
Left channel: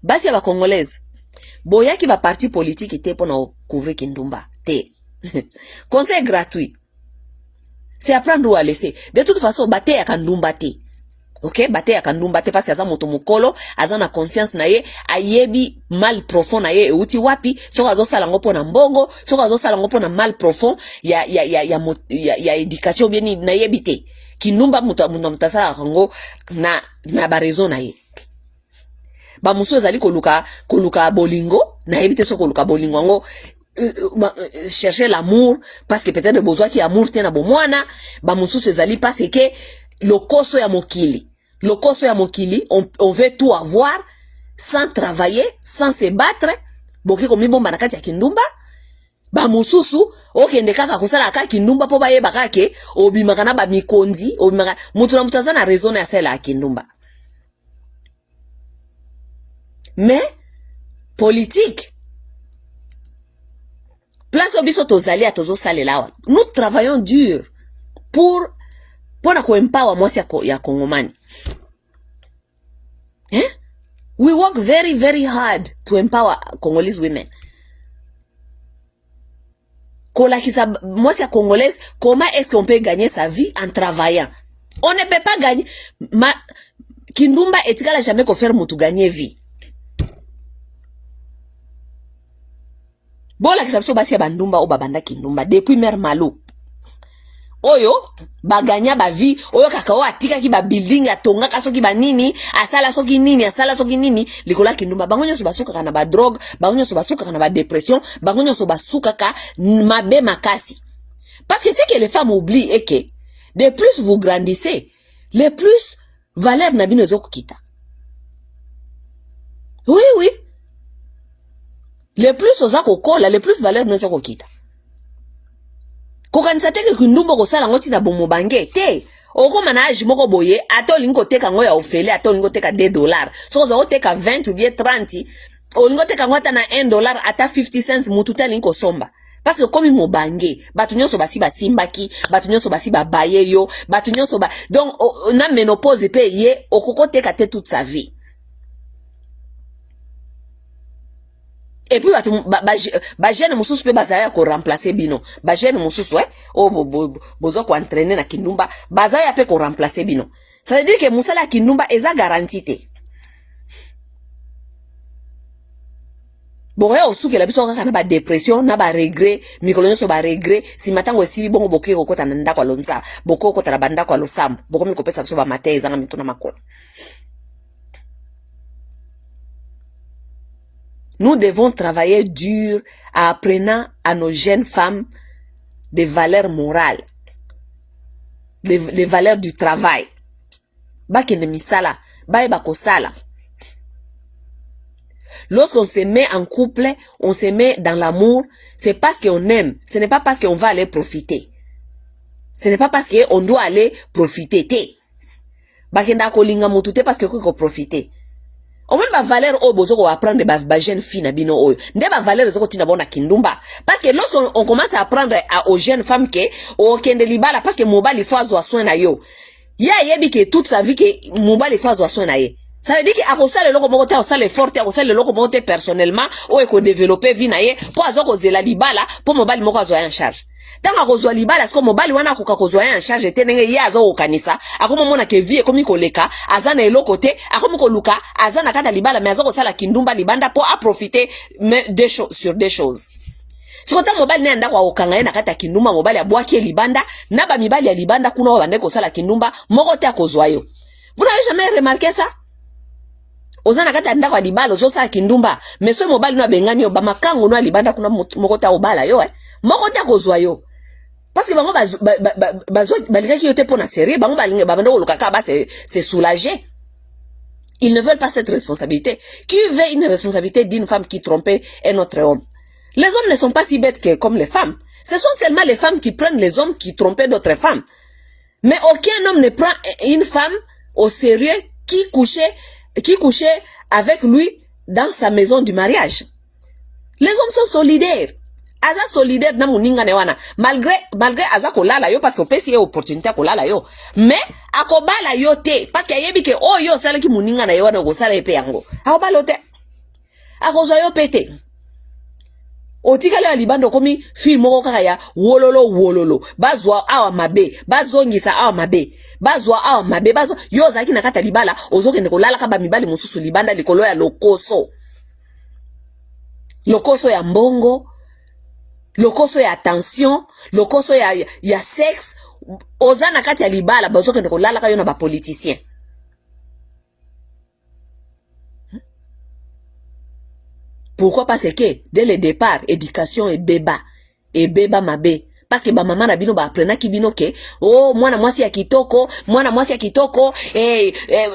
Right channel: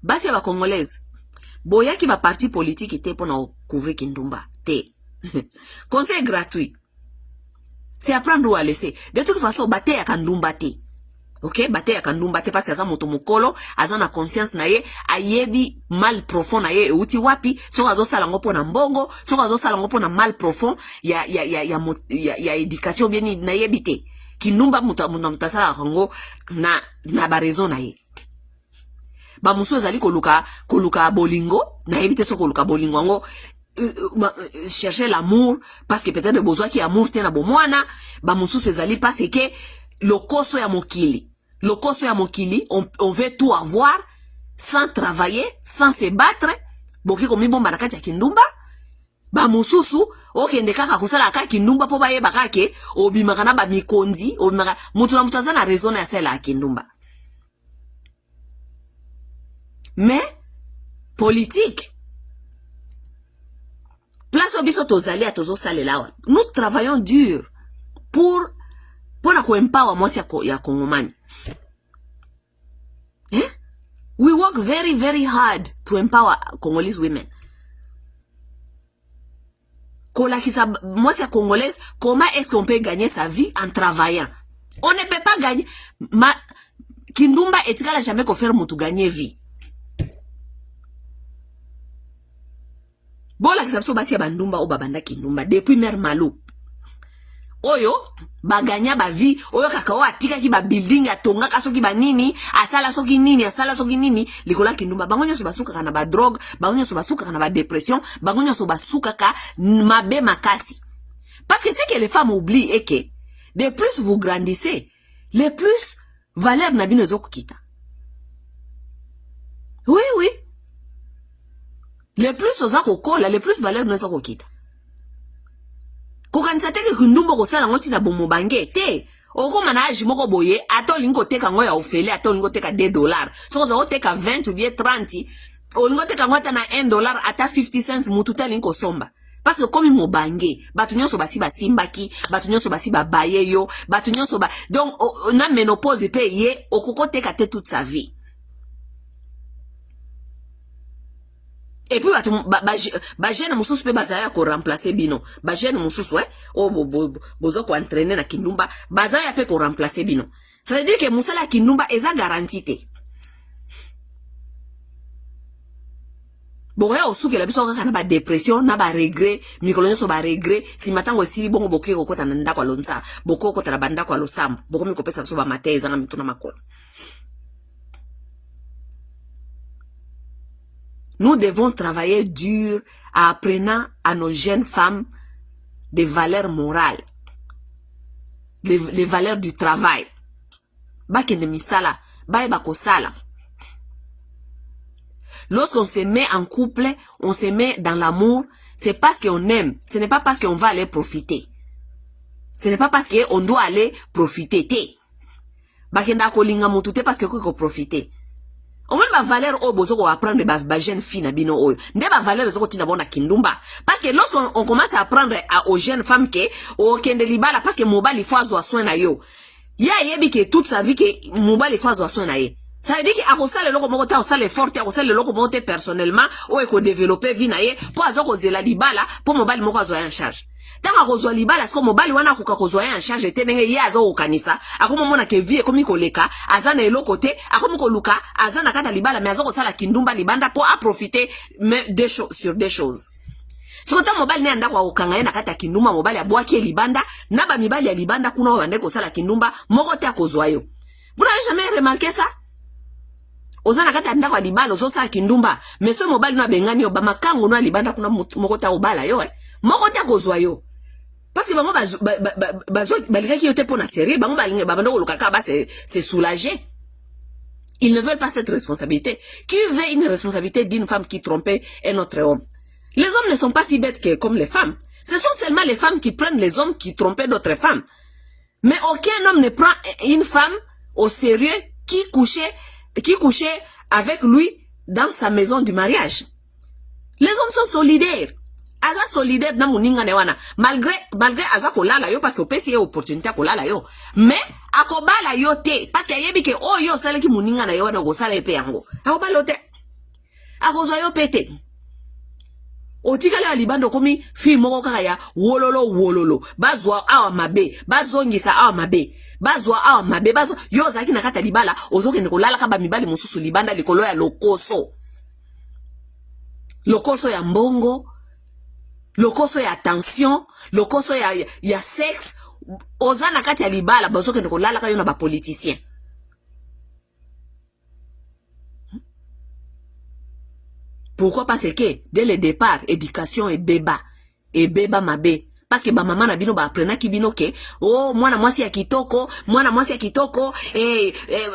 Basi ya ba Congolaise, boya ki ba parti politique te pour na couvrir Kindumba te. Conseil gratuit. C'est apprendre ou à laisser. De toute façon, bate ya Kandumba te. OK, bate ya Kandumba te parce que aza moto mukolo, aza na conscience na ye, ayebi mal profond na ye euti wapi, so azo sala ngopo na mbongo, so azo sala ngopo na mal profond ya éducation bien na yebi te. Kindumba mutasala ngo na ba raison na ye. Ba muso ezali koluka bolingo na éviter so koluka bolingo ngo chercher l'amour parce que peut-être besoin qui amour tena bomwana ba muso ezali parce que lokoso ya mokili on veut tout avoir sans travailler sans se battre boki komi bomba na kati ya Kindumba ba mususu okende kaka kosala kaka Kindumba po baye bakake obimaka na ba mikonzi obimaka mutu na mutaza na raison ya sala ya Kindumba. Mais politique place obiso tozali atozo salelawa. Nous travaillons dur pour na ko empower mwasi ya Kongomani. We work very very hard to empower Congolese women. Kolakisa mwasi ya Congolaise, comment est-ce qu'on peut gagner sa vie en travaillant? On ne peut pas gagner. Kindumba etikala jamais ko faire mutu gagner vie. Bola kisabso basi ya bandumba o babanda Kindumba depuis Mère Malo. Oyo baganya ba vie oyo kakao atika ki ba building atonga kaso ki ba nini asala soki nini likola Kindumba bangonyo so basuka kana ba drogue bangonyo so basuka kana ba dépression bangonyo so basuka ka mabe makasi. Parce que c'est que les femmes oublient et que de plus vous grandissez le plus valeur na bino zokukita. Oui. Le plus oza kokola, le plus valeur na zoko kita. Kokanisa teke Kindumba ko sala ngoti na bomo bange te. Oko manage moko boye ato lingo teka ngoya ofele ato lingo teka $2. So zo teka 20 ou bien 30, o lingo teka ngota na $1 ata 50 cents mututa lingo somba. Parce que comme mo bange, batu nyonso basi basimbaki, batu nyonso basi babaye yo, batu nyonso ba donc na ménopause pe ye okoko teka te toute sa vie. Et puis ba jeune mususu pe bazaya ko remplacer bino ba jeune mususu o bozo ko entraîner na kindumba bazaya pe ko remplacer bino. Ça veut dire que musala kindumba eza garantie. Bon, on souke la biso kaka na ba dépression na ba regret mikolo nyonso ba regret si matango esili bongo boke ko kota na ndako alonza boko kota la banda ko alosambo boko mi ko pesa biso ba mateza na mituna makolo. Nous devons travailler dur en apprenant à nos jeunes femmes des valeurs morales, les valeurs du travail. Bakene misala, bae bakosala. Lorsqu'on se met en couple, on se met dans l'amour, c'est parce qu'on aime. Ce n'est pas parce qu'on va aller profiter. Ce n'est pas parce qu'on doit aller profiter. Bakenda kolinga mutute parce que ko profiter. On va valeur au bozo ko apprendre ba jeune fille na bino oyo. Nde ba valeur zoko tina bona kindumba. Parce que lorsqu'on commence à apprendre aux jeunes femmes que o kende libala parce que mobali faut azwa soin na yo. Ya yebi que toute sa vie que mobali faut azwa soin na ye. Ça veut dire que akosala loko moko te akosala effort te akosala loko moko te personnellement ou eko développer vie na ye po azoko zela libala po mobali moko azwa en charge. Tant akozwa libala sko mobali wana akoka kozwa en charge te ndenge ye azoko kanisa akoma mona ke vie ekomi koleka azana eloko te akoma koluka azana kata libala mais azoko sala kindumba libanda po a profiter sur des choses. Sokota mobali ne ndako akokanga ye na kata kindumba mobali abwaki libanda na ba mibali ya libanda kuna ba ndeko sala kindumba moko te akozwa yo. Vous n'avez jamais remarqué ça? Ozana kata ndako libala ozosa kindumba mais so mobali no bengani ba makango no libanda kuna moko ta obala yo moko te akozwa yo. Parce que bango bazwa balikaki yote pona série bango balinga babando lokaka ba c'est soulager. Ils ne veulent pas cette responsabilité. Qui veut une responsabilité d'une femme qui trompait un autre homme? Les hommes ne sont pas si bêtes que comme les femmes. Ce sont seulement les femmes qui prennent les hommes qui trompaient d'autres femmes. Mais aucun homme ne prend une femme au sérieux qui couchait avec lui dans sa maison du mariage. Les hommes sont solidaires. Aza solidaire na muninga ne wana. Malgré aza kolala yo parce que pesi opportunité kolala yo. Mais akobala yo te parce que yebi ke oh yo sala ki muninga na yo wana go sala epe yango. Akobala te. Akozo yo pete. Otikale ya libando komi fi moko kaka ya wololo. Bazwa awa mabe. Bazongisa awa mabe. Bazwa awa mabe. Bazo yo zaki na kata libala. Ozoke ne kolala kaba mibali mususu libanda likolo ya lokoso. Lokoso ya mbongo. Lokoso ya attention, lokoso ya sexe, ozana kati ya libala bazoke ndeko lala kayo na ba politicien. Pourquoi? Parce que dès le départ, éducation et beba mabe. Parce que ba maman na bino ba aprena ki bino ke oh mwana mwasi ya kitoko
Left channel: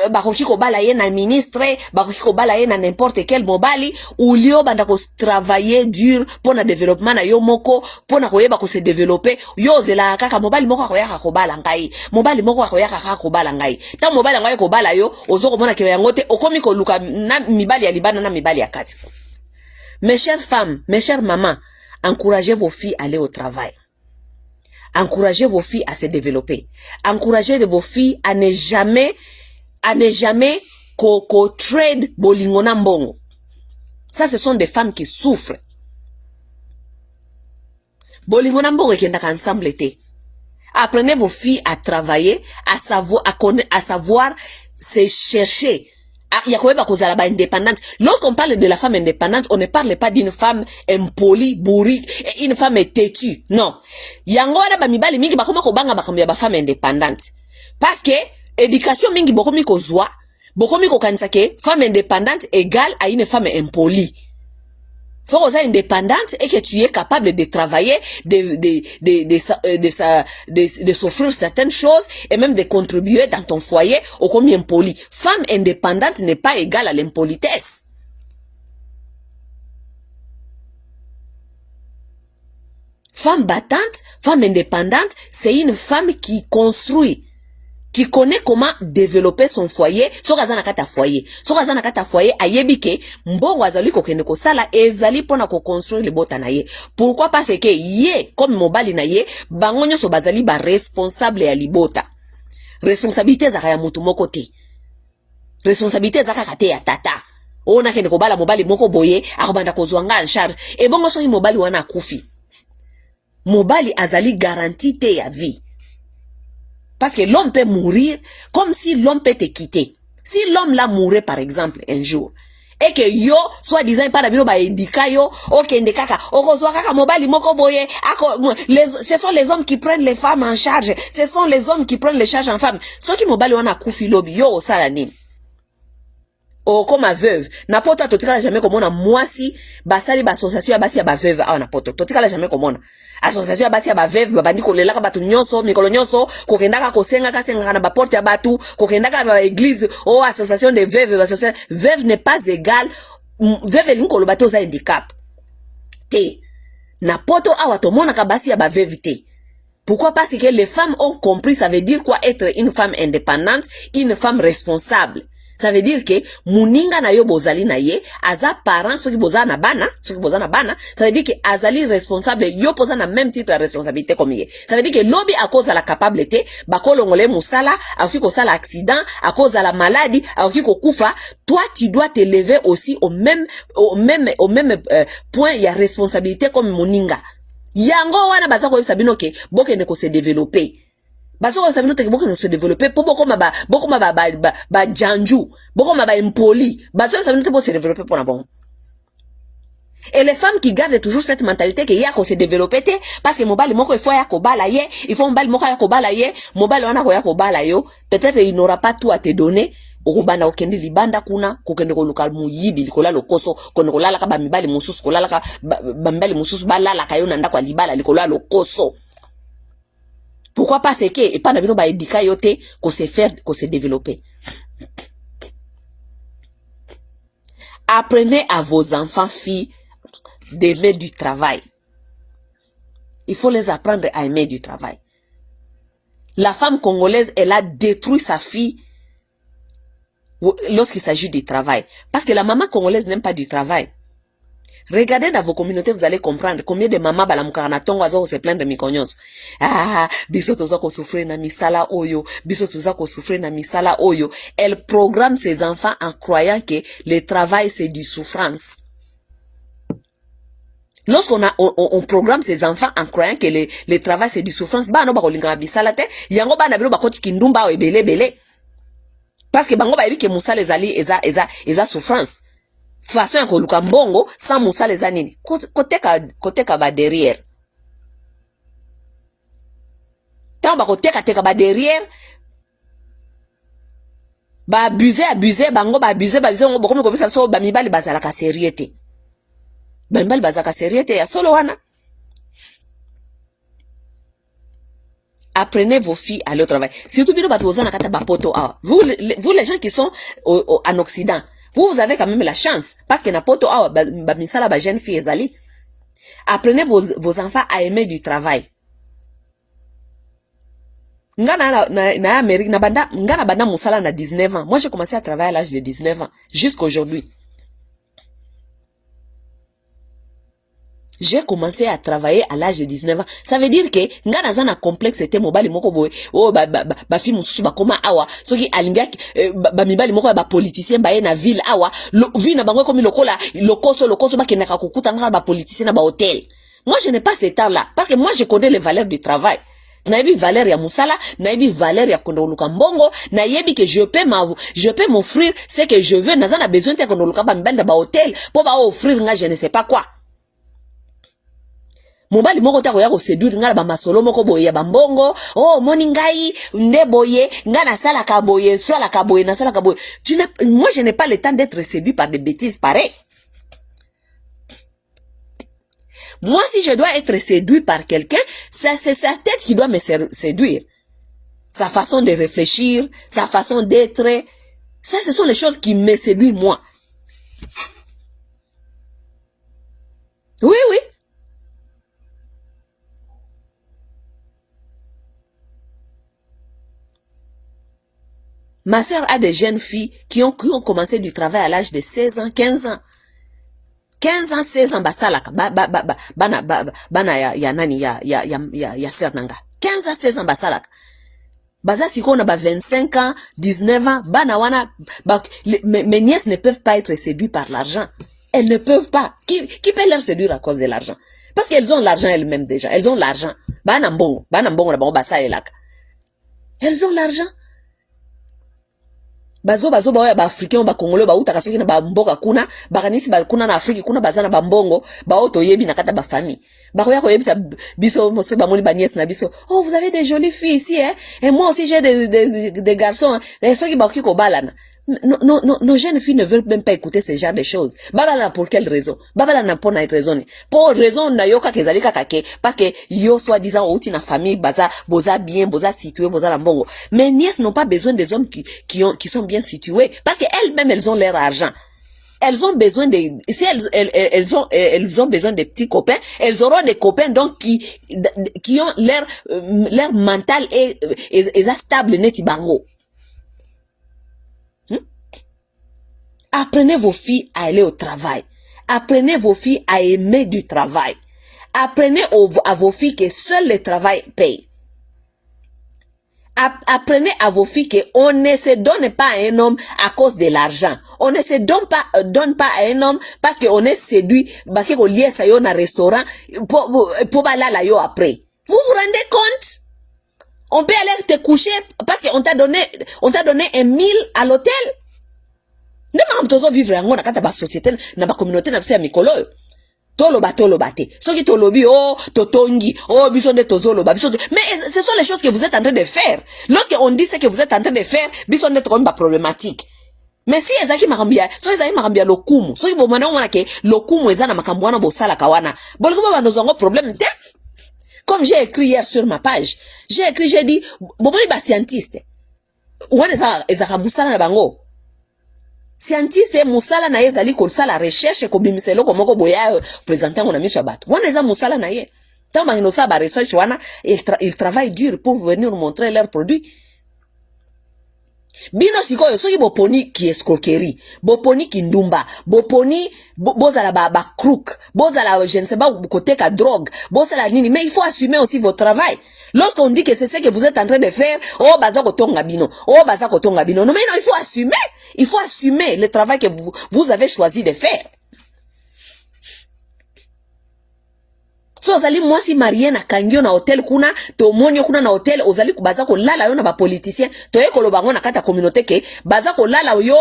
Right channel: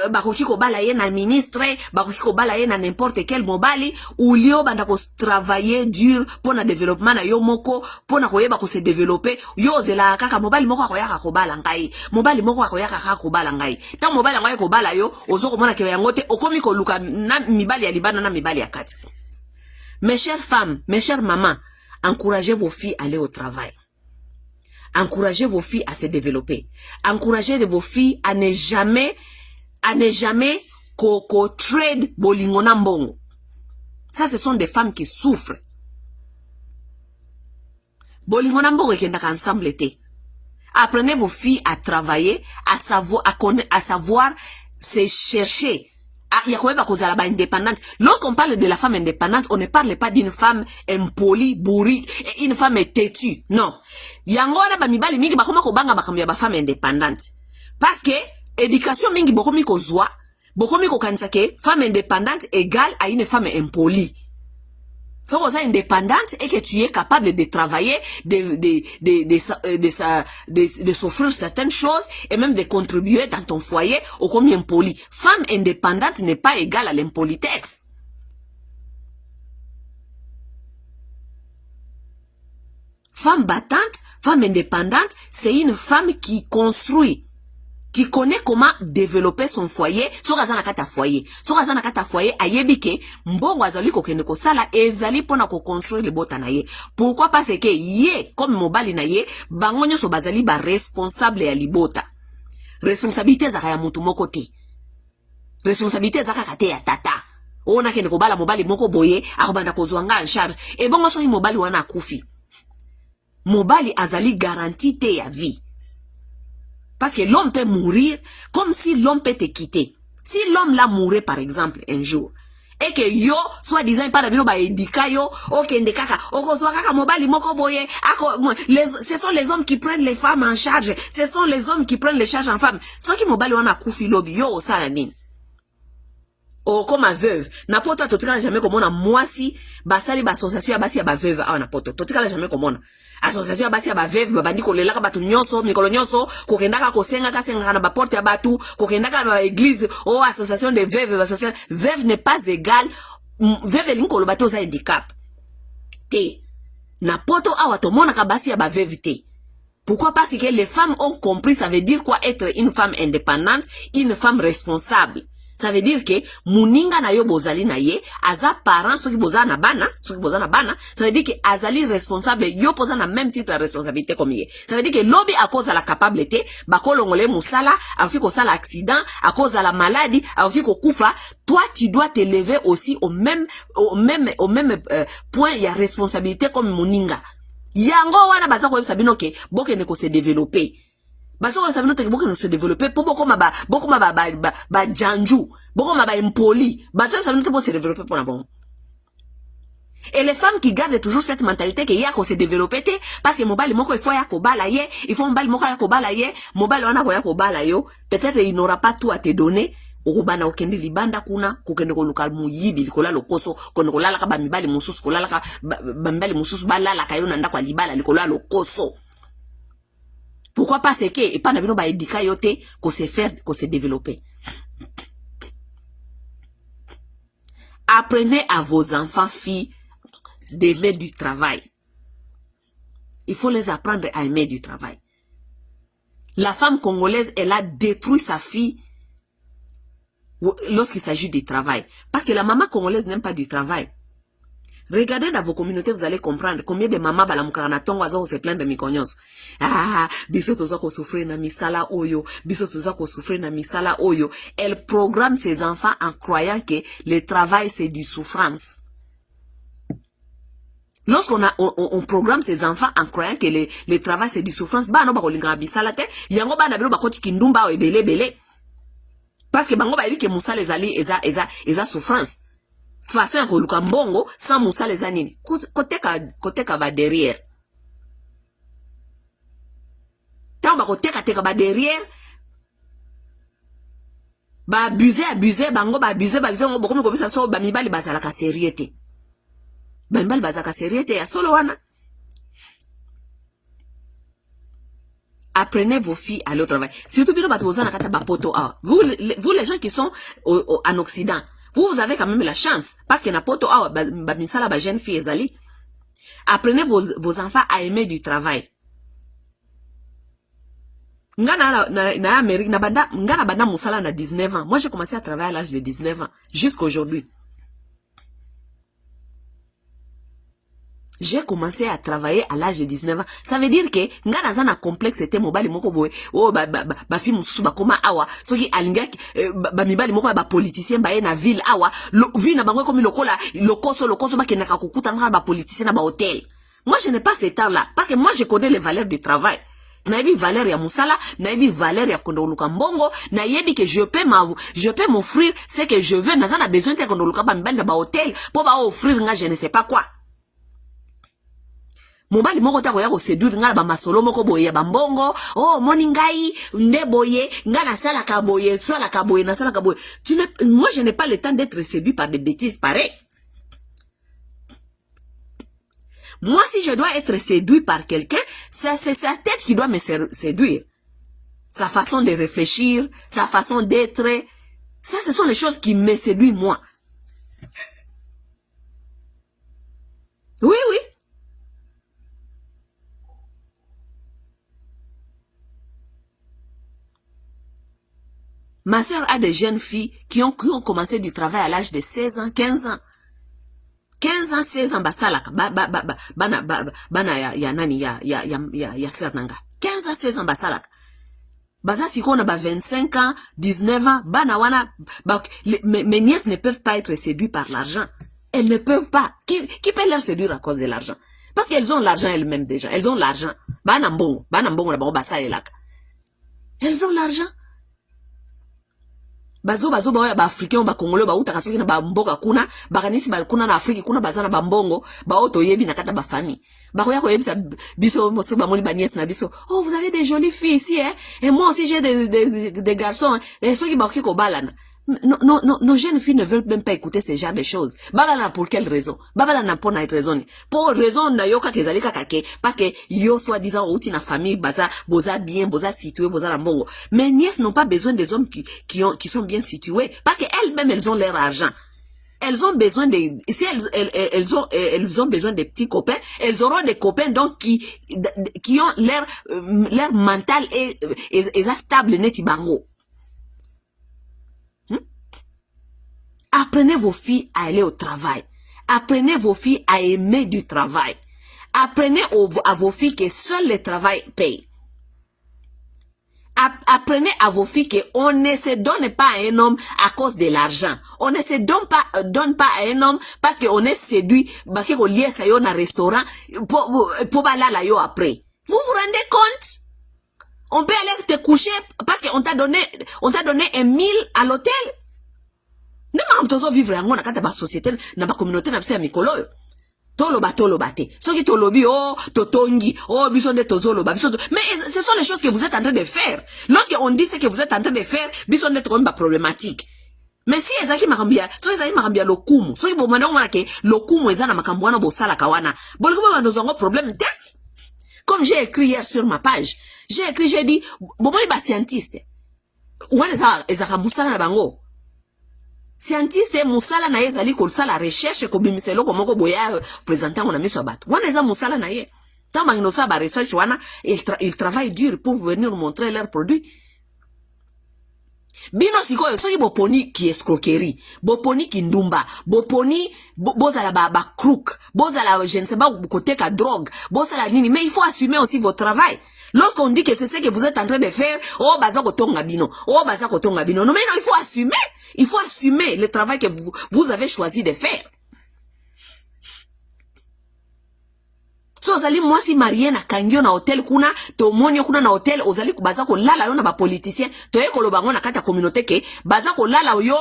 bakoki ko bala ye na ministre bakoki ko bala ye na n'importe quel mobali ou lio banda ko travailler dur pour na développement na yo moko pour na koyeba ko se développer yo zela kaka mobali moko akoyaka ko bala ngai mobali moko akoyaka kaka ko bala ngai ta mobali ngai ko bala yo ozoko mona ke yango te okomi ko luka na mibali ya libana na mibali ya kati. Mes chères femmes, mes chères mamans, encouragez vos filles à aller au travail. Encouragez vos filles à se développer. Encouragez vos filles à ne jamais trade bolingona mbongo. Ça, ce sont des femmes qui souffrent. Bolingona mbongo et qui ensemble été. Apprenez vos filles à travailler, à savoir se chercher. Lorsqu'on parle de la femme indépendante, on ne parle pas d'une femme impolie, bourrique, une femme têtue. Non. Yango wana ba mibali mingi bakoma ko banga bakambi ba femme indépendante. Parce que éducation mingi bokomi ko zwa, bokomi ko kanisa ke femme indépendante égale à une femme impolie. Si vous êtes indépendante et que tu es capable de travailler, de s'offrir certaines choses et même de contribuer dans ton foyer au combien impoli. Femme indépendante n'est pas égale à l'impolitesse. Femme battante, femme indépendante, c'est une femme qui construit, qui connaît comment développer son foyer. Sokazana kata foyer ayebike mbongo azali ko kende ko sala ezali pona ko construire le bota na ye. Pourquoi? Parce que ye comme mobali na ye bangonyo so bazali ba responsable ya libota. Responsabilité zaka ya mutu moko te. Responsabilité zaka kate ya tata. ona kende kobala mobali moko boye akobanda kozwanga en charge et bongo soki mobali wana akufi mobali azali garantie te ya vie parce que l'homme peut mourir comme si l'homme peut te quitter. Si l'homme l'a mouru par exemple un jour et que yo soit disant pas d'abino ba edika yo okende kaka okozwa kaka mobali moko boye ce sont les hommes qui prennent les femmes en charge, ce sont les hommes qui prennent les charges en femmes. Soki mobali wana akufi lobi yo osala nini? Oh, comme ma veuve. Na poto totikala jamais comme on a mwasi basali ba association ya basi ya ba veuve awa na poto. Totikala jamais comme on. Association ya basi ya ba veuve babandi ko lelaka batu nyonso, mikolo nyonso, kokendaka kosenga kasenga na ba porte ya batu, kokendaka ba église, oh association de veuve, association veuve n'est pas égal veuve linkolo bato za handicap. Te. Na poto awa to mona ka basi ya ba veuve te. Pourquoi? Parce que les femmes ont compris ça veut dire quoi être une femme indépendante, une femme responsable. Ça veut dire que muninga na yo bozali na ye aza parent soki boza na bana ça veut dire que azali responsable yo posa na même titre de responsabilité comme ye. Ça veut dire que lobi à cause de la capacité bakolongole musala akoki ko sala accident à cause de la maladie akoki ko kufa, toi tu dois te lever aussi au même point il y a responsabilité comme muninga. Yango wana baza ko sabino ke bokende ko se développer. Baso ko sabino te ke bokende se développer pour boko ma janju, boko ma ba impoli, baso sabino te bo se développer pour na bon. Et les femmes qui gardent toujours cette mentalité que ya ko se développer te parce que mobali moko il faut ya ko bala ye, il faut mobali moko ya ko bala ye, mobali wana ko ya ko bala yo, peut-être il n'aura pas tout à te donner. Okubanda okende libanda kuna kokende ko lokal muyibi likola lokoso kono kolala ka ba mibali mususu kolala ka ba mibali mususu balala kayo na ndako libala likola lokoso. Pourquoi? Parce que et pas na bino ba edika yote ko se faire ko se développer. Apprenez à vos enfants filles d'aimer du travail. Il faut les apprendre à aimer du travail. La femme congolaise, elle a détruit sa fille lorsqu'il s'agit du travail. Parce que la maman congolaise n'aime pas du travail. Regardez dans vos communautés, vous allez comprendre combien de mamans balamukana tongo azo se plaindre de mikonyos. Ah, biso toza ko souffrir na misala oyo, biso toza ko souffrir na misala oyo. Elle programme ses enfants en croyant que le travail c'est du souffrance. On programme ses enfants en croyant que le travail c'est du souffrance, ba no ba kolinga bisala te, yango ba na bino ba koti kindumba o ebele. Parce que bango ba ebi ke musala ezali eza souffrance. Façon ya koluka mbongo sans musala eza nini? Koteka ba derrière. Tant ba koteka ba derrière. Ba abuser bango ba abuser ngo bokomi ko bisa so ba mibali bazala ka seriete. Ba mibali bazala ka seriete ya solo wana. Apprenez vos filles à aller au travail. Surtout bino batozana kata ba poto awa. Vous les gens qui sont en Occident, vous avez quand même la chance parce que na poto awa ba misala ba jeune fille ezali. Apprenez vos enfants à aimer du travail. Na Amérique na banda musala na 19 ans. Moi j'ai commencé à travailler à l'âge de 19 ans jusqu'à aujourd'hui. J'ai commencé à travailler à l'âge de 19 ans. Ça veut dire que ngana zana complexe était mobali moko boy. Oh ba fi mususu ba koma awa. Soki alinga ba mibali moko ba politicien ba na ville awa. Vi na bango comme lokoso ba kenaka kokuta ngana ba politicien na ba hôtel. Moi je n'ai pas ce temps là parce que moi je connais les valeurs du travail. Na yebi valeur ya musala, na yebi valeur ya kondoluka mbongo, na yebi que je peux m'offrir ce que je veux. Na zana besoin de kondoluka ba mibali na ba hôtel pour ba offrir nga je ne sais pas quoi. Mobali moko ta ko ya ko séduire ngala ba masolo moko boye ya bambongo, oh moni ngai nde boye ngana sala ka boye na sala ka boye. Moi je n'ai pas le temps d'être séduit par des bêtises pareilles. Moi si je dois être séduit par quelqu'un, c'est sa tête qui doit me séduire. Sa façon de réfléchir, sa façon d'être, ça ce sont les choses qui me séduisent moi. Oui. Ma soeur a des jeunes filles qui ont commencé du travail à l'âge de 16 ans, 15 ans. 15 ans, 16 ans, basalaka, bana ya nani, ya sernanga. 15 ans, 16 ans, basalaka. Baza siko na ba 25 ans, 19 ans, bana wana, mes nièces ne peuvent pas être séduites par l'argent. Elles ne peuvent pas. Qui peut leur séduire à cause de l'argent? Parce qu'elles ont l'argent elles-mêmes déjà. Elles ont l'argent. Bana mbongo la bango basa elaka. Elles ont l'argent. Bazo ba africain ba congolais ba uta kasoki na ba mboka kuna, bakanisi ba kuna na Afrique kuna bazana ba mbongo, ba oto yebi na kata ba famille. Bakoya ko yebisa biso moso ba moni ba nièce na biso. Oh, vous avez des jolies filles ici hein. Et moi aussi j'ai des garçons hein. Et ceux qui ba ko balana. Nos jeunes filles ne veulent même pas écouter ce genre de choses. Babala pour quelle raison? Babala na pour une raison. Pour raison na yoka kezalika kake parce que yo soi-disant outi na famille baza boza bien, boza situé, boza la mbongo. Mes nièces n'ont pas besoin des hommes qui sont bien situés parce qu'elles-mêmes elles ont leur argent. Elles ont besoin de si elles ont besoin de petits copains, elles auront des copains donc qui ont leur mental et stable neti bango. Apprenez vos filles à aller au travail. Apprenez vos filles à aimer du travail. Apprenez à vos filles que seul le travail paye. Apprenez à vos filles qu'on ne se donne pas à un homme à cause de l'argent. On ne se donne pas à un homme parce qu'on est séduit. Parce qu'on lié ça yo na restaurant pour la yo après. Vous vous rendez compte? On peut aller te coucher parce qu'on t'a donné 1 000 à l'hôtel. Ne m'am tozo vivre yango na kata ba société na ba communauté na biso ya mikolo yo. Toloba te. Soki tolobi oh totongi oh biso nde tozoloba biso. Mais ce sont les choses que vous êtes en train de faire. Lorsque on dit ce que vous êtes en train de faire, biso nde comme ba problématique. Mais si ezaki makambia, so ezaki makambia lokumu. Soki bo mwana ngona ke lokumu ezana makambo wana bo sala kawana. Boliko ba nozongo problème te. Comme j'ai écrit hier sur ma page, j'ai dit bo moni ba scientiste. Wana ezaka musala na bango. Scientiste musala na ye zali ko sala recherche ko bimiselo ko moko boya présenter on a mis sur bateau. Wana za musala na ye. Tamba ino sa ba research wana il travaille dur pour venir nous montrer leurs produits. Bino sikoyo soki boponi ki escroquerie, boponi ki ndumba, boponi bozala ba crook, bozala je ne sais pas côté ka drogue, bozala nini, mais il faut assumer aussi votre travail. Lorsqu'on dit que c'est ce que vous êtes en train de faire, oh baza kotonga bino, oh baza kotonga bino. Non mais non, il faut assumer le travail que vous avez choisi de faire. So ozali mwasi marié na kangio na hotel kuna to monyo kuna na hotel ozali kubaza ko lala yo na ba politicien to ye koloba ngo na kata communauté ke baza ko lala yo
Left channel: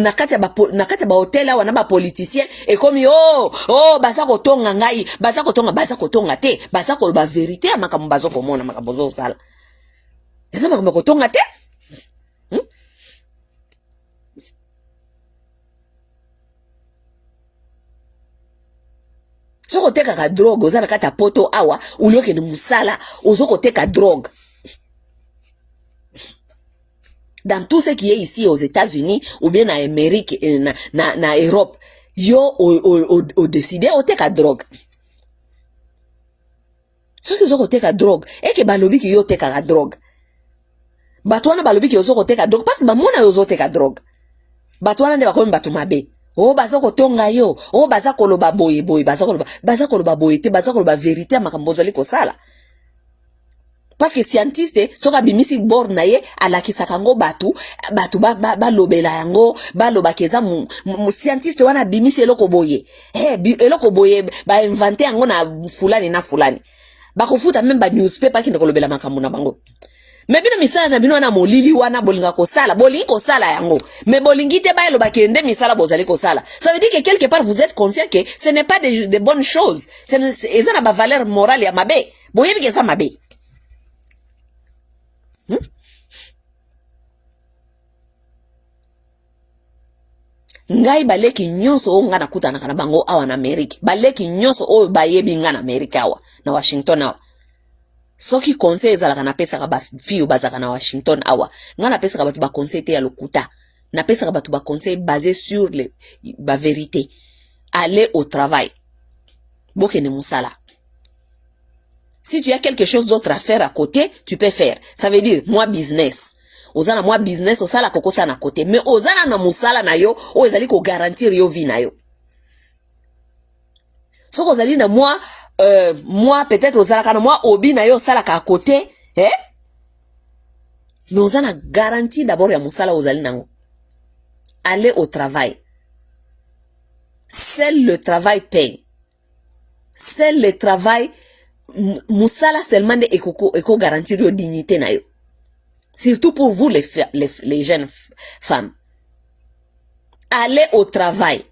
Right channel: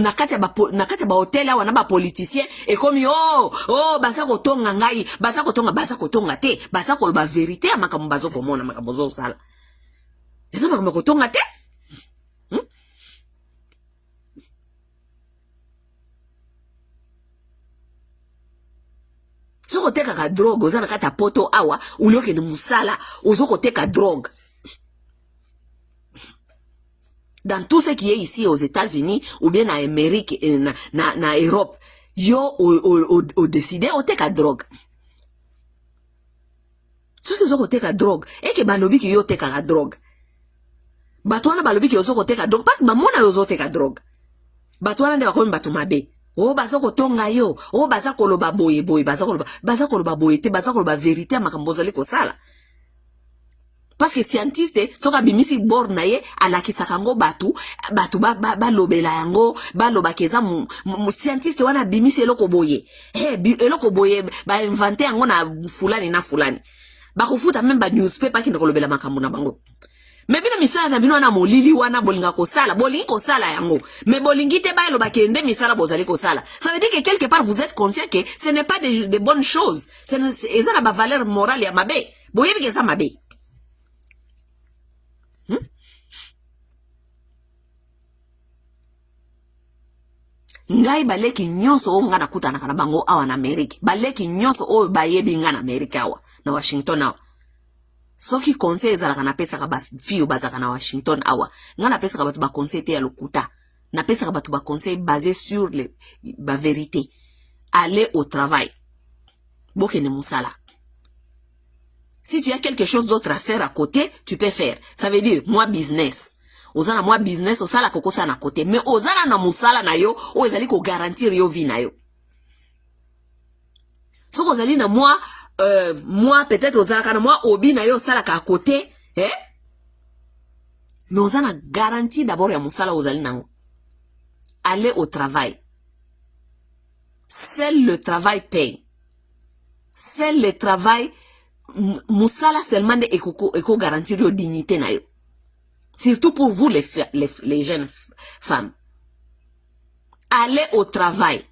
na kata ba hotel wana ba politicien et comme oh baza ko tonga ngai baza ko tonga te baza ko ba vérité amakambo bazo ko mona makambo zo sala eza makambo ko tonga te. Soko teka ka drogue ozana kata poto awa ulioke ni musala ozoko teka drogue. Dans tout ce qui est ici aux États-Unis ou bien en Amérique na Europe yo o décidé o teka drogue. Soki ozoko teka drogue eke balobi ki yo teka ka drogue. Batwana balobi ki ozoko teka drogue parce que bamona yo teka drogue. Batwana nde bakomi batu mabe. Oh baza kotonga yo, oh baza koloba boye baza koloba boye te, baza koloba vérité makambo zali ko sala. Parce que scientiste soka bimisi bor na ye alakisaka ngo batu ba lobela yango ba loba keza scientiste wana bimisi eloko boye. Eloko boye ba inventer yango na fulani na fulani. Ba kofuta même ba newspaper ki ndeko lobela makambo na bango. Mais bino misala na bino wana molili wana bolinga ko sala yango mais bolingi te ba eloba kende misala bozali ko sala. Ça veut dire que quelque part vous êtes conscient que ce n'est pas de bonnes choses, c'est na ba valeur morale ya mabe boyebi ke ça mabe. Ngai baleki nyonso nga na kutana kana bango awa na Amerika, baleki nyonso o bayebi nga na Amerika awa na Washington awa. Soki conseil ezalaka na pesa ka ba fiyo bazaka na Washington awa nga na pesa ka batu ba conseil te ya lokuta na pesa ka batu ba conseil basé sur ba vérité. Aller au travail bokene musala. Si tu as quelque chose d'autre à faire à côté tu peux faire. Ça veut dire moi business ozana moi business osala kokosa na côté mais ozana na musala na yo o ezali ko garantir yo vie na yo. Soko ozali na moi peut-être aux alakana moi obi na yo salaka à côté mais on a garantie d'abord ya musala ozali nango. Aller au travail. Seul le travail paye. Seul le travail musala seulement de eko garantir yo dignité na yo. Surtout pour vous les jeunes femmes. Allez au travail.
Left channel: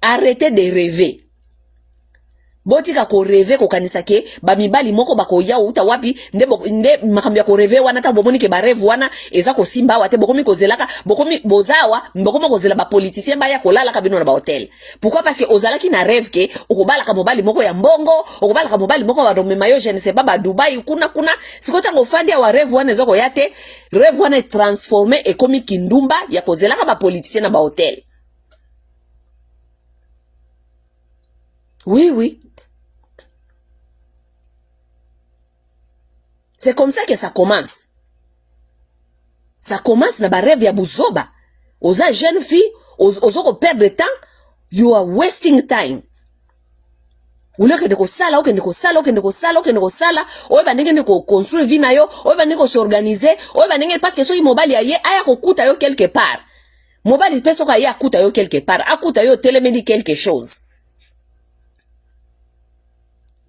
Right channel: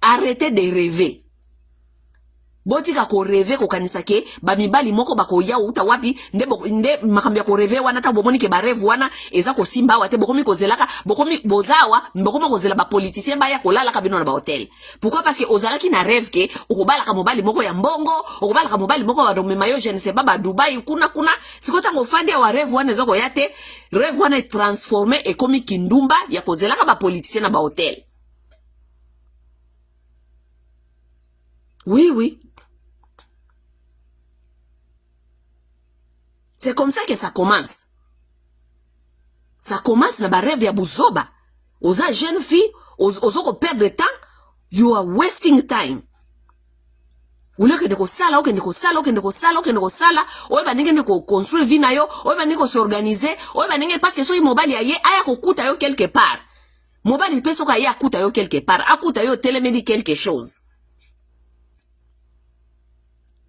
Arrêtez de rêver. Botika ko rêver ko kanisa ke ba mibali moko bako ya uta wapi nde makambia ko rêver wana ta bomoni ke ba rêve wana eza ko simba wate bokomi ko zelaka bokomi bozawa bokomi ko zela ba politicien ba ya ko lala ka bino na ba hotel. Pourquoi? Parce que ozala ki na rêve ke okobala ka mobali moko ya mbongo, okobala ka mobali moko wa domema yo je ne sais pas ba Dubai kuna sikota ngo fandi wa rêve wana ezoko yate rêve wana transformé et komi kindumba ya ko zelaka ba politicien na ba hotel. Oui. C'est comme ça que ça commence. Ça commence na ba rêve ya buzoba. Oza jeune fille, ozoko perdre de temps, you are wasting time. Ouleke de ko sala, oye ba nenge ko construire vie na yo, oye ba nenge ko s'organiser, oye ba nenge parce que soki mobali aye aya ko kuta yo quelque part. Mobali peso ka ya kuta yo quelque part, akuta yo telemedi quelque chose.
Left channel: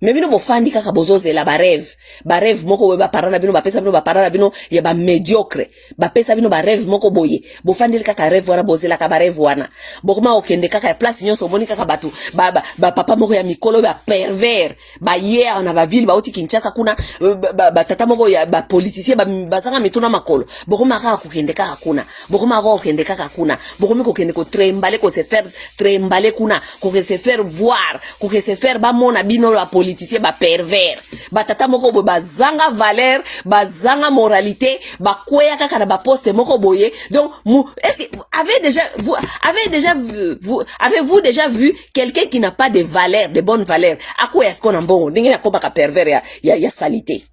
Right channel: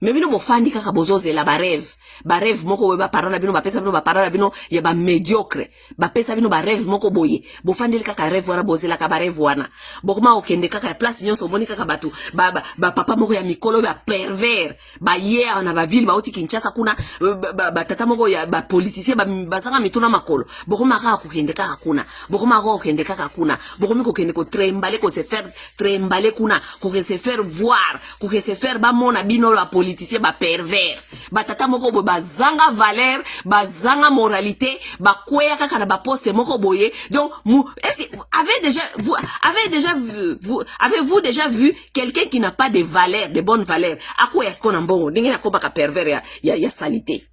Mais bino bofandi kaka bozoze la ba rêve moko we ba parana bino ba pesa bino ba parana bino ya ba médiocre ba pesa bino ba rêve moko boye bofandi kaka rêve wana bozela ka ba rêve wana bokoma okende kaka place nyonso moni kaka batu ba papa moko ya mikolo ba pervers ba ye na ba ville ba oti Kinshasa kuna ba tata moko ya ba politicien ba zanga mituna makolo bokoma kaka kokende kaka kuna bokoma ko okende kaka kuna bokomi kokende ko trembale ko se faire trembale kuna ko se faire voir ko se faire ba mona bino la politicien ba pervers ba tata moko bo bazanga valeur bazanga moralité ba kweya kaka na ba poste moko boye. Donc est-ce que avez-vous déjà vu quelqu'un qui n'a pas de valeur, de bonne valeur? À quoi est-ce qu'on a bon ndenge na komaka pervers ya salité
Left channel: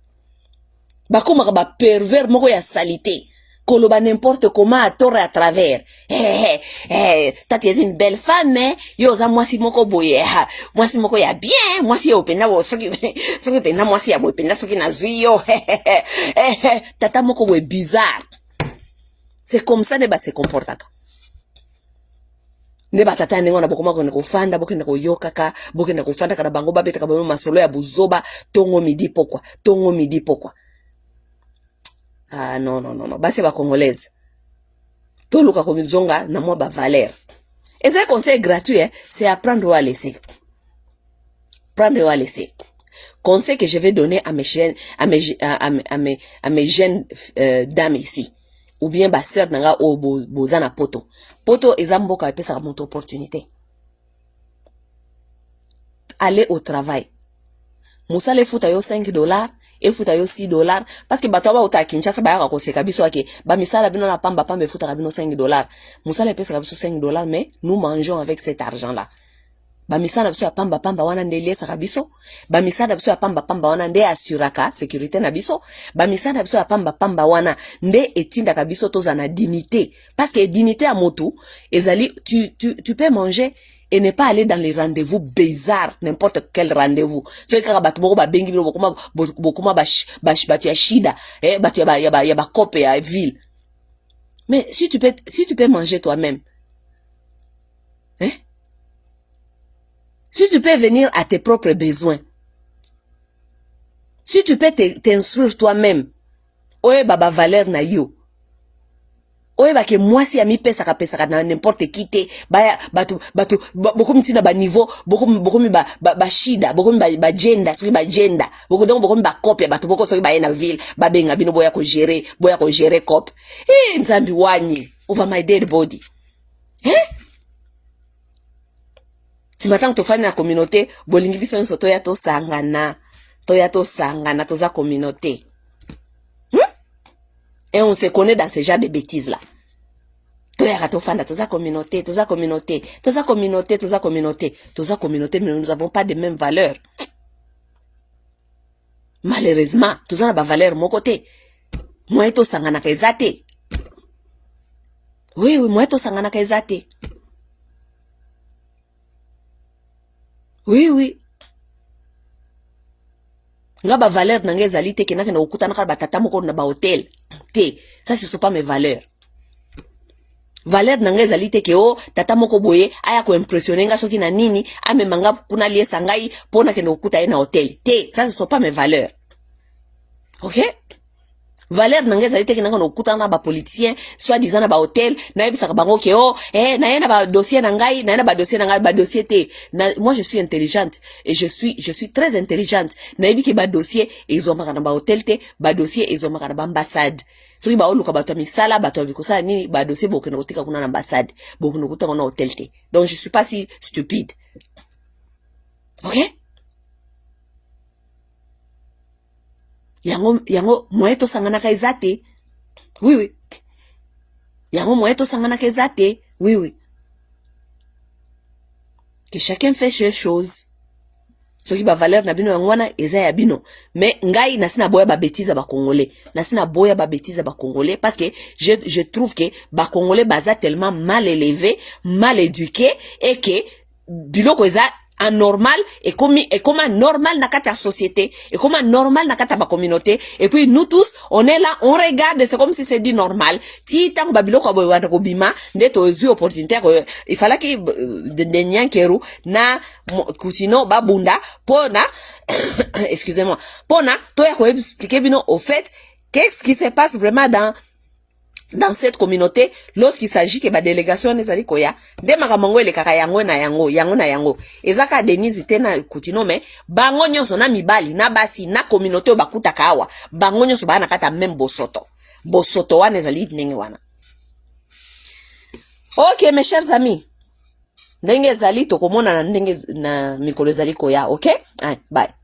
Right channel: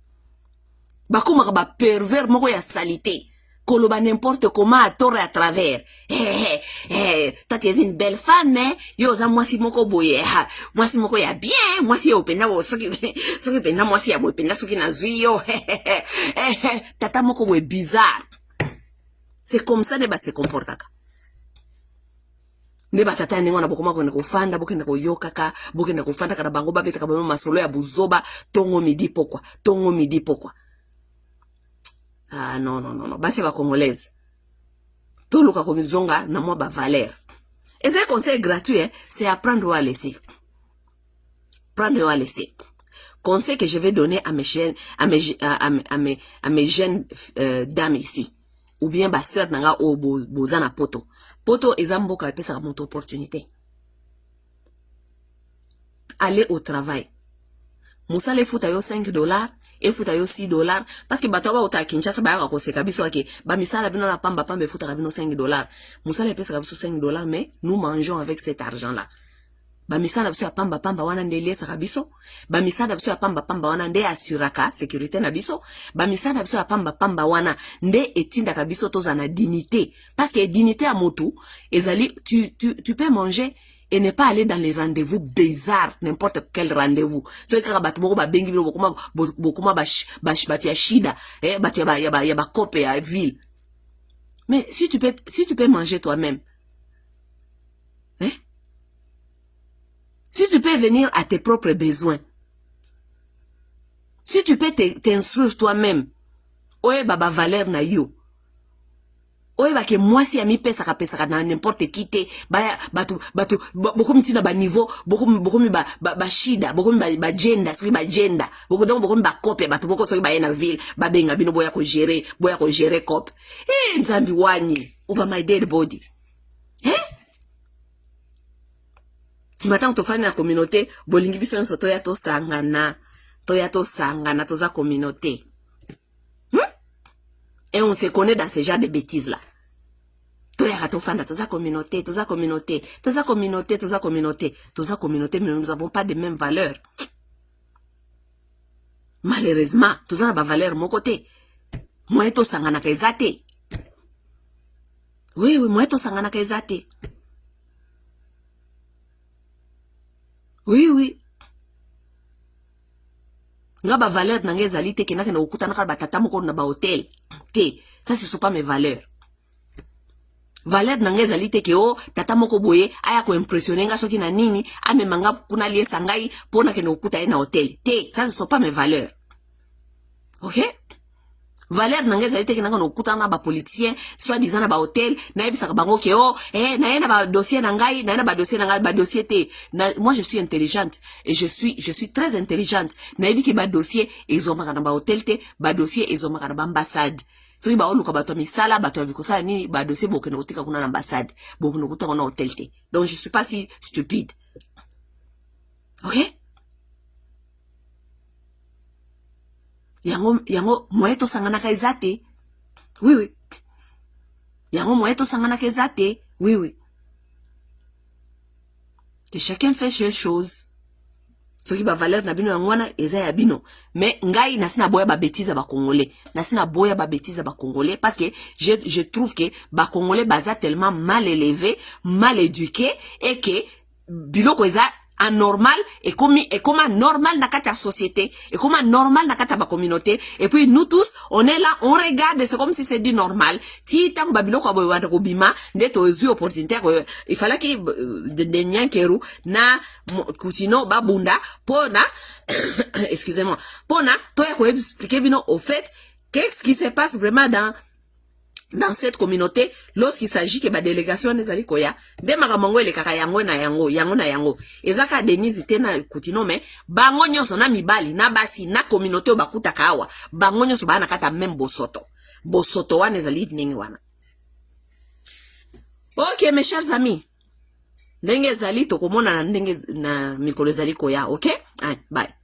ba komaka ba pervers moko ya salité koloba n'importe comment à tort et à travers. Tati est une belle femme, hein? Yoza mwasi moko boye. Mwasi moko ya bien. Mwasi ya openda wo. Soki penda mwasi ya openda soki na zuyo. Tata moko boye bizarre. C'est comme ça ne ba se comportaka. Ne ba tata nengo na bokoma ko neko fanda bokenda ko yokaka bokenda ko fanda kana bango babeta ka masolo ya buzoba tongo midi pokwa. Ah non. Basi ba congolaise. To luka ko mizonga na mwa ba valeur. Et ce conseil gratuit, c'est apprendre à laisser. Prendre ou à laisser. Conseil que je vais donner à mes jeunes dames ici. Ou bien ba sœur nanga o bozana poto. Poto ezamboka pesa mon opportunité. Aller au travail. Musale futa yo $5. Et futa yo $6 parce que batoba uta Kinshasa ba ya ko seka biso ake ba misala bino na pamba futa bino $5 musala pesa biso $5 mais nous mangeons avec cet argent là ba misala biso ya pamba wana ndele saka biso ba misala biso ya pamba wana nde assuraka sécurité na biso ba misala biso ya pamba wana nde etinda ka biso toza na dignité parce que dignité à motu ezali tu peux manger et ne pas aller dans les rendez-vous bizarres, n'importe quel rendez-vous. C'est que batu moko ba bengi bokuma batu ya shida, batu ya ba kope ya ville. Mais si tu peux manger toi-même, si tu peux venir à tes propres besoins, si tu peux t'instruire toi-même, oye baba valeur na yo. Oye ba ke mwasi ya mi pesa ka na n'importe qui te ba batu bokomi tina ba niveau bokomi ba shida bokomi ba gender bokomi ba copie batu boko soki ba na ville ba benga bino boya ko gérer cop nzambi wanyi over my dead body. Si matin to fani na communauté bolingi biso nso to ya to sangana toza communauté. Et on se connaît dans ce genre de bêtises là. Toza communauté, mais nous n'avons pas de mêmes valeurs. Malheureusement, tous on a valeur mon côté. Moi to sangana kezate. Oui, moi to sangana kezate. Oui. nga ba valeur na nga ezali te kenaka na okuta naka ba tata moko na ba hotel te. Ça ce sont pas mes valeurs. Valeur na nga ezali te ke o tata moko boye aya ko impressionner nga soki na nini amemanga kuna liesa ngai pona ke na okuta ye na hotel te. Ça ce sont pas mes valeurs. OK? Valeur na nga ezali te kenaka na okuta na ba politicien soit disant na ba hotel na yebisaka bango ke o na ye na ba dossier na ngai ba dossier te. Moi je suis intelligente et je suis très intelligente. Na yebi ke ba dossier ezomaka na ba hotel te, ba dossier ezomaka na ba ambassade. Soki ba oluka bato misala bato bikosala nini ba dossier bokene kotika kuna na ambassade bokene kotika na hotel te. Donc je suis pas si stupide. OK? Yango moeto sangana ka ezate. Oui. Yango moeto sangana ka ezate. Oui. Que chacun fait ses choses. Soki ba valeur na bino yangwana eza ya bino. Mais ngai nasina boya ba bêtise ba congolais. Nasina boya ba bêtise ba congolais parce que je trouve que ba congolais baza tellement mal élevés, mal éduqués et que biloko eza anormal et comme normal na kata société et comme normal na kata ba communauté et puis nous tous on est là on regarde c'est comme si c'est dit normal ti tango babiloko boyanda ko bima ndeto ozu opportunité il fallait que de nyankeru na kutino babunda pona excusez-moi pona to ya ko expliquer bino au fait qu'est-ce qui se passe vraiment dans cette communauté lorsqu'il s'agit que ba délégation nezali koya de makamango ele kaka yango na yango ezaka Denise tena kutino mais bango nyonso na mibali na basi na communauté o bakuta kawa bango nyonso bana kata même bosoto wana ezali ndenge wana. OK mes chers amis, ndenge ezali tokomona na ndenge na mikolo ezali koya. OK, bye.